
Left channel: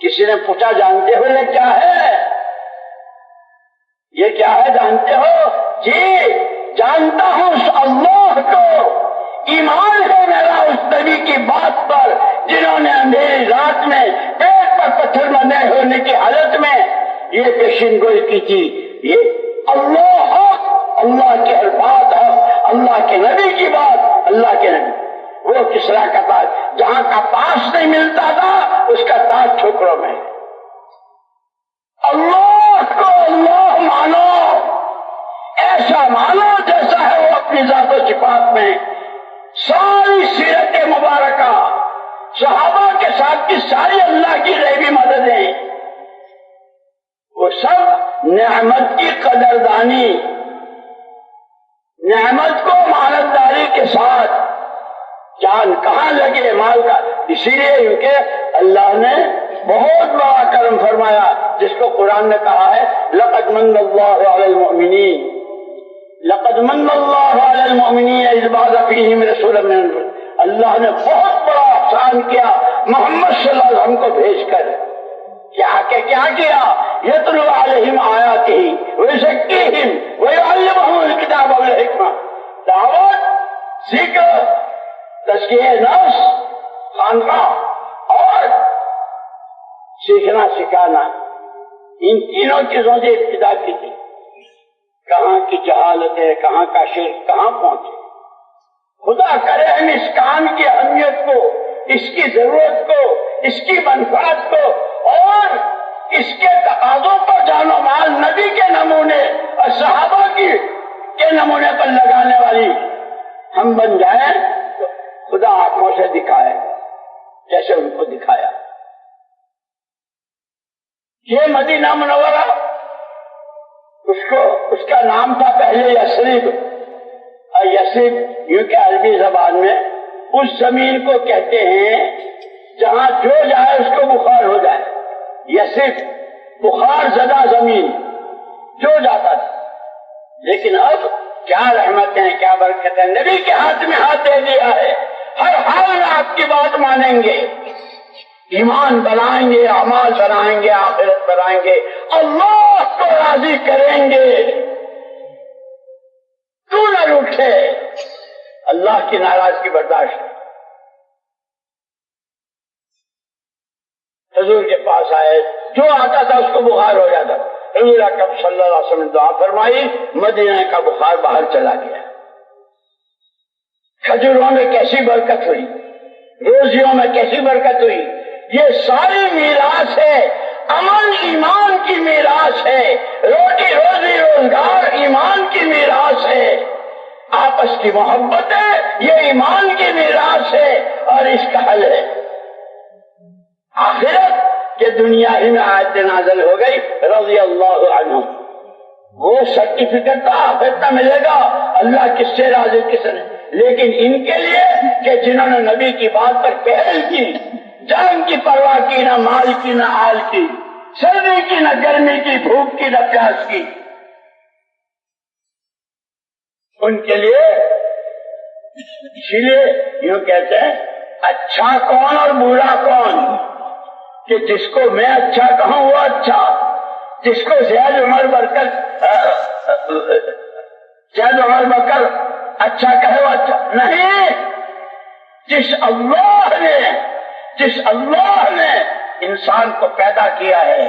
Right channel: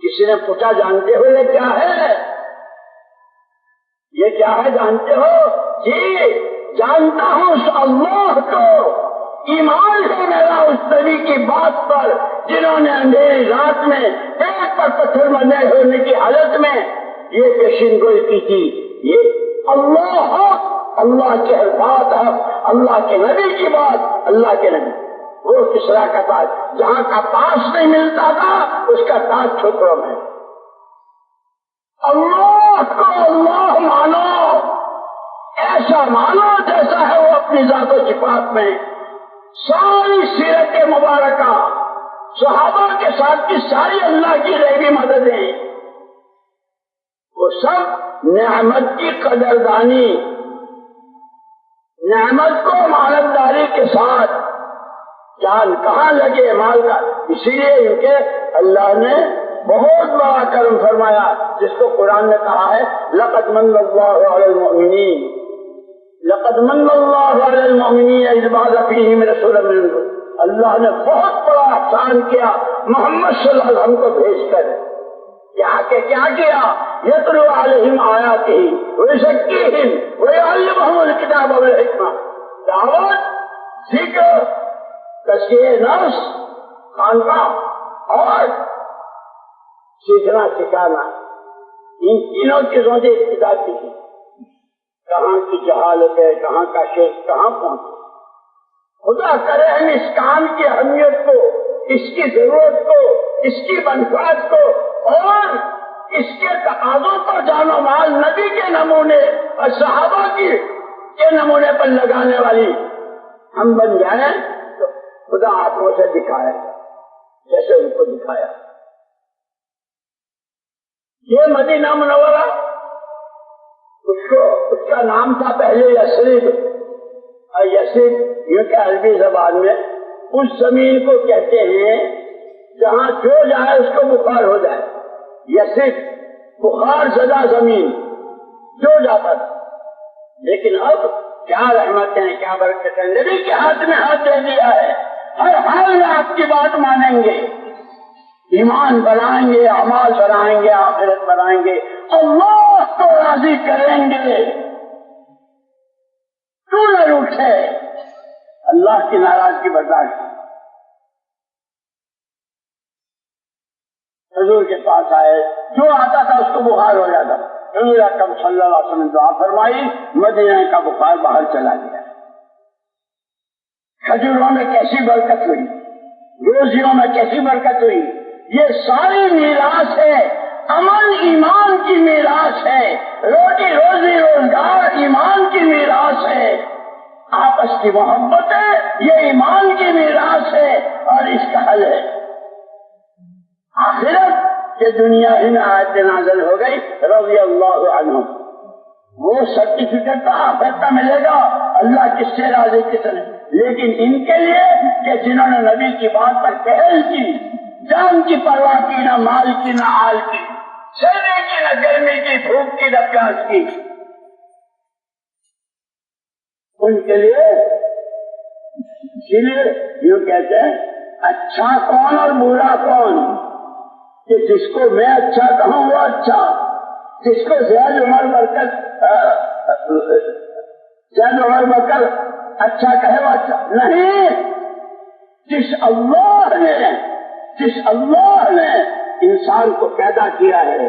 کسی نے پوچھا جانتے ہو یہ کیا ہے؟ یہ کیا ہے جانتے ہو؟ جی جانتا ہوں، اللہ کو ایمان ہے میرا اس نبی کی بات پر جنہوں نے اندھیری رات میں پیٹ پر پتھر بندھے ہونے کی حالت میں یہ پیشین گوئی کی تھی. یہ اللہ کے الفاظ ہیں، اللہ کے نبی کی بات، اللہ کے نبی. وہ کسرا کا تاج جہاں کا پاس نہیں ملتا تھا اس کا تاج ٹھوکروں میں. اللہ کو اللہ مانو، ایسا مانو جیسا ہے وہ اپنی ذات و صفات میں. ساری سیرت مبارکہ، صحابہ کے ساتھ کی ساری اللہ کی غیبی مددیں، وہ سب نعمت کی قدردانی، نعمت کو مالداری کے ساتھ. جان کہاں لگے مال کا، اسی لیے کہ اللہ نے بہت بڑا کرم فرمایا جس کو قرآن نے کہا ہے لقد من اللہ علی المؤمنین، لقد من اللہ علی المؤمنین اذ بعث فیہم رسولا من انفسہم. اللہ نے بہت بڑا احسان کیا محمد صلی اللہ علیہ وسلم کو بھیج کر. کیا کیا؟ یتلو علیہم آیاتہ ویزکیہم ویعلمہم الکتاب والحکمہ. دعوت، ذکر، تزکیہ نفس، خانقاہ اور سیکھنا سکھانا، ان تینوں چیزوں سے ابتدا کی تھی. کہاں کی جہالت ہے، کہاں کا شرک کہاں پہنچے. خدا کرے ہم اس کام کی اہمیت کو، اس کی ضرورت کو، اس کی منفعت کو اور اس کے تقاضوں پر جان و مال نبی کے نمونے اور صحابہ کے نمونے پر لگانے والی ہم بن جائیں تو خدا آنکھوں سے دکھائے جیسے ان کو دکھایا. یہ مدینہ منورہ، اس کا نام تھا پہلے یثرب. اور یثرب یوں کہ عربی زبان میں اس زمین کو کہتے ہیں جہاں جو جائے اس کو بخار ہو جائے. یثرب بخار زدہ زمین، جو جاتا تھا. لیکن اب کیا رحمتیں، کیا برکتیں، نبی کے ہاتھ میں ہاتھ دے دیا ہے. ہر حال میں آپ کی بات مانیں گے، ایمان بنائیں گے، اعمال بنائیں گے، آخرت بنائیں گے، اللہ کو راضی کریں گے. کیوں نہ روٹھے، اللہ کی ناراضگی برداشت. حضور کے پاس آئے، جو آتا تھا اس کو بخار ہو جاتا. حضور اکرم صلی اللہ علیہ وسلم نے دعا فرمائی، مدینہ کا بخار باہر چلا گیا. کھجوروں میں کیسی برکت ہوئی، روزیوں میں کیسی برکت ہوئی. یہ ساری میراث ہے، امن ایمان کی میراث ہے، روٹی روزی روزگار ایمان کی میراث ہے، آپس کی محبت ہے، یہ ایمان کی میراث ہے اور اس کا حل ہے. آخرت کے دنیا ہی میں آیت نازل ہو گئی رضی اللہ عنہ. وہ سرٹیفکیٹ تو آخرت میں ملے گا، اللہ کس سے راضی کس نے. لیکن ان کے لیے کہ جنہوں نے نبی کی بات پر پہل کی، جان کی پرواہ کی، نہ مال کی نہ آل کی، سردی کی نہ گرمی کی، بھوک کی نہ پیاس کی، ان کے لیے اسی لیے یوں کہتے ہیں اچھا کون اور برا کون، کہ جس کو میں اچھا کہوں وہ اچھا، جس کو زید عمر بکر اچھا کہے وہ اچھا نہیں. جس اللہ نے انسان کو پیدا کیا ہے،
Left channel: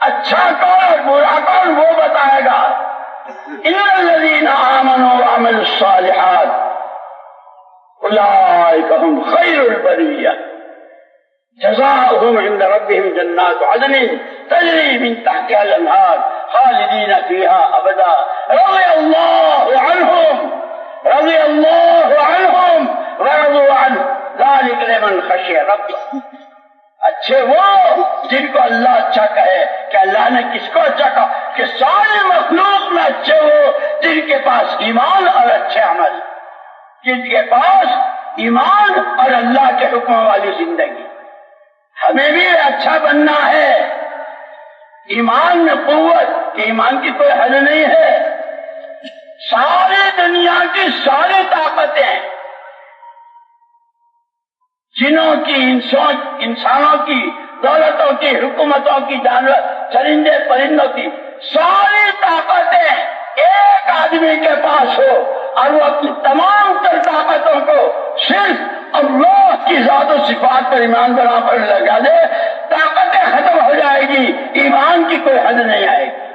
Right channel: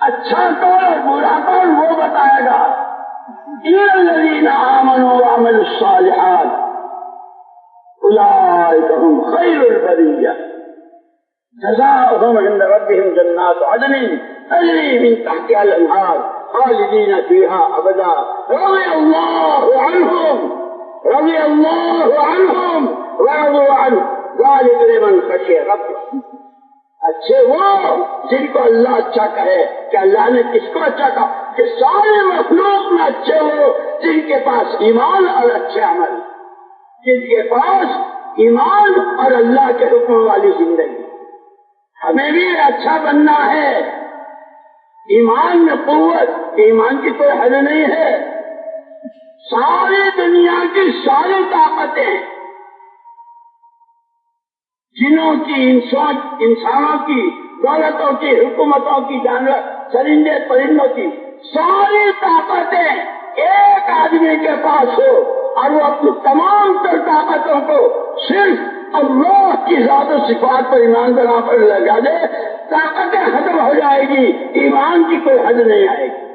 اچھا کون اور برا کون وہ بتائے گا. ان الذین آمنوا وعملوا الصالحات اولئک هم خیر البریہ جزاؤہم عند ربہم جنات عدن تجری من تحتها الانہار خالدین فیہا ابدا رضی اللہ عنہم ورضوا عنہ ذلک لمن خشی ربہ. اچھے وہ جن کو اللہ اچھا کہے. کہ اللہ نے کس کو اچھا کہا؟ کہ سارے مخلوق میں اچھے وہ جن کے پاس ایمان اور اچھے عمل، جن کے پاس ایمان اور اللہ کے حکموں والی زندگی. ہمیں بھی اچھا بننا ہے. ایمان میں قوت، کہ ایمان کی کوئی حد نہیں ہے. ساری دنیا کی ساری طاقتیں، جنوں کی، انسانوں کی، دولتوں کی، حکومتوں کی، جانور چرندے پرندوں کی ساری طاقتیں ایک آدمی کے پاس ہو اور وہ اپنی تمام تر طاقتوں کو صرف اللہ کی ذات و صفات پر ایمان بنا کر لگا دے، طاقتیں ختم ہو جائے گی، ایمان کی کوئی حد نہیں آئے گی.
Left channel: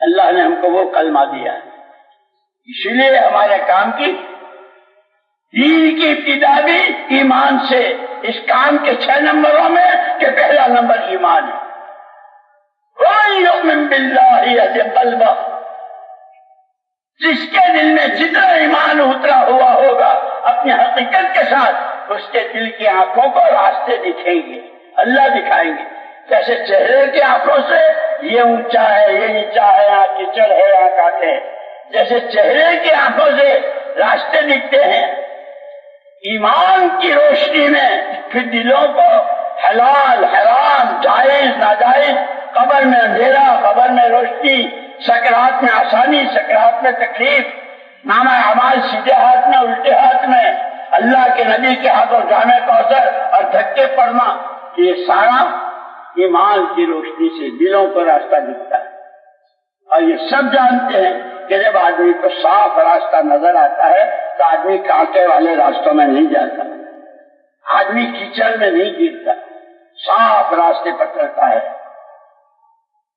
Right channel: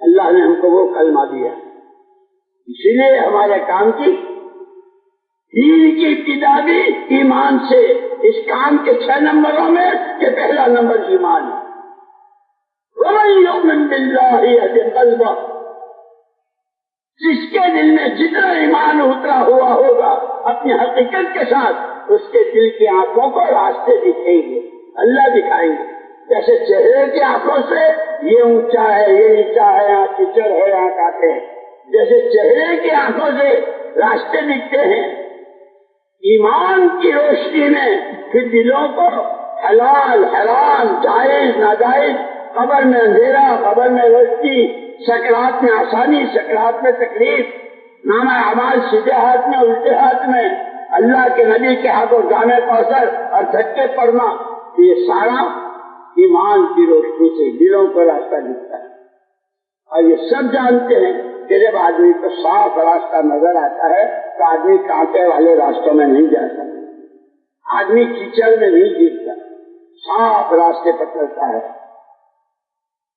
اللہ نے ہم کو وہ کلمہ دیا، اسی لیے ہمارے کام کی دین کی ابتدا بھی ایمان سے. اس کام کے 6 نمبروں میں کہ پہلا نمبر ایمان ہے. وَمَن يُؤْمِن بِاللَّهِ يَهْدِ قَلْبَهُ، جس کے دل میں جتنا ایمان اترا ہوا ہوگا اپنی حقیقت کے ساتھ، اس کے دل کی آنکھوں کو راستے دکھیں گے، اللہ دکھائیں گے. جیسے چہرے کی آنکھوں سے یہ اونچا ہے، یہ نیچا ہے، یہاں کیچڑ ہے، یہاں کانٹے ہیں، جیسے چہرے کی آنکھوں سے راستے دکھتے ہیں، ایمان کی روشنی میں پھر دلوں کو حلال حرام، جائز ناجائز، قبر میں اندھیرا، قبر میں روشنی، سکرات میں آسانی، سکرات میں تکلیف، نامہ اعمال سیدھے ہاتھ میں الٹے ہاتھ میں، اللہ کے نبی کے ہاتھوں جامع کوثر اور دھکے پڑنا، یہ سارا ایمان کی روشنی سے دلوں کو راستہ دکھتا ہے. اور یہ سب جانتے ہیں کہ جب آدمی کو صاف راستہ نظر آتا ہے تو آدمی کانٹے والے راستوں میں نہیں جاتا، آدمی کیچڑ میں نہیں گرتا، صاف راستے پر چلتا ہے.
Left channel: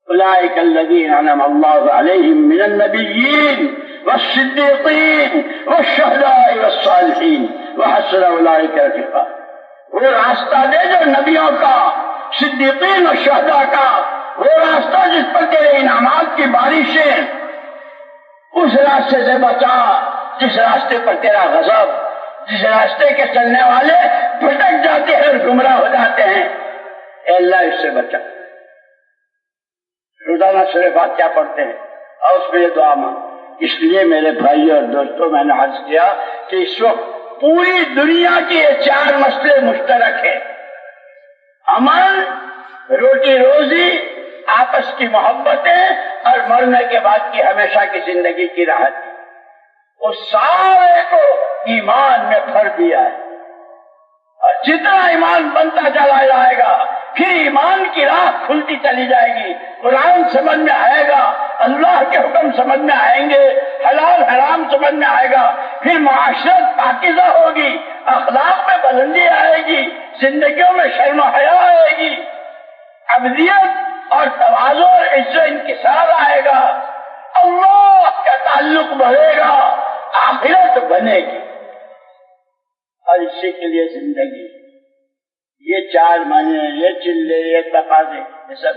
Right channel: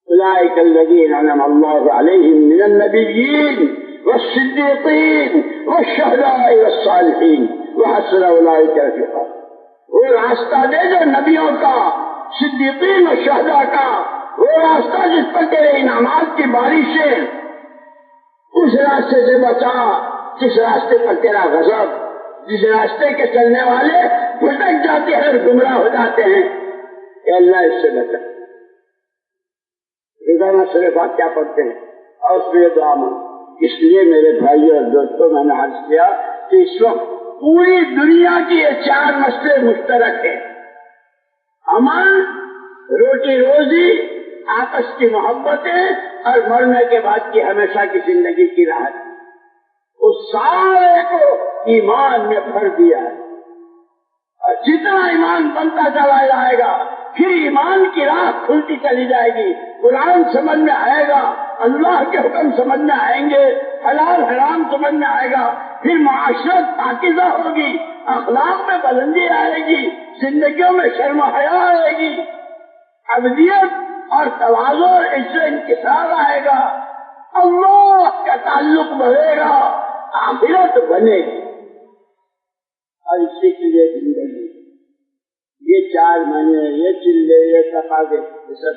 اولئک الذین انعم اللہ علیہم من النبیین والصدیقین والشہداء والصالحین وحسن اولئک رفیقا. وہ راستہ دے جو نبیوں کا، صدیقین اور شہداء کا، وہ راستہ جس پر تیرے انعامات کی بارشیں، اس راستے سے بچا جس راستے پر تیرا غضب، جس راستے کے چلنے والے بھٹک جاتے ہیں، گمراہ ہو جاتے ہیں، اے اللہ اس سے بچا. روزانہ سورہ فاتحہ پڑھتے ہیں اور اس میں دعا مانگ. اس لیے میرے بھائی اور دوستوں، میں نے عرض کیا کہ اس وقت پوری دنیا کی یہ 4 مسئلے مشترک ہیں: امن، روٹی روزی، آپس کی محبتیں اور مرنے کے بعد کی ہمیشہ کی زندگی کی راحت. اس سارے کو ایمان میں بھر دیا ہے. اور جتنا ایمان بنتا چلا جائے گا پھر ایمان کی راہ کھلتی چلی جائے گی، قرآن سمجھ میں آئے گا، اللہ کے حکم سمجھ میں آئیں گے، حلال حرام سمجھ میں آئے گا، پھر معاشرت پاکیزہ ہوگی، اخلاق میں بلندی آئے گی، زندگیوں میں شرم و حیا آئے گی، ابدیت اور تواضع اور عزت و انکسار آئے گا، اللہ کا تعلق بڑھے گا، آخرت بنے گی. اور اسی کے لیے زندگی، یہ 4 معنی، یہ چلے، یہ تقاضے، یہ سب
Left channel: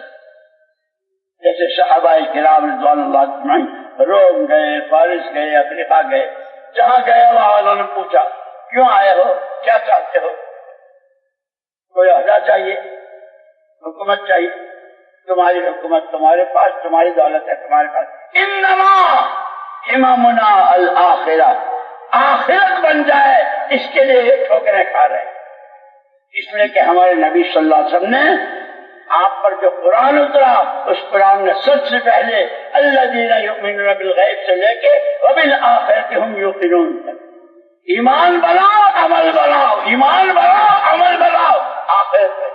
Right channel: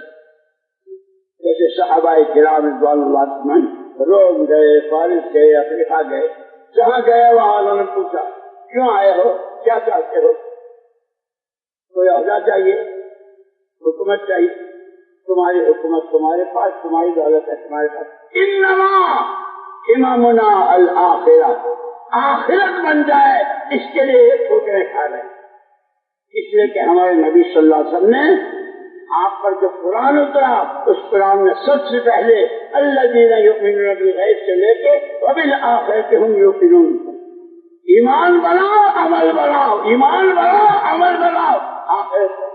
جیسے صحابہ کرام رضوان اللہ اجمعین روم گئے، فارس گئے، افریقہ گئے، جہاں گئے وہاں انہوں نے پوچھا کیوں آئے ہو، کیا چاہتے ہو؟ کوئی عہدہ چاہیے، حکومت چاہیے، تمہاری حکومت تمہارے پاس، تمہاری دولت ہے تمہارے پاس، انما ہممنا الآخرہ، آخرت بن جائے اس کے لیے ٹھوکریں کھا رہے ہیں۔ اس لیے کہ ہمارے نبی صلی اللہ علیہ وسلم نے آپ پر جو قرآن اترا، اس قرآن نے سب سے پہلے الذین یؤمنون بالغیب سے لے کے وبالآخرۃ ھم یوقنون، ایمان بناؤ عمل بناؤ، ایمان بناؤ عمل بناؤ، آخرت ہے۔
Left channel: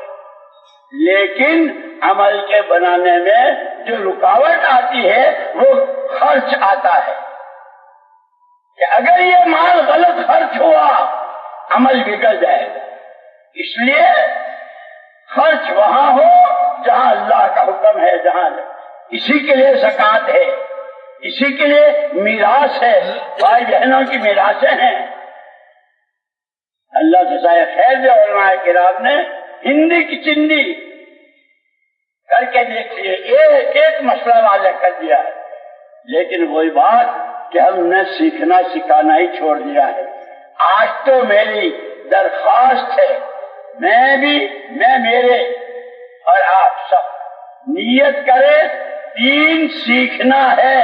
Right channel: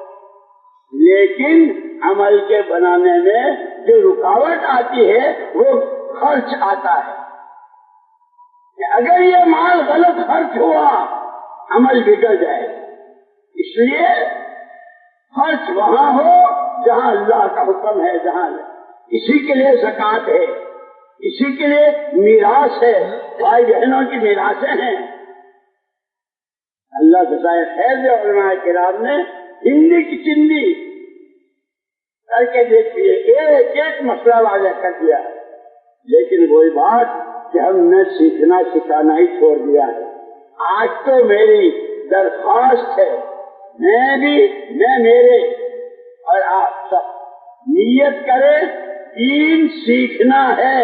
لیکن عمل کے بنانے میں جو رکاوٹ آتی ہے وہ خرچ آتا ہے، کہ اگر یہ مال غلط خرچ ہوا عمل بگڑ جائے گا۔ اس لیے خرچ وہاں ہو جہاں اللہ کا حکم ہے، جہاں اسی کے لیے زکوٰۃ ہے، اسی کے لیے میراث ہے، بھائی بہنوں کی میراثیں ہیں۔ اللہ سے جزائے خیر دے علماء کرام نے ہندی کی چندی کر کے دیکھ لیے، ایک مسئلہ واضح کر دیا ہے، لیکن وہی بات کہ ہم نے سیکھنا سکھانا ہی چھوڑ دیا ہے۔ آج تو میری درخواست ہے، میں میرے اور آپ سب نیت کریں دین سیکھنا ہے،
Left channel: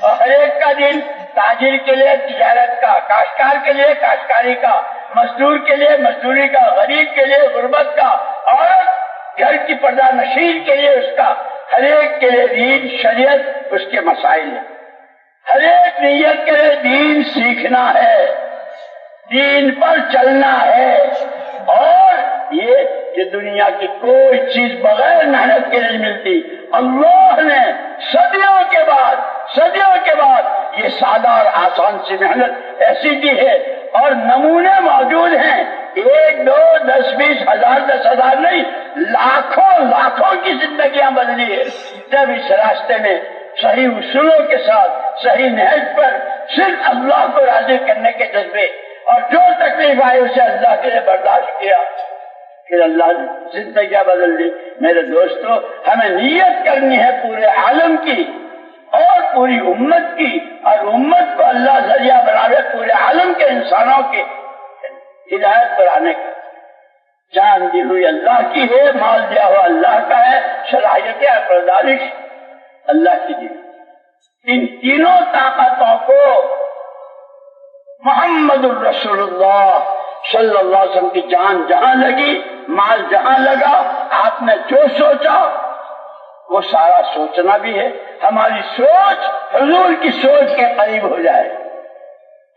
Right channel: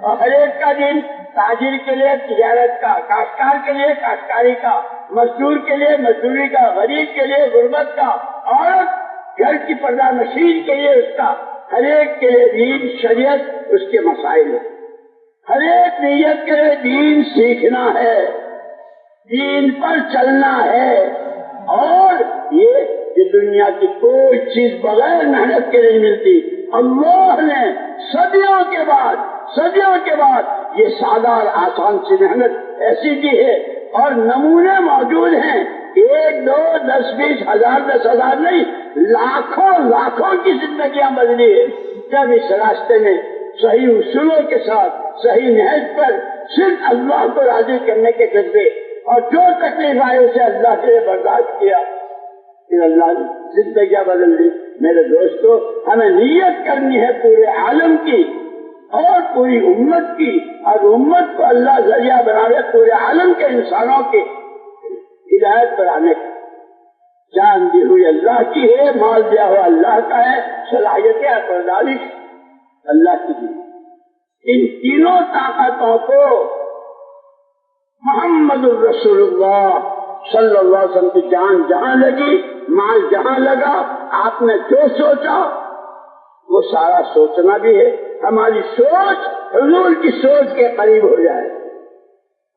اور ہر ایک کا دین، تاجر کے لیے تجارت کا، کاشتکار کے لیے کاشتکاری کا، مزدور کے لیے مزدوری کا، غریب کے لیے غربت کا، عورت گھر کی پردہ نشین کے لیے اس کا، ہر ایک کے لیے دین شریعت اس کے مسائل ہیں۔ ہر ایک نیت کے لیے دین سیکھنا ہے، دین پر چلنا ہے، اور یہ کہ دنیا کی کوئی چیز بغیر محنت کے نہیں ملتی۔ اللہ نے صدیوں کے بعد یہ سادہ اور آسان سی محنت ایسی دی ہے، اور نمونے موجود ہیں، 1 2 10 20 ہزار 10,000 نہیں، لاکھوں کی زندگیاں بدلی ہے جب اس راستے میں صحیح اصولوں کے ساتھ صحیح نہج پر صرف اللہ کو راضی کرنے کے جذبے، اور جو تکلیف آئی اسے اللہ کے لیے برداشت کیا، پھر اللہ نے زندگیاں بدل دی۔ میرے دوستو، ہمیں نیت کرنی ہے پورے عالم کی اور پوری امت کی، اور امت کو اللہ ذریعہ بناوے پورے عالم کے انسانوں کے ہدایت پر آنے کا۔ جان دی ہوئی اللہ کی ہے، مال دیا ہوا اللہ کا ہے، صلاحیت عقل و دانش اللہ کی دی۔ ان تینوں طاقتوں کو محمد الرسول اللہ صلی اللہ علیہ وسلم کی جان جہاں لگی، مال جہاں لگا، آپ نے جو سوچا وہ سارا سوچنا بھی ہے۔ ہماری سوچ حضور کی سوچ کے قریب ہو جائے،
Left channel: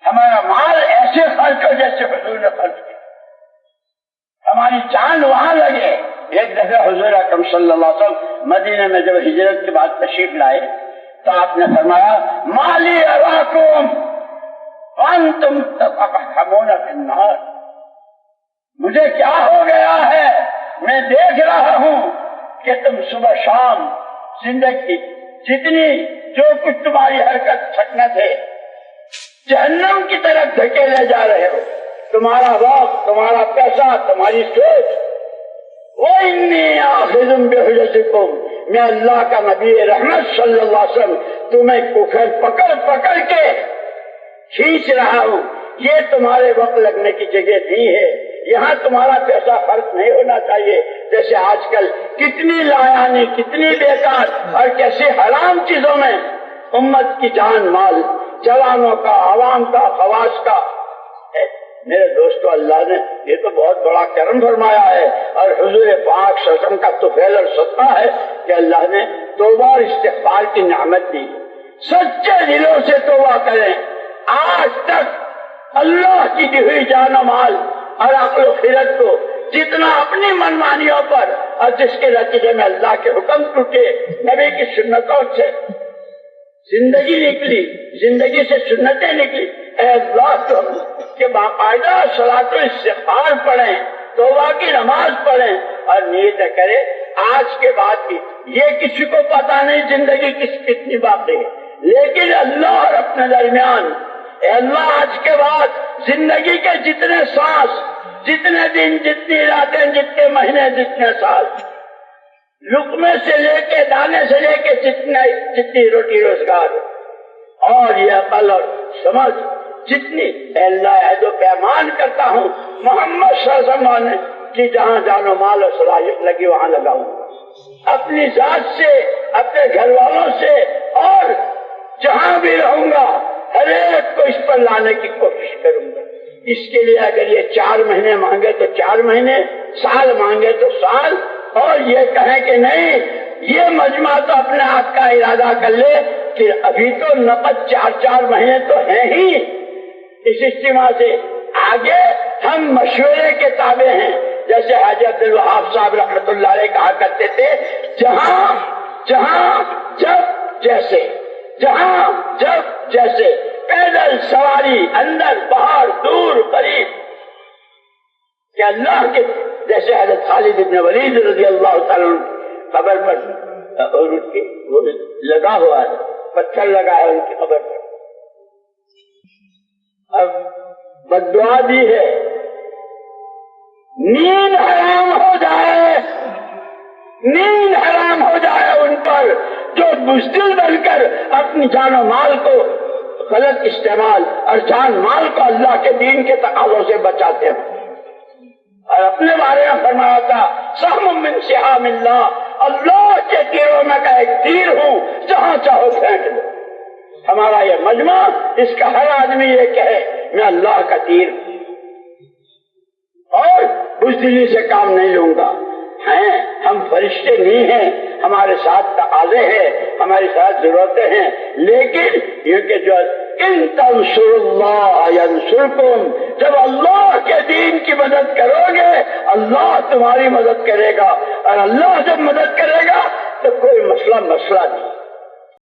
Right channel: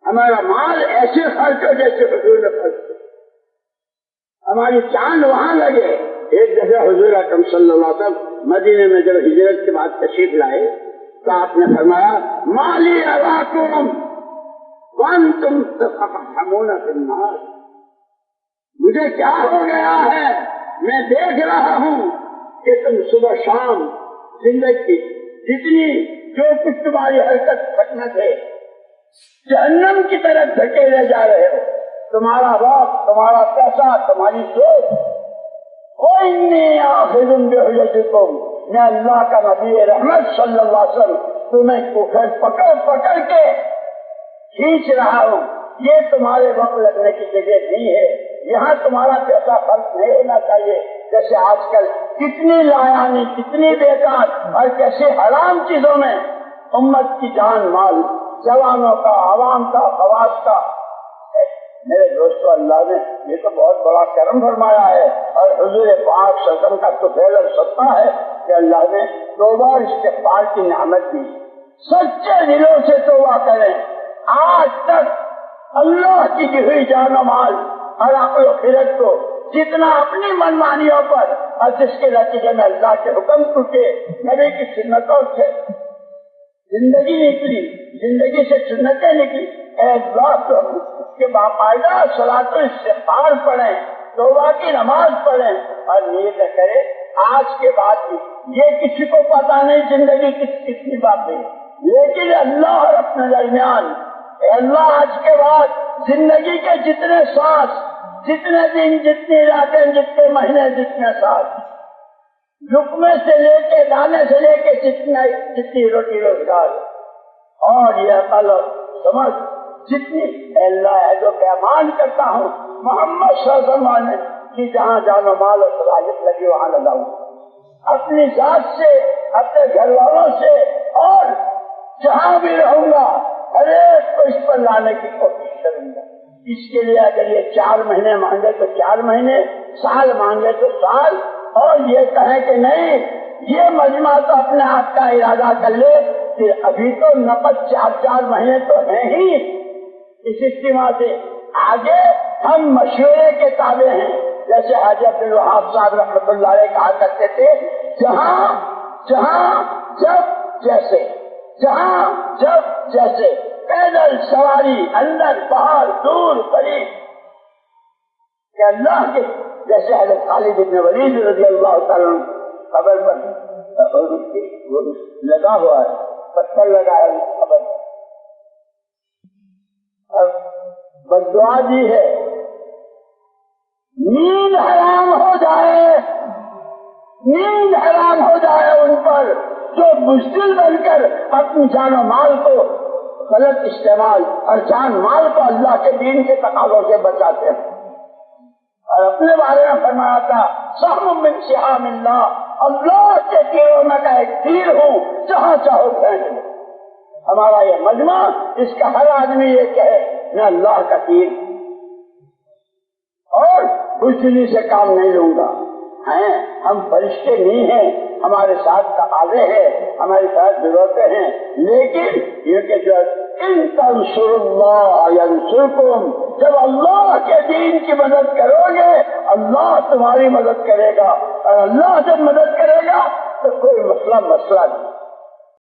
ہمارا مال ایسے خرچ ہو جیسے حضور نے خرچ کیا، ہماری جان وہاں لگے۔ ایک دفعہ حضور اکرم صلی اللہ علیہ وسلم مدینے میں جب ہجرت کے بعد تشریف لائے تو آپ نے فرمایا مالی اراکم وانتم تقحمون فی النار، مجھے کیا ہو گیا ہے، میں دیکھ رہا ہوں کہ تم صبح شام زندگی جتنی جو کچھ تمہاری حرکت سکنت ہے جہنم کی طرف دھکیلے جا رہے ہو، تمہارا وقت، تمہارا پیسہ، تمہاری سوچ۔ وَإِنِّي آخِذٌ بِحُجَتِكُمْ، میں اللہ کا نبی رحمت صلی اللہ علیہ وسلم تمہیں پکڑ کے کھینچ رہا ہوں، یہ تمہارے وقت لگنے کی جگہ نہیں ہے، یہاں تمہارا پیسہ خرچ نہیں ہونا چاہیے۔ جیسے آج کل کتنی لایانی، کتنی بیکار اور کیسے حرام چیزوں میں امت کی جان مال، جوانوں کا، عوام کا، خواص کا۔ میرے دوستو، اللہ نے یہ تو بہت بڑا کرم فرمایا ہے، اور حضور پاک صلی اللہ علیہ وسلم کا طفیل اور صدقہ ہے کہ اللہ نے توبہ اور استغفار کی نعمت دی۔ سچے دلوں سے توبہ کریں۔ آج تک اللہ کی دی ہوئی جان و مال اور عقل و خیرت کو جتنا اپنی منمانیوں پر، اور جس کے نتیجے میں اللہ کے حکم ٹوٹے، نبی کی سنتوں سے زندگی نکلی، زندگی سے سنتیں نکلی، اے اللہ کہ باقاعدہ صلاۃ و استغفار پڑھیں، توبہ کی نماز پڑھیں، اور نیت کریں آج کے بعد کی، یہ کسی کو پتا نہیں زندگی کتنی باقی ہے، لیکن اللہ اور اپنے درمیان، اے اللہ آج کے بعد زندگی کے جتنے سانس، جتنے دن، جتنی راتیں، جتنے مہینے، جتنے سال، لقمے سے لے کے دانے سے لے کے جتنی روٹی روزگار اور یہ عقل اور سمجھ جتنی، اے اللہ عہد و پیمان کرتا ہوں محمد صلی اللہ علیہ وسلم کی جہاں جان و مال اور صلاحیت لگی وہاں لگاؤں، اپنی ذات سے، اپنے گھر والوں سے، اور جہاں بھی رہوں گا ہر ایک کو اس پر لانے کی کوشش کروں گا۔ اس کے لیے اگر یہ 4 مہینے مانگے تو 4 مہینے، سال مانگے تو سال، اور یہ کہیں کہ نہیں یہ مجمع تو اپنے آپ کا ارادہ کر لے کہ ابھی تو نقد 4 مہینے تو ہیں ہی اس اجتماع سے، آگے ہم مشورے کے تابع ہیں۔ جیسے حاجی عبد الوہاب صاحب رحمۃ اللہ علیہ کہا کرتے تھے، جہاں جب جیسے، جہاں جب جیسے، پیدل سواری، اندر باہر، دور قریب، کہ اللہ کے جیسے حضرت خالد بن ولید رضی اللہ تعالیٰ قبر پر لگا ہوا ہے، پتھر لگا ہے ان کی قبر پر، اب بددعا دی ہے نیند حرام ہو جائے، نیند حرام ہو جائے ان پر جو بزدل بن کر اپنی جان و مال کو غلط استعمال اور جان مال کو اللہ کے دین کے تقاضوں سے بچاتے ہیں۔ اور اپنے بارے میں فرمایا تھا سہم من سہام اللہ، اللہ کے تیروں میں کا ایک تیر ہوں، جہاں چاہو پھینک دو۔ ہمارا یہ مجمع، اس کا ہر آدمی یہ کہے میں اللہ کا تیر ہوں اور بزدلی سے کام نہیں لوں گا۔ ہیں ہم فرشتے نہیں ہیں، ہمارے ساتھ تقاضے ہیں، ہماری ساتھ ضرورتیں ہیں، لیکن یہ کہ جو ان تنصروا اللہ ینصرکم، جب اللہ کے دین کی مدد کرو گے اللہ تمہاری مدد کرے گا، اور اللہ جب مدد کرے گا تو کوئی مسئلہ نہیں۔